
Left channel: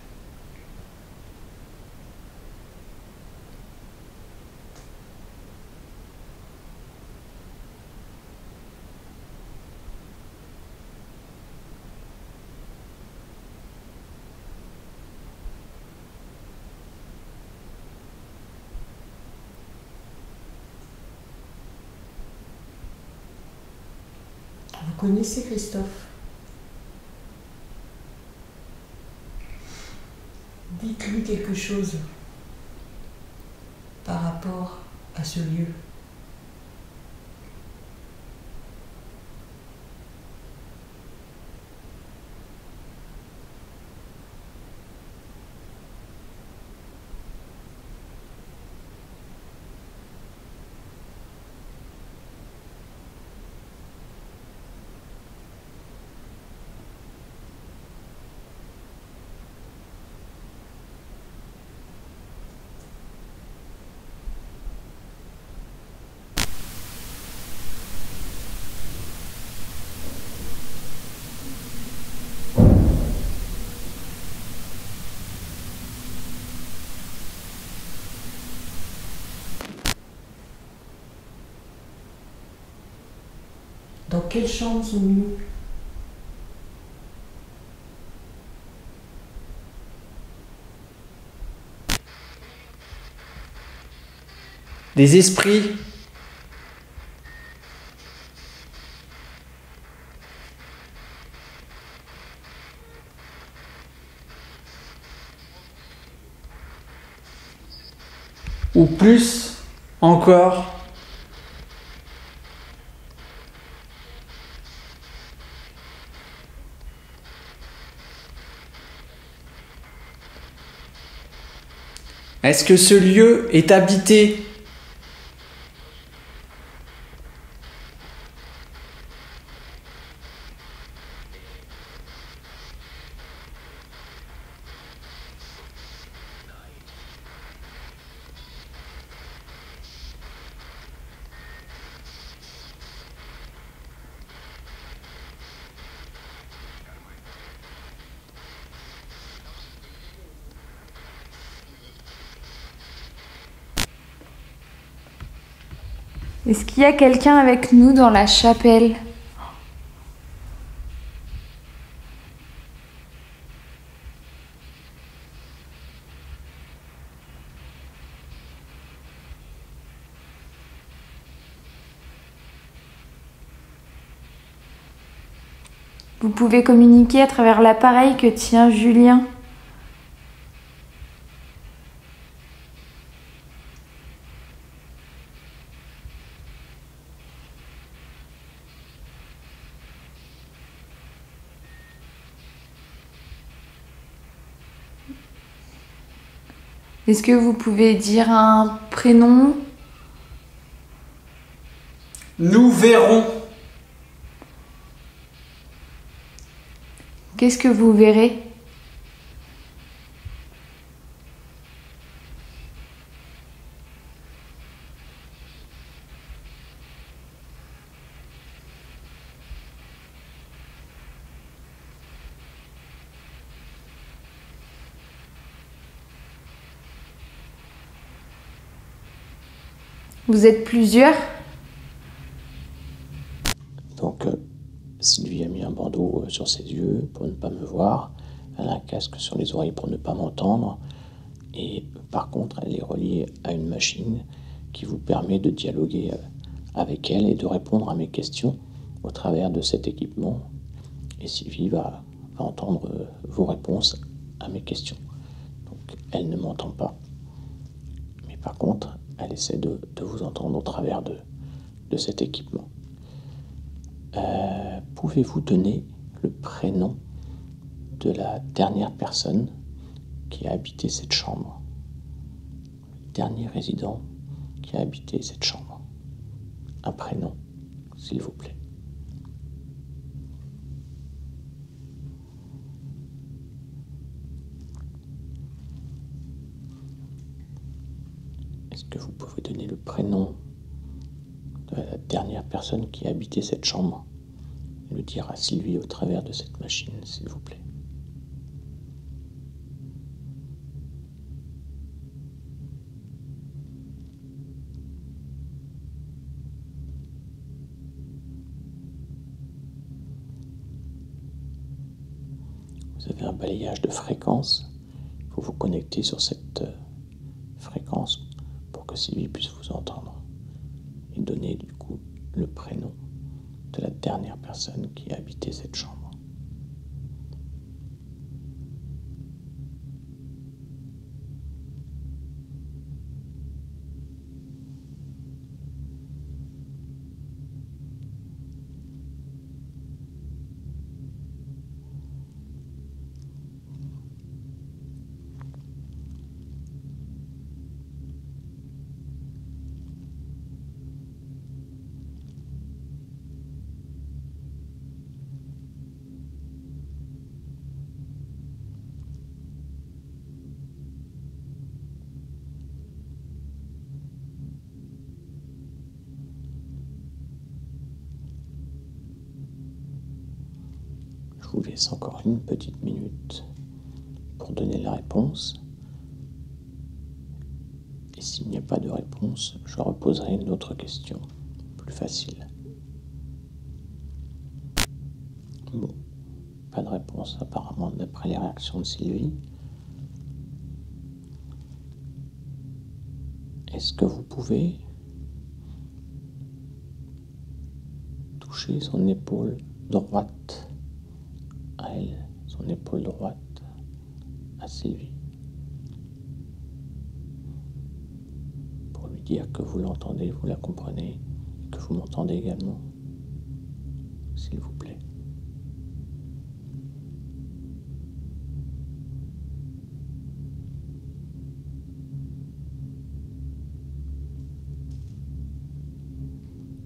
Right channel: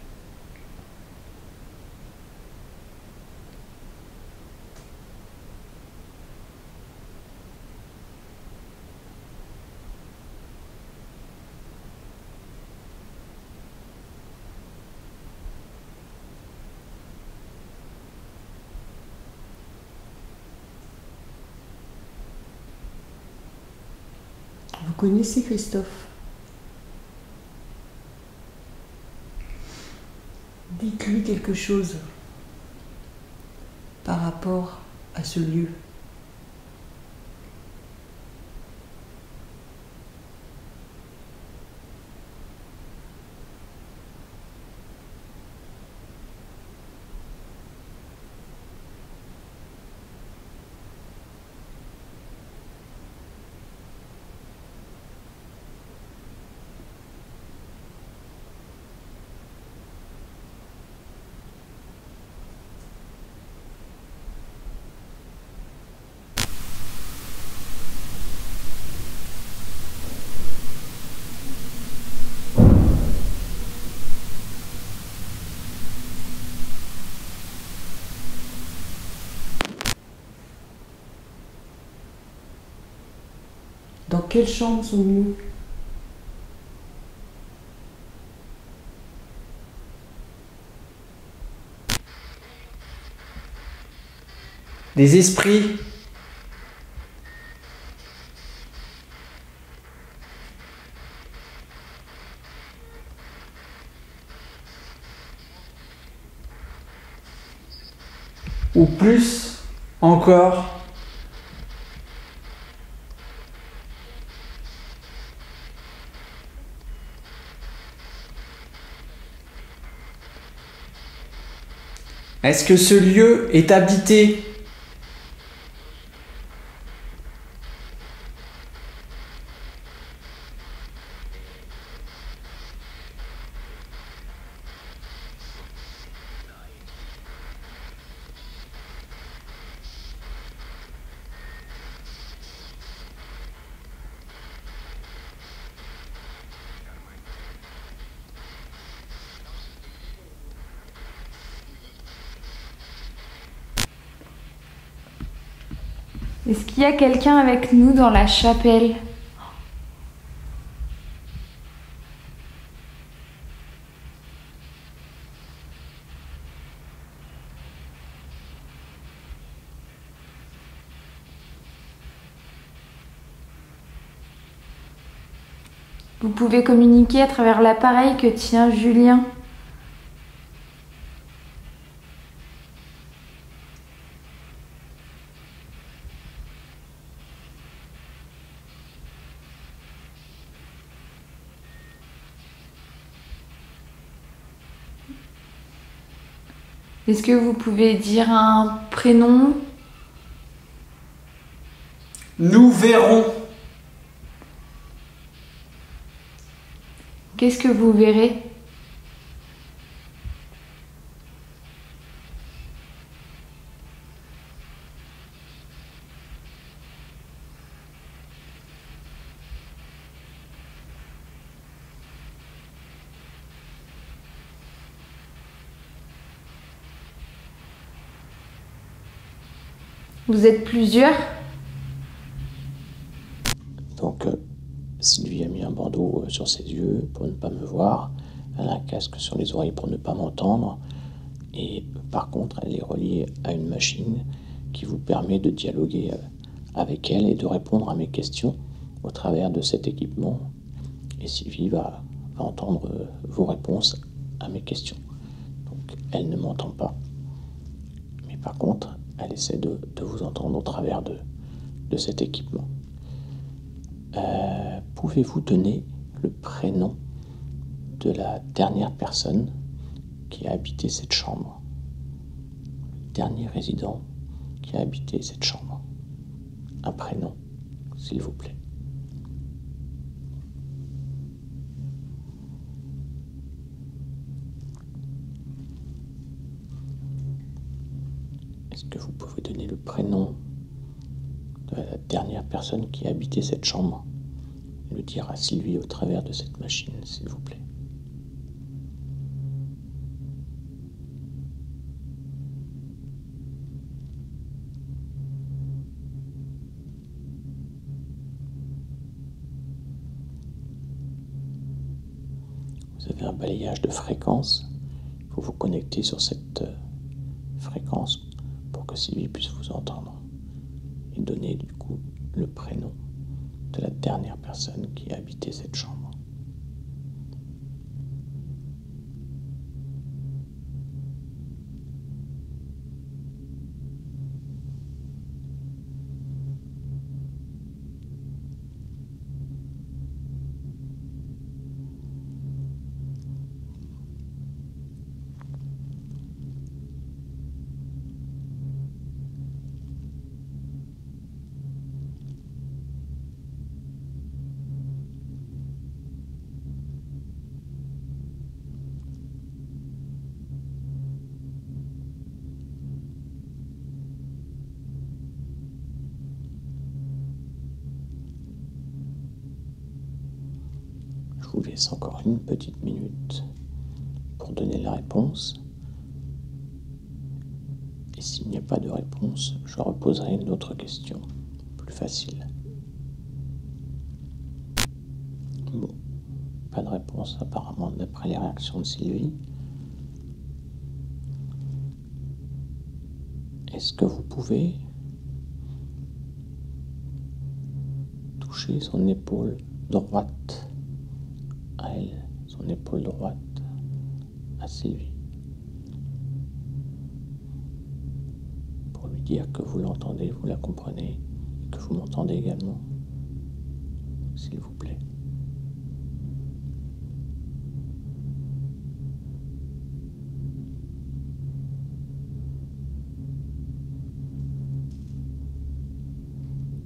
Vous connaissez Christophe? Dites-lui quelque chose par rapport à ce lieu. Dans quelle chambre sont-nous? Des esprits. Ou plus encore. Est-ce que ce lieu est habité? Est-ce qu'il y a quelqu'un avec nous dans la chapelle? Vous pouvez communiquer à travers l'appareil que tient Julien. Est-ce que vous pouvez dire un prénom? Nous verrons. Qu'est-ce que vous verrez? Vous êtes plusieurs? Donc Sylvie a mis un bandeau sur ses yeux pour ne pas me voir, elle a un casque sur les oreilles pour ne pas m'entendre, et par contre elle est reliée à une machine qui vous permet de dialoguer avec elle et de répondre à mes questions au travers de cet équipement. Et Sylvie va entendre vos réponses à mes questions. Donc elle ne m'entend pas, mais par contre elle essaie de vous entendre au travers de cet équipement. Pouvez-vous donner le prénom de la dernière personne qui a habité cette chambre? Le dernier résident qui a habité cette chambre. Un prénom, s'il vous plaît. Est-ce que vous pouvez donner le prénom de la dernière personne qui a habité cette chambre et le dire à Sylvie au travers de cette machine, s'il vous plaît? Vous avez un balayage de fréquences. Il faut vous connecter sur cette fréquence pour que Sylvie puisse vous entendre et donner du coup le prénom de la dernière personne qui a habité cette chambre. Je vous laisse encore une petite minute pour donner la réponse. Et s'il n'y a pas de réponse, je reposerai une autre question, plus facile. Bon, pas de réponse apparemment d'après les réactions de Sylvie. Est-ce que vous pouvez toucher son épaule droite à elle, son épaule droite à Sylvie, pour lui dire que vous l'entendez, vous la comprenez, et que vous m'entendez également, s'il vous plaît.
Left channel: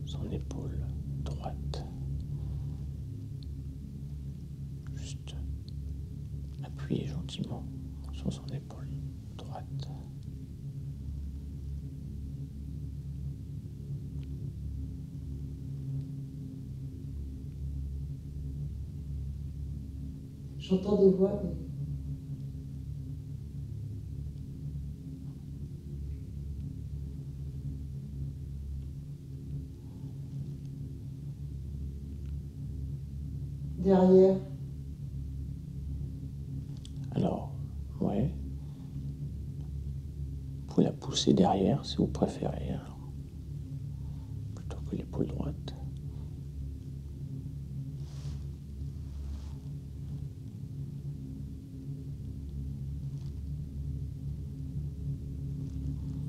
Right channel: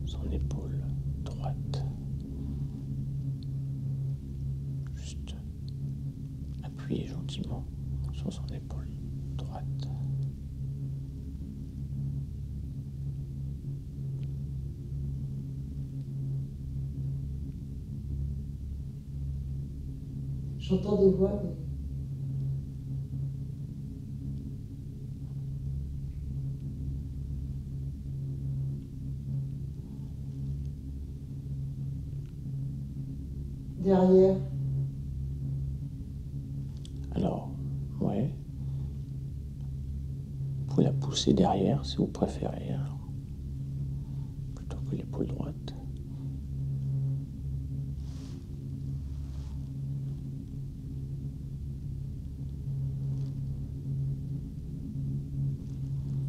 Son épaule droite. Juste appuyez gentiment sur son épaule droite. J'entends des voix, mais... derrière. Alors, ouais. Vous pouvez la pousser derrière si vous préférez, alors, plutôt que l'épaule droite.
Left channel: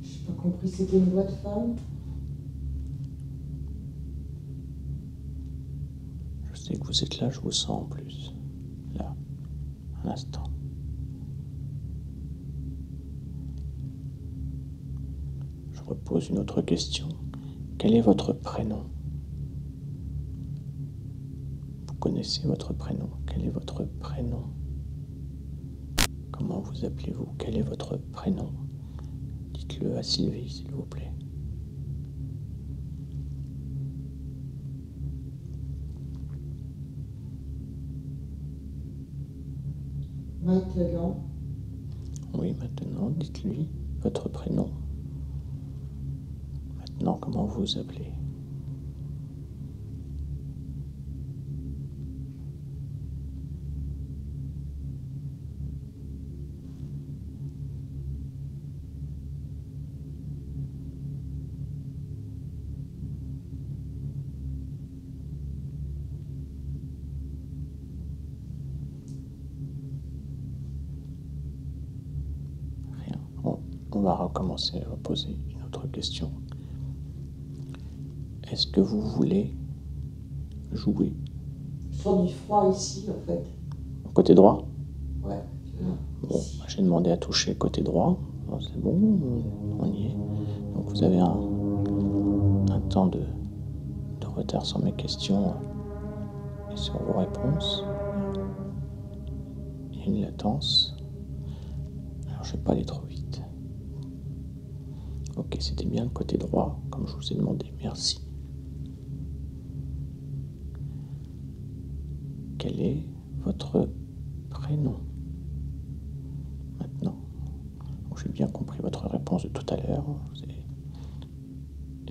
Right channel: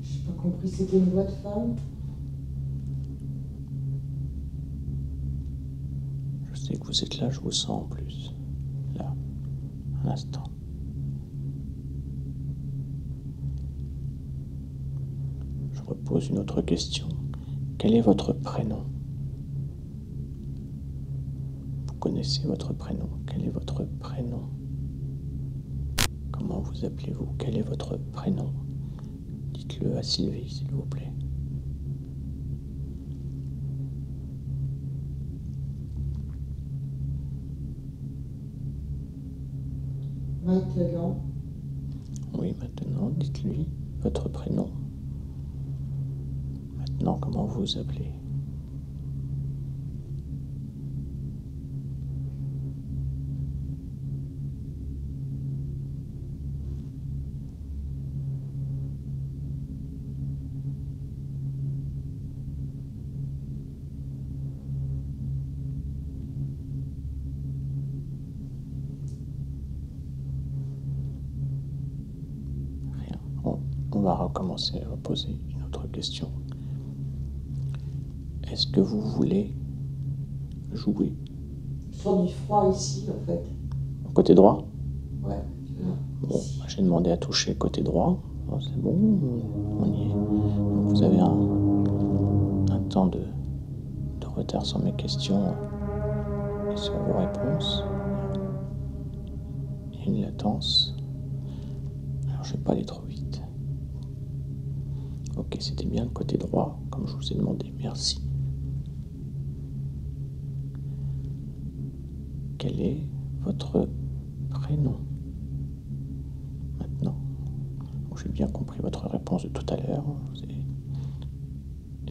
J'ai pas compris, c'était une voix de femme? Je sais que vous êtes là, je vous sens en plus. Là, à l'instant. repose une autre question. Quel est votre prénom? Vous connaissez votre prénom? Quel est votre prénom? Comment vous appelez-vous? Quel est votre prénom? Dites-le à Sylvie, s'il vous plaît. Maintenant, Oui, maintenant, dites-lui votre prénom. Maintenant, comment vous vous appelez? Rien. On va recommencer à poser une autre question. Est-ce que vous voulez jouer? je sens du froid ici en fait. Côté droit? Ouais, là. Bon, j'ai demandé à toucher côté droit. Oh, c'est bon, on y est. Donc vous avez un temps de retard sur mes questions et sur vos réponses. Il y a une latence. Alors je ne vais pas aller trop vite. Ok, c'était bien le côté droit, comme je vous ai demandé. Merci. Quel est votre prénom? Maintenant. Donc, j'ai bien compris votre réponse de tout à l'heure. Vous avez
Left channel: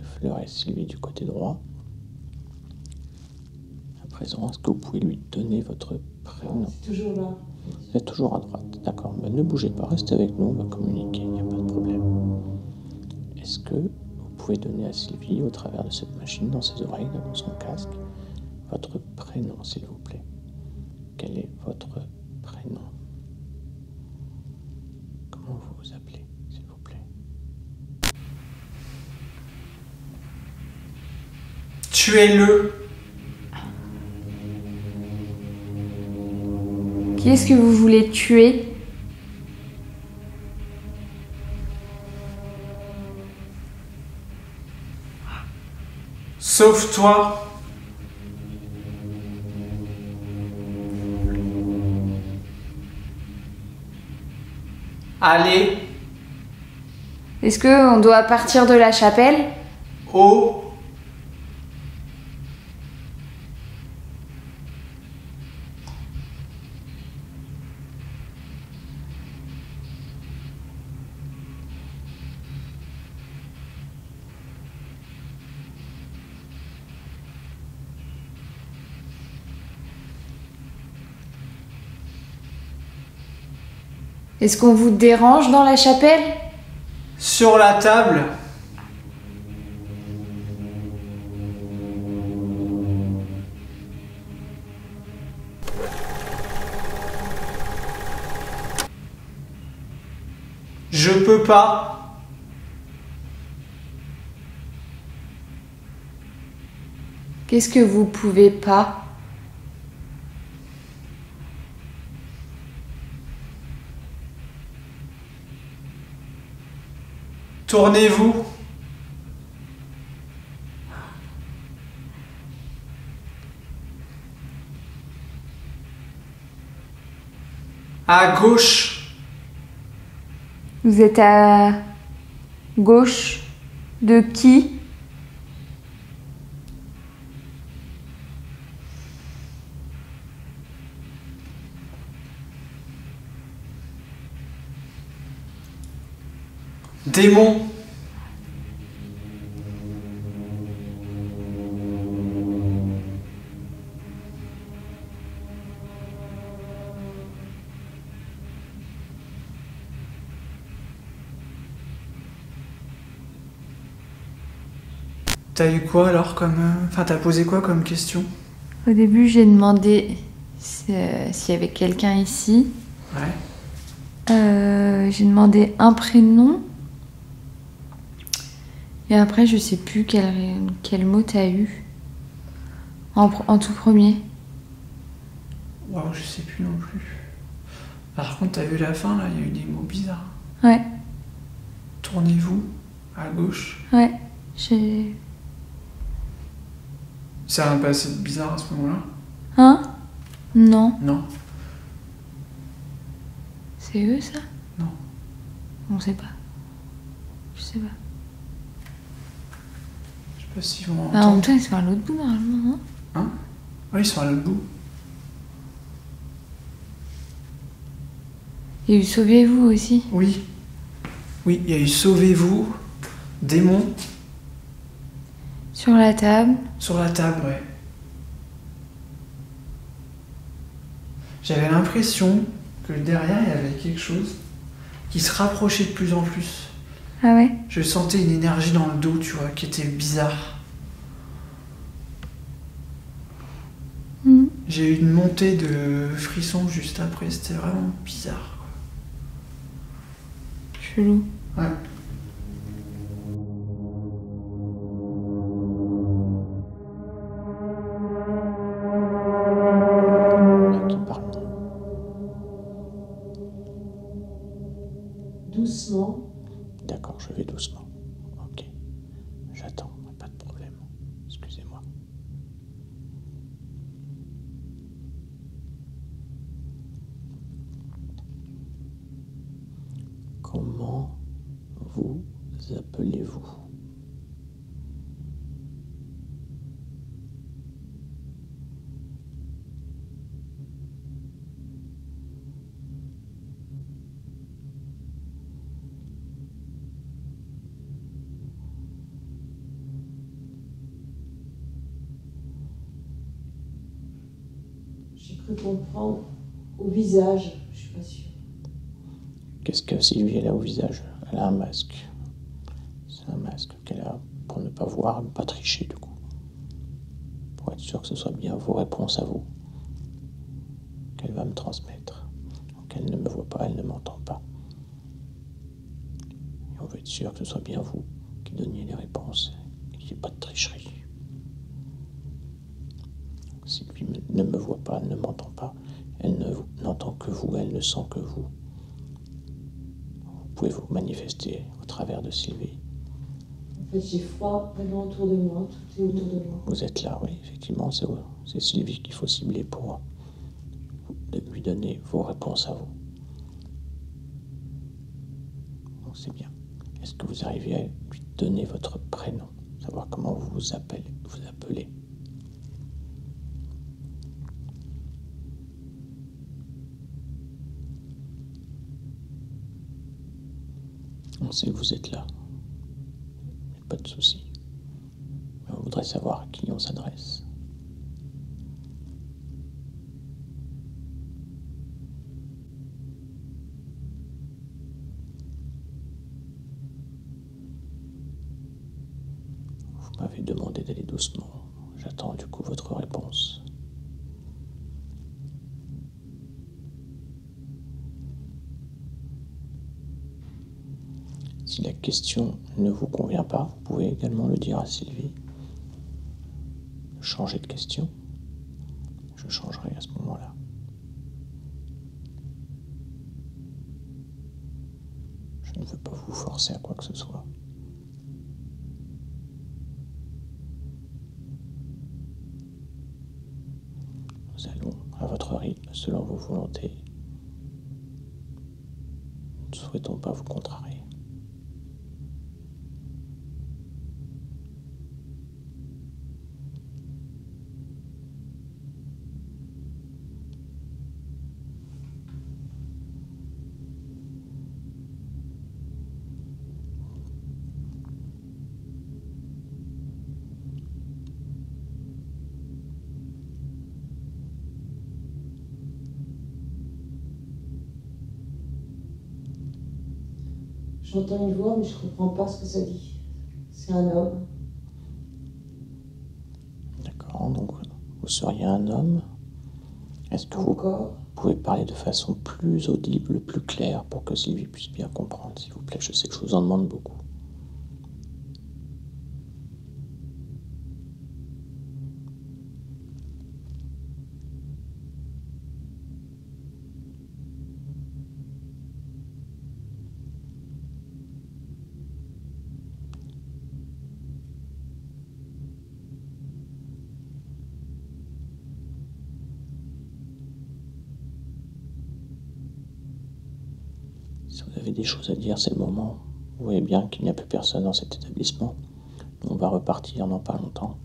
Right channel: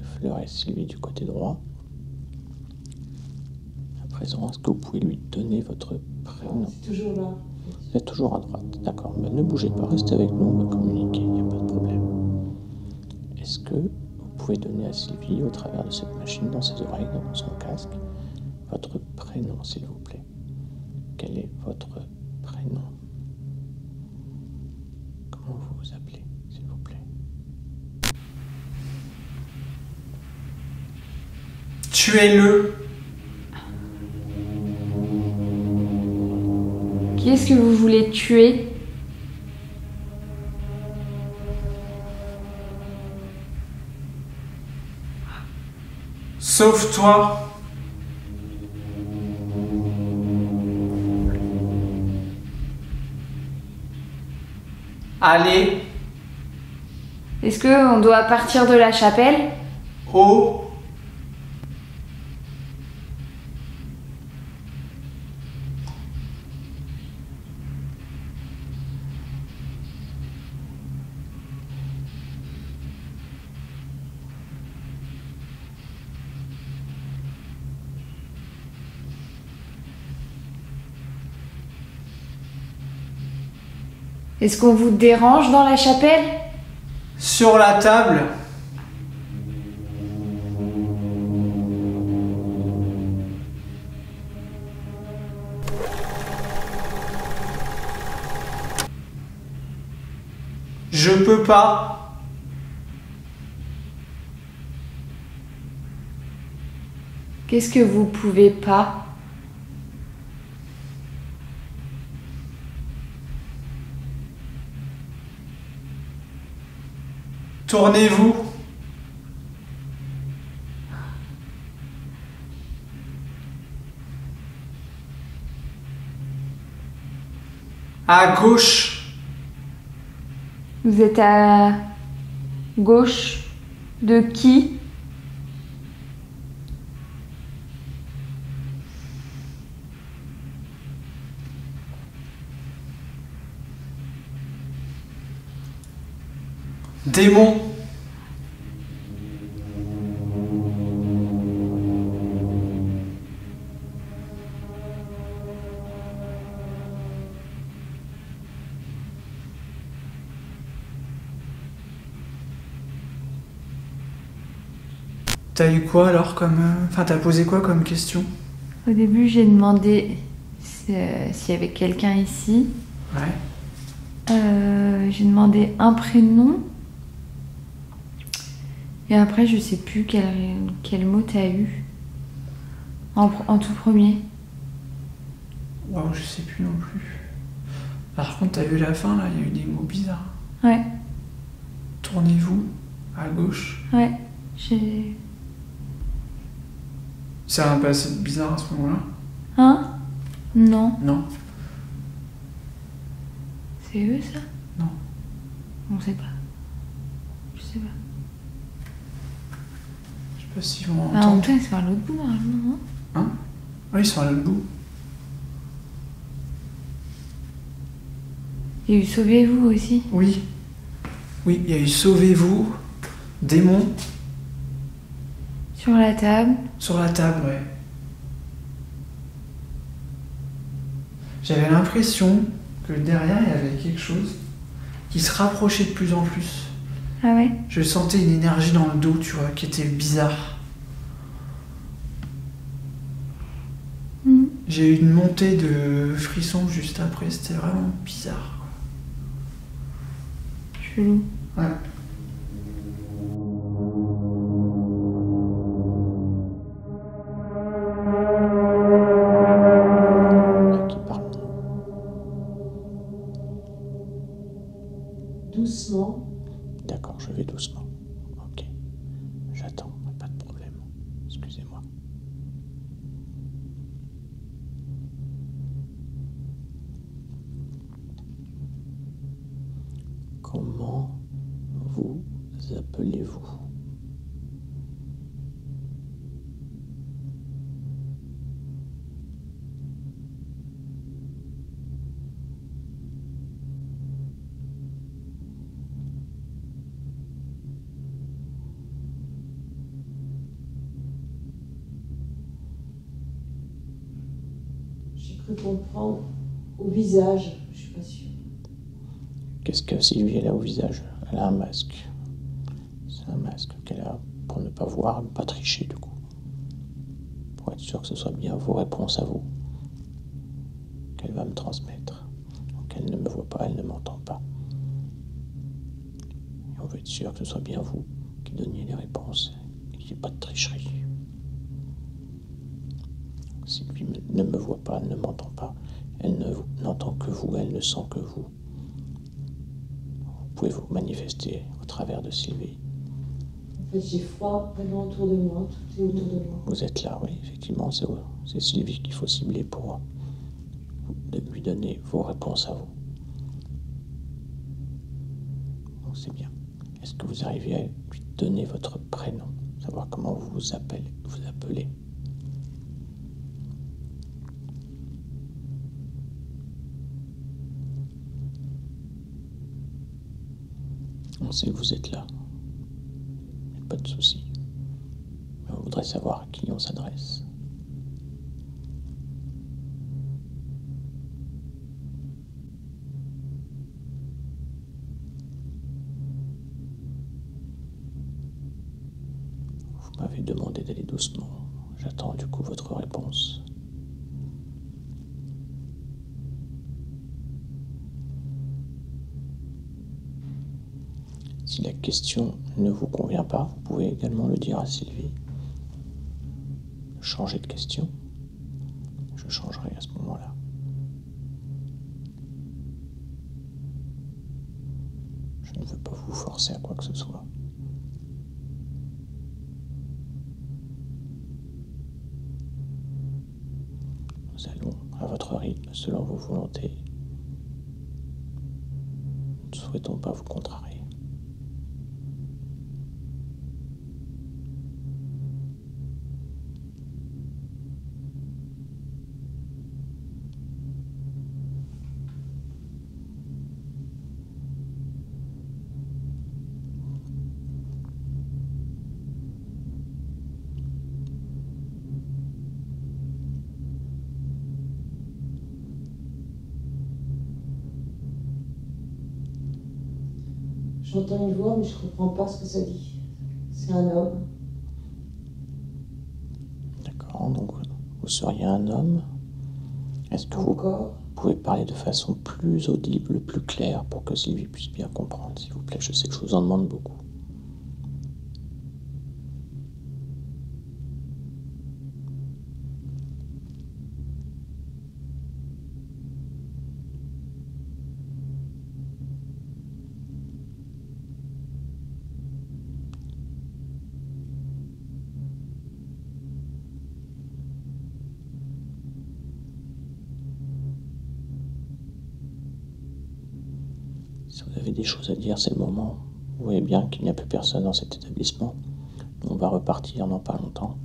Fleur et Sylvie du côté droit. À présent, est-ce que vous pouvez lui donner votre prénom? C'est toujours là. Vous êtes toujours à droite. D'accord. Ben, ne bougez pas, restez avec nous, on va communiquer, il n'y a pas de problème. Est-ce que vous pouvez donner à Sylvie, au travers de cette machine, dans ses oreilles, dans son casque, votre prénom, s'il vous plaît? Quel est votre prénom? Comment vous vous appelez, s'il vous plaît? Tuez-le. Qui est-ce que vous voulez tuer? Sauve-toi. Allez, Est-ce qu'on doit partir de la chapelle? haut. Est-ce qu'on vous dérange dans la chapelle? Sur la table. Je peux pas. Qu'est-ce que vous pouvez pas? Tournez-vous. À gauche. Vous êtes à gauche de qui? Démon. T'as eu quoi alors comme... Enfin, t'as posé quoi comme question? Au début, j'ai demandé s'il y avait quelqu'un ici. Ouais. J'ai demandé un prénom. Et après, je sais plus quel mot t'as eu. En tout premier. Waouh, je sais plus non plus. Par contre, t'as vu la fin là, il y a eu des mots bizarres. Ouais. Tournez-vous À gauche. Ouais, j'ai... Ça a un passé bizarre à ce moment-là? Hein? Non. Non. C'est eux, ça? Non. On sait pas. Je sais pas. Je sais pas s'ils vont Ah, en entendre. même temps, ils sont à l'autre bout, normalement, non? Hein? Oui, ils sont à l'autre bout. Il y a eu Sauvez-vous aussi. Oui. Oui, il y a eu Sauvez-vous, Démon, Sur la table. sur la table, ouais. J'avais l'impression que derrière, il y avait quelque chose qui se rapprochait de plus en plus. Ah ouais? Je sentais une énergie dans le dos, tu vois, qui était bizarre. Mhm. J'ai eu une montée de frissons juste après, c'était vraiment bizarre. Chelou. Ouais. Qui parle. Doucement. D'accord, je vais doucement. Ok. J'attends, pas de problème. Excusez-moi. Comment vous appelez-vous? J'ai cru comprendre au visage, je suis pas sûre. Qu'est-ce que Sylvie elle a au visage? Elle a un masque. C'est un masque qu'elle a pour ne pas voir, ne pas tricher du coup. Pour être sûr que ce soit bien vos réponses à vous qu'elle va me transmettre. Donc elle ne me voit pas, elle ne m'entend pas. Et on veut être sûr que ce soit bien vous qui donniez les réponses et qu'il n'y ait pas de tricherie. Sylvie ne me voit pas, ne m'entend pas. Elle n'entend que vous, elle ne sent que vous. Vous pouvez vous manifester au travers de Sylvie. En fait, j'ai froid vraiment autour de moi, tout est autour de moi. Vous êtes là, oui, effectivement, c'est Sylvie qu'il faut cibler pour lui donner vos réponses à vous. Donc c'est bien. Est-ce que vous arrivez à lui donner votre prénom, savoir comment vous vous appelez? On sait que vous êtes là. Pas de souci. Mais on voudrait savoir à qui on s'adresse. Vous m'avez demandé d'aller doucement. J'attends du coup votre réponse. Si la question ne vous convient pas, vous pouvez également le dire à Sylvie. Changer de question. Je changerai à ce moment-là. Je ne veux pas vous forcer à quoi que ce soit. Nous allons à votre rythme, selon vos volontés. Nous ne souhaitons pas vous contrarier. J'entends une voix, mais je comprends pas ce que ça dit. C'est un homme. D'accord, donc vous seriez un homme. Est-ce que vous Encore. pouvez parler de façon plus audible, plus claire, pour que Sylvie puisse bien comprendre, s'il vous plaît? Je sais que je vous en demande beaucoup. Si vous avez des choses à dire, c'est le moment. Vous voyez bien qu'il n'y a plus personne dans cet établissement. On va repartir dans pas longtemps.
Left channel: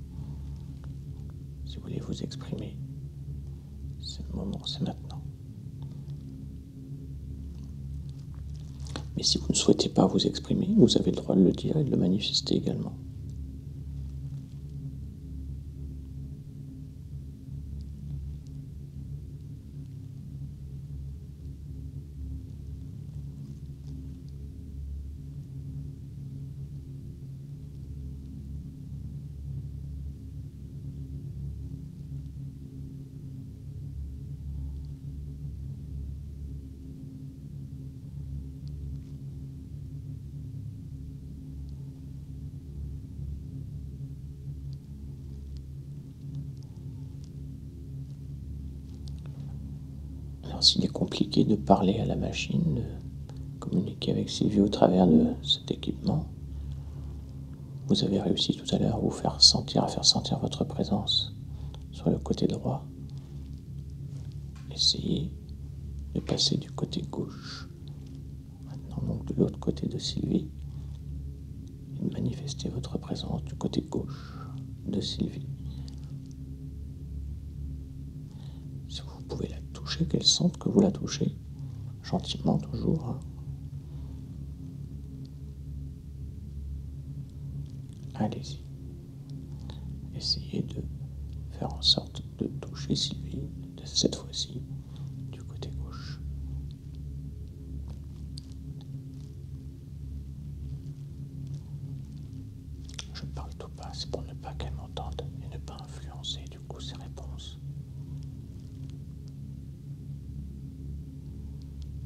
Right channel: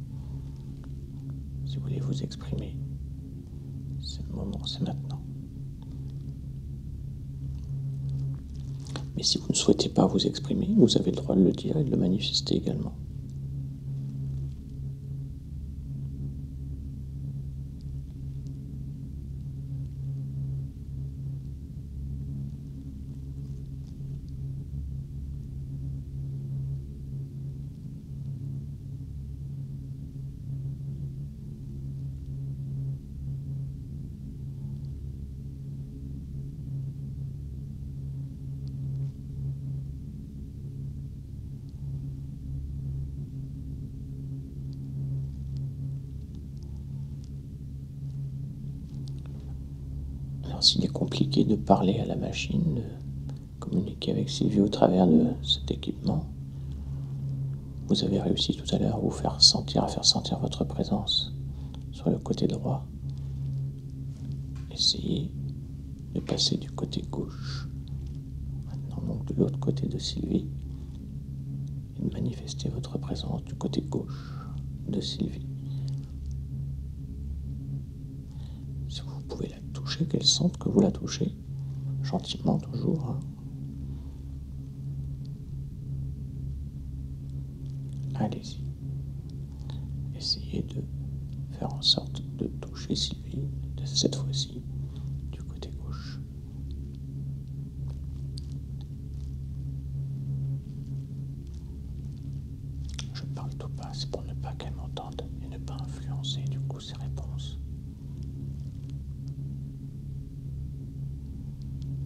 Si vous voulez vous exprimer, c'est le moment, c'est maintenant. Mais si vous ne souhaitez pas vous exprimer, vous avez le droit de le dire et de le manifester également. Alors s'il est compliqué de parler à la machine, de communiquer avec Sylvie au travers de cet équipement, vous avez réussi tout à l'heure à faire sentir votre présence sur le côté droit. Essayez de passer du côté gauche, maintenant donc de l'autre côté de Sylvie, et de manifester votre présence du côté gauche de Sylvie. Si vous pouvez la toucher, qu'elle sente que vous la touchez, gentiment toujours. Hein. Allez-y. Essayez de faire en sorte de toucher Sylvie, de cette fois-ci, du côté gauche. Je parle tout bas, c'est pour ne pas qu'elle m'entende et ne pas influencer du coup ses réponses.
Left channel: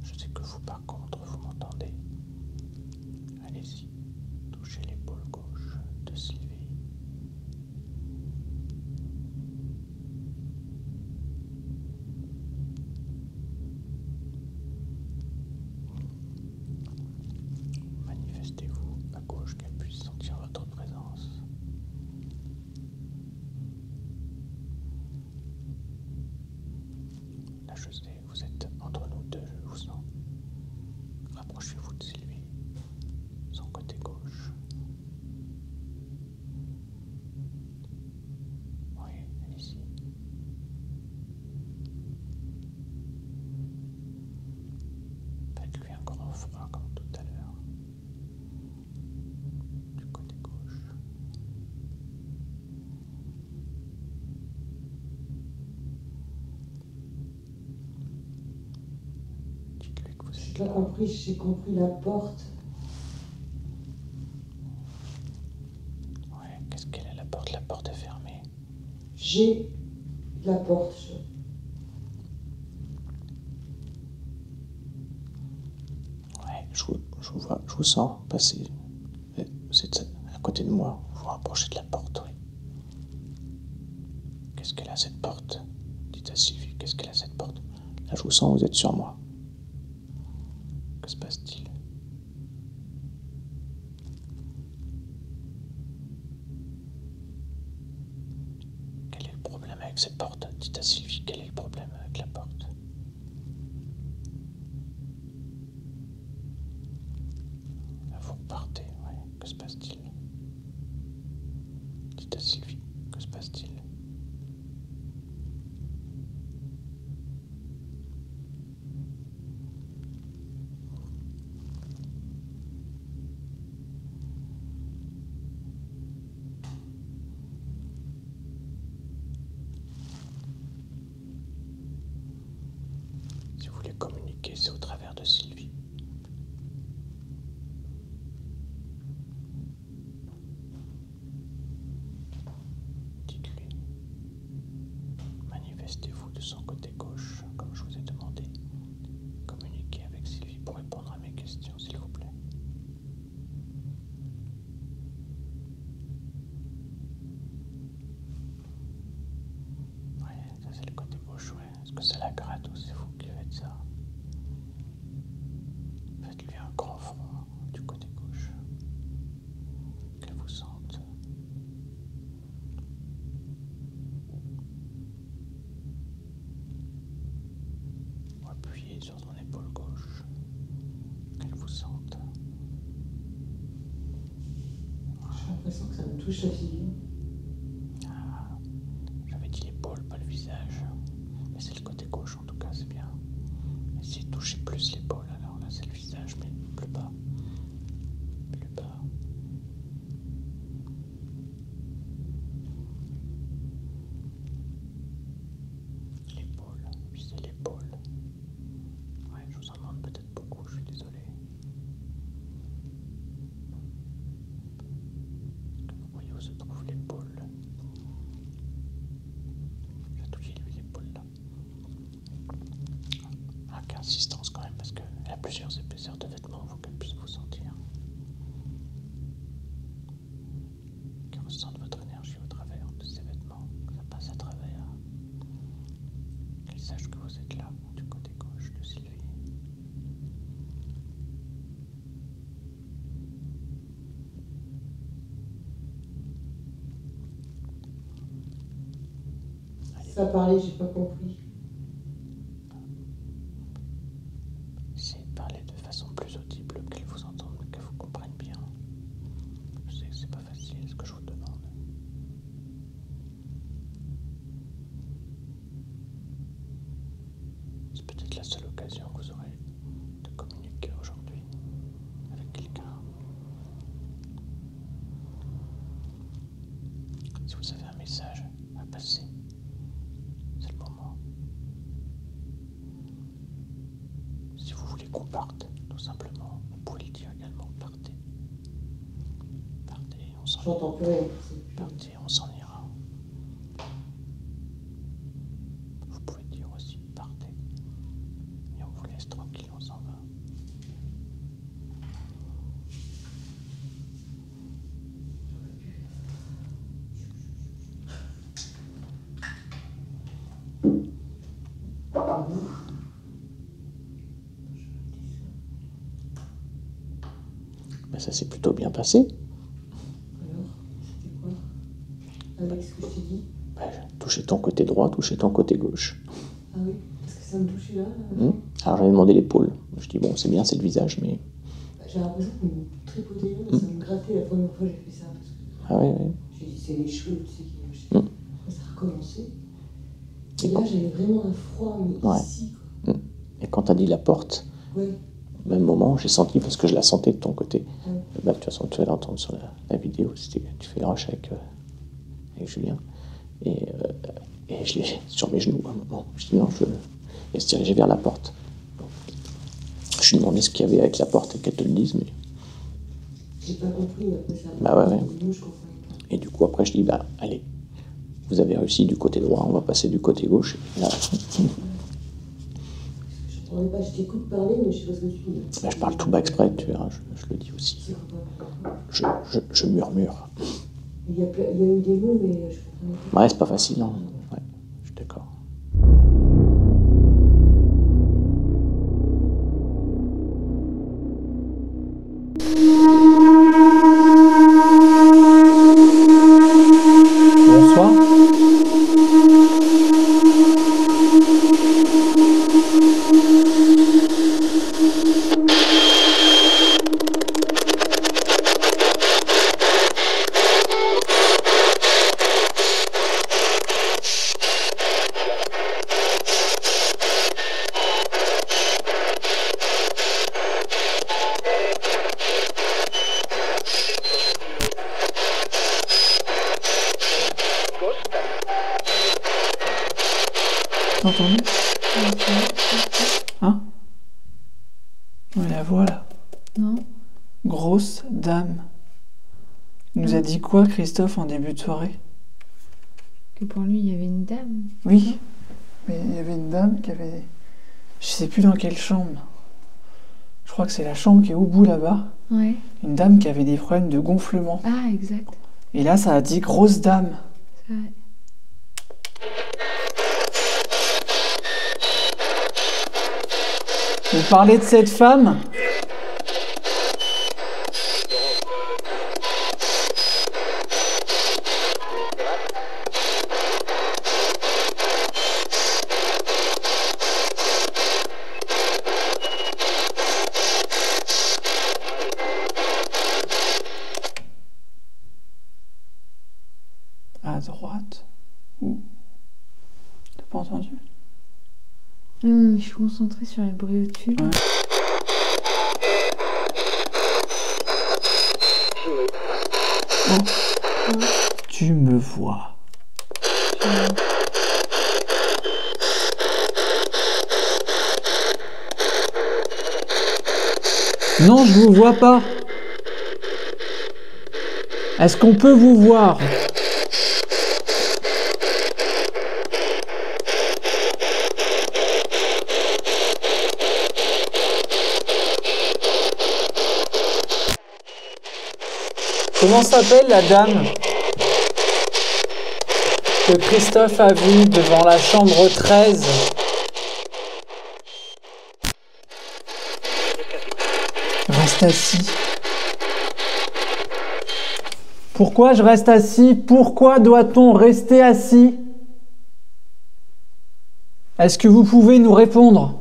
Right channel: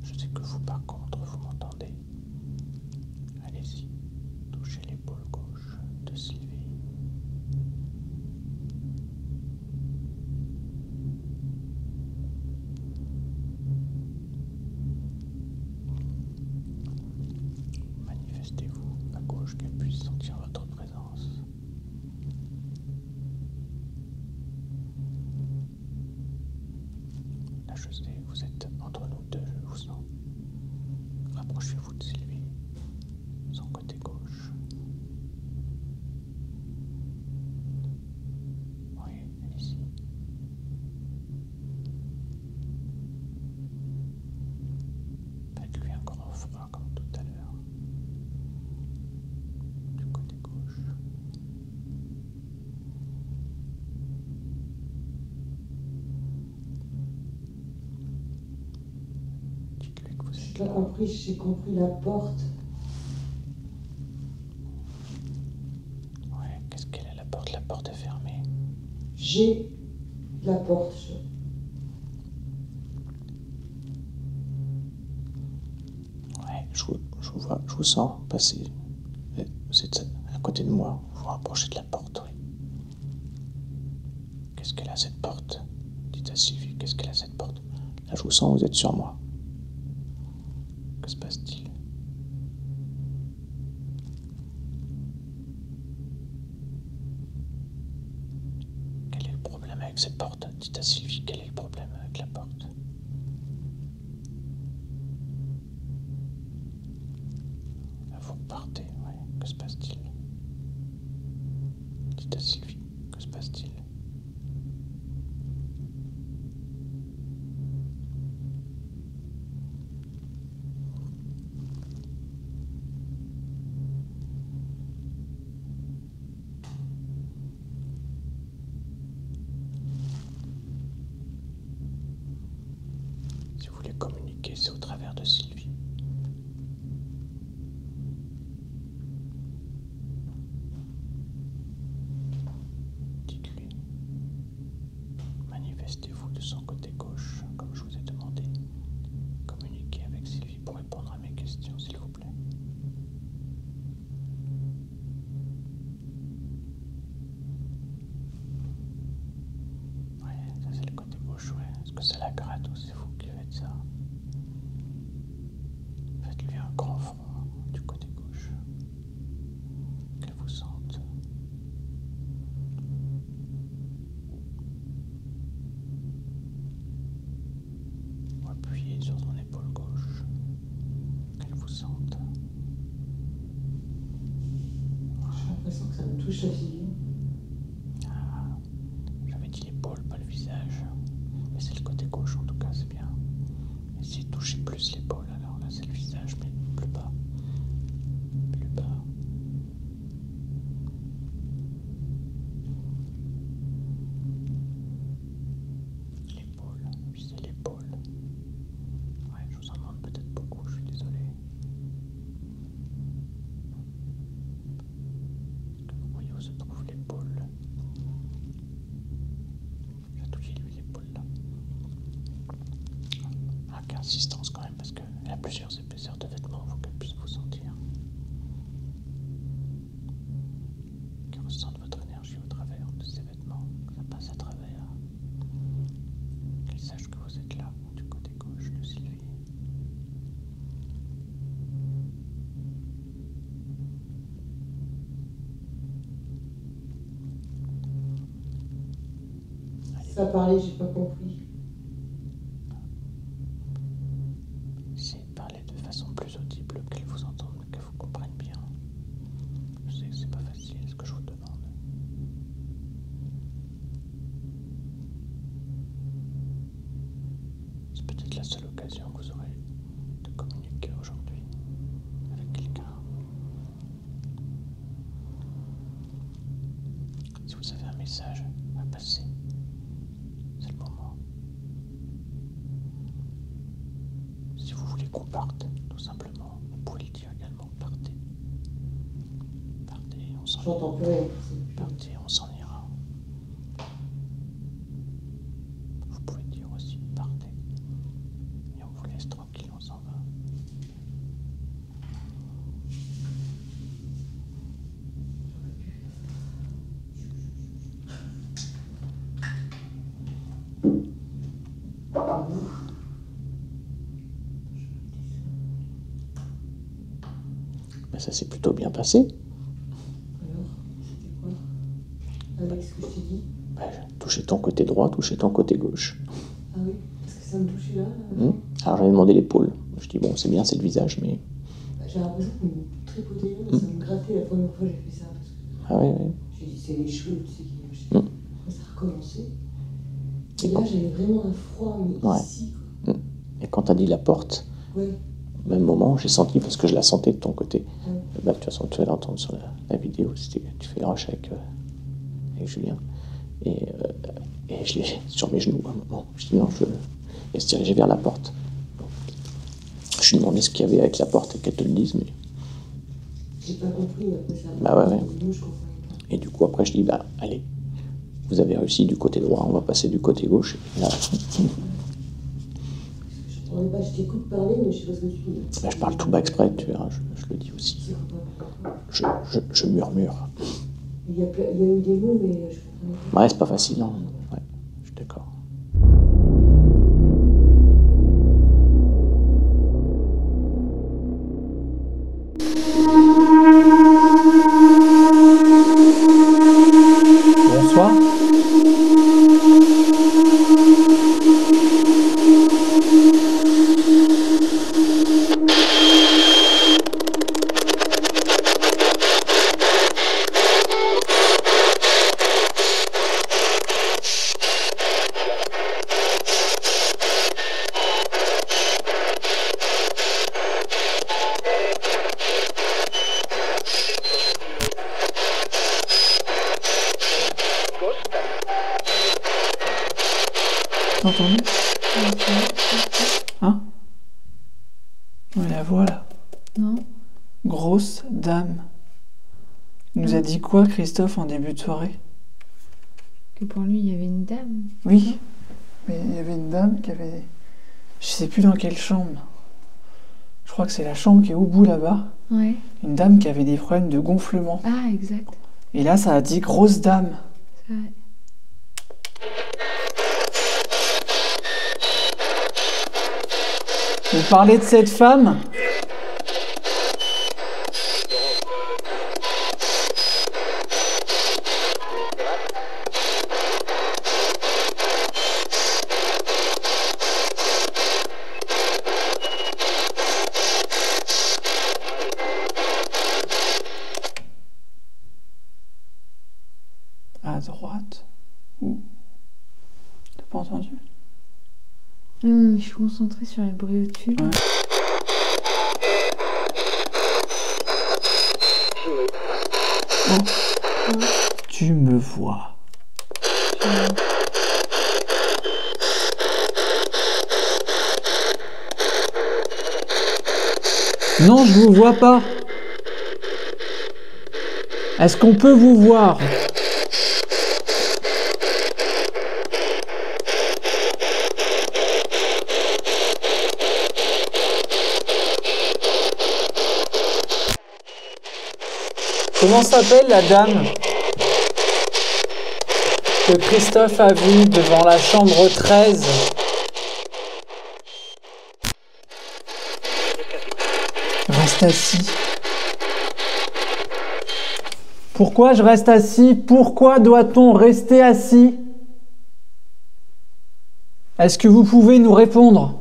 Je sais que vous, par contre, vous m'entendez. Allez-y, touchez l'épaule gauche de Sylvie. Manifestez-vous à gauche qu'elle puisse sentir votre présence. Là, je sais, vous êtes entre nous deux, je vous sens. Rapprochez-vous de Sylvie, son côté gauche. Oui, allez-y. Faites-lui un grand froid comme tout à l'heure. Du côté gauche. Dites-lui que vous êtes J'ai là. pas compris, j'ai compris la porte. Ouais, qu'est-ce qu'elle a la porte? La porte est fermée. J'ai la porte. Ouais, je vous sens passer. Vous êtes à côté de moi, vous vous rapprochez de la porte, oui. Qu'est-ce qu'elle a cette porte? Dites à Sylvie, qu'est-ce qu'elle a cette porte? Là, je vous sens, vous êtes sur moi. Que se passe-t-il? Quel est le problème avec cette porte? Dites à Sylvie, quel est le problème avec la porte? Là, vous repartez, ouais. Que se passe-t-il? Dites à Sylvie, que se passe-t-il? Si vous voulez communiquer, c'est au travers de Sylvie. l'impression que ça me touche la figure. J'avais dit l'épaule, pas le visage. Mais c'est le côté gauche en tout cas, c'est bien. Essayez de toucher plus l'épaule, alors là c'est le visage, mais plus bas. Plus bas. L'épaule, visez l'épaule. Ouais, je vous en demande peut-être beaucoup, je suis désolé. Vous voyez où se trouve l'épaule. Chatouillez-lui l'épaule là. Avec insistance quand même, parce qu'elle a plusieurs épaisseurs de vêtements, il faut qu'elle puisse vous sentir. Qu'elle ressente votre énergie au travers de ses vêtements, que ça passe à travers. Qu'elle sache que vous êtes là, du côté gauche de Sylvie. Ça parlait, j'ai pas compris. Essayez de parler de façon plus audible, qu'elle vous entende, qu'elle vous comprenne bien. Je sais que c'est pas facile ce que je vous demande. C'est peut-être la seule occasion que vous aurez de communiquer aujourd'hui avec quelqu'un. Si vous avez un message à passer, c'est le moment. Si vous voulez qu'on parte, tout simplement, vous pouvez le dire également, partez. Partez, on s'en J'entends plus rien. Partez, on s'en ira. Vous pouvez dire aussi, partez. Et on vous laisse tranquille, on s'en va. Ben ça s'est plutôt bien passé. Alors, c'était quoi? Avec ce que je t'ai dit? Ben, touchez ton côté droit, touchez ton côté gauche. Ah oui, parce que ça me touchait là. Alors j'avais demandé l'épaule. Je dis bon, c'est bien, c'est le visage, mais... Bah, j'ai l'impression qu'on me tripotait là, ça me grattait la première fois que j'ai fait ça. Parce que Ah ouais, ouais. j'ai dit, c'est les cheveux, tu sais, qui... Après, ça a recommencé. Et là, j'avais vraiment un froid, mais Ouais. ici, quoi. Et quand t'as dit la porte, Ouais. au même moment, j'ai senti, parce que je la sentais de ton côté. Ouais. Bah, de toute façon, tu vas l'entendre sur la vidéo, tu fais le rush avec Julien. Et je l'ai sur mes genoux à un moment. Je dis non, et se diriger vers la porte. Je lui ai demandé ce qu'il y avait avec la porte et qu'elle te le dise, mais... J'ai pas compris, après ça. Bah ouais, ouais. Nous, je comprenais pas. Et du coup, après, je dis, bah, allez, vous avez réussi du côté droit, on va passer du côté gauche. Et là, Je comprenais pas, je t'écoute parler, mais je sais pas ce que tu dis. bah, je parle tout bas exprès, tu verras, je le dis aussi. C'est quoi? Je murmure. Il y a eu des mots, mais je comprenais pas. Ouais, c'est pas facile, hein. Ouais, je suis d'accord. Bonsoir. T'as entendu? Hein? Ouais, la voix là. Non. Grosse dame. Il nous a dit quoi, Christophe, en début de soirée? Que pour lui, il y avait une dame. Oui, mais il y avait une dame qui avait... Je sais plus dans quelle chambre. Je crois que c'est la chambre qui est au bout là-bas. Ouais. Une dame qui avait des problèmes de gonflement. Ah, exact. Et là, ça a dit grosse dame. C'est vrai. Vous parlez de cette femme? à droite. Ouh. T'as pas entendu? Je suis concentrée sur les bruits au-dessus. Ouais. Oh. Tu me vois. Non, je vous vois pas. Est-ce qu'on peut vous voir? Comment s'appelle la dame que Christophe a vue devant la chambre 13? Reste assis. Pourquoi je reste assis? Pourquoi doit-on rester assis? Est-ce que vous pouvez nous répondre?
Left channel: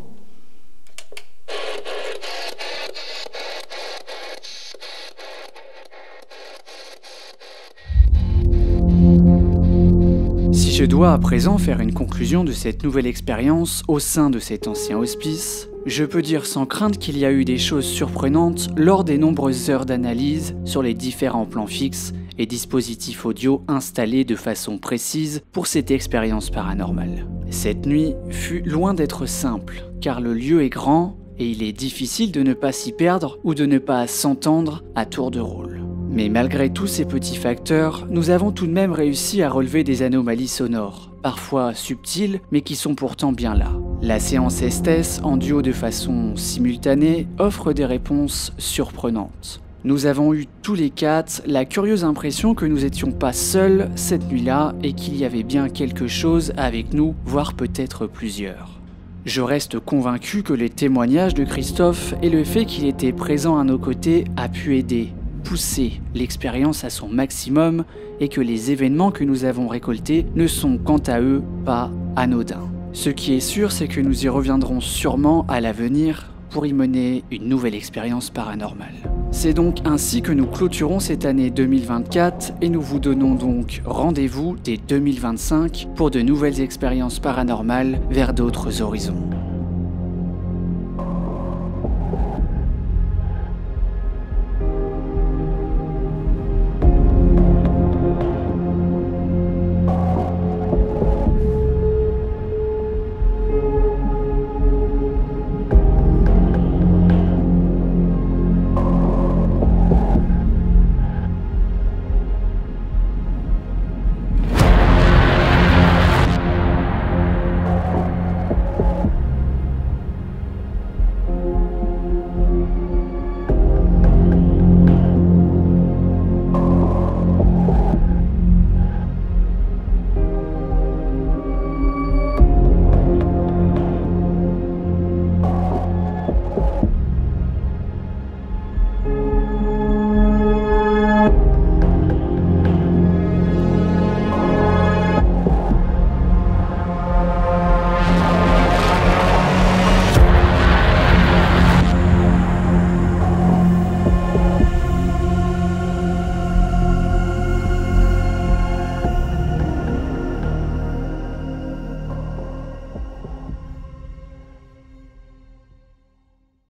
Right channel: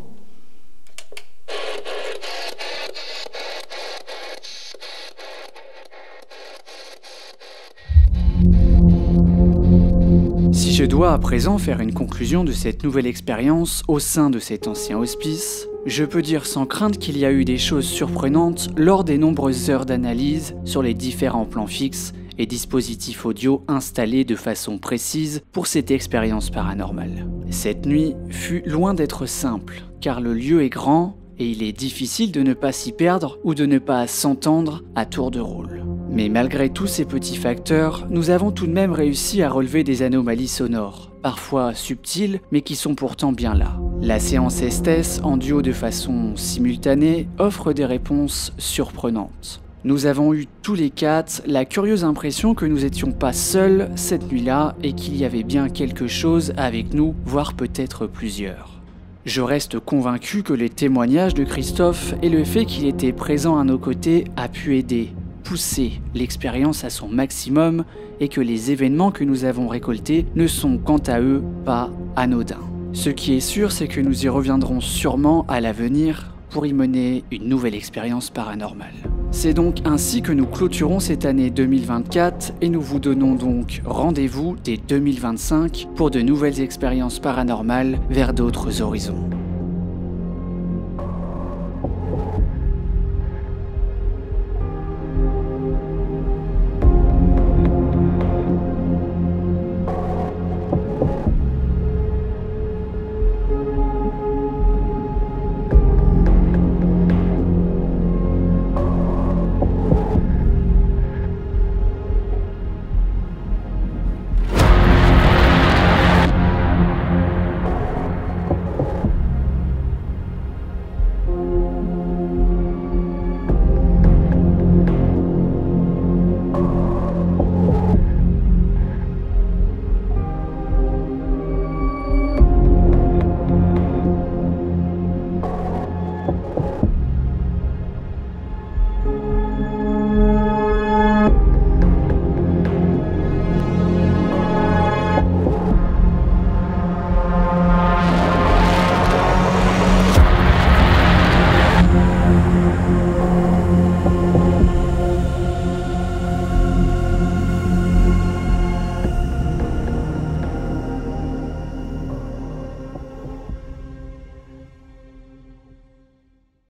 Si je dois à présent faire une conclusion de cette nouvelle expérience au sein de cet ancien hospice, je peux dire sans crainte qu'il y a eu des choses surprenantes lors des nombreuses heures d'analyse sur les différents plans fixes et dispositifs audio installés de façon précise pour cette expérience paranormale. Cette nuit fut loin d'être simple, car le lieu est grand et il est difficile de ne pas s'y perdre ou de ne pas s'entendre à tour de rôle. Mais malgré tous ces petits facteurs, nous avons tout de même réussi à relever des anomalies sonores, parfois subtiles, mais qui sont pourtant bien là. La séance Estes, en duo de façon simultanée, offre des réponses surprenantes. Nous avons eu tous les quatre la curieuse impression que nous n'étions pas seuls cette nuit-là et qu'il y avait bien quelque chose avec nous, voire peut-être plusieurs. Je reste convaincu que les témoignages de Christophe et le fait qu'il était présent à nos côtés a pu aider, pousser l'expérience à son maximum et que les événements que nous avons récoltés ne sont quant à eux pas anodins. Ce qui est sûr, c'est que nous y reviendrons sûrement à l'avenir pour y mener une nouvelle expérience paranormale. C'est donc ainsi que nous clôturons cette année 2024 et nous vous donnons donc rendez-vous dès 2025 pour de nouvelles expériences paranormales vers d'autres horizons.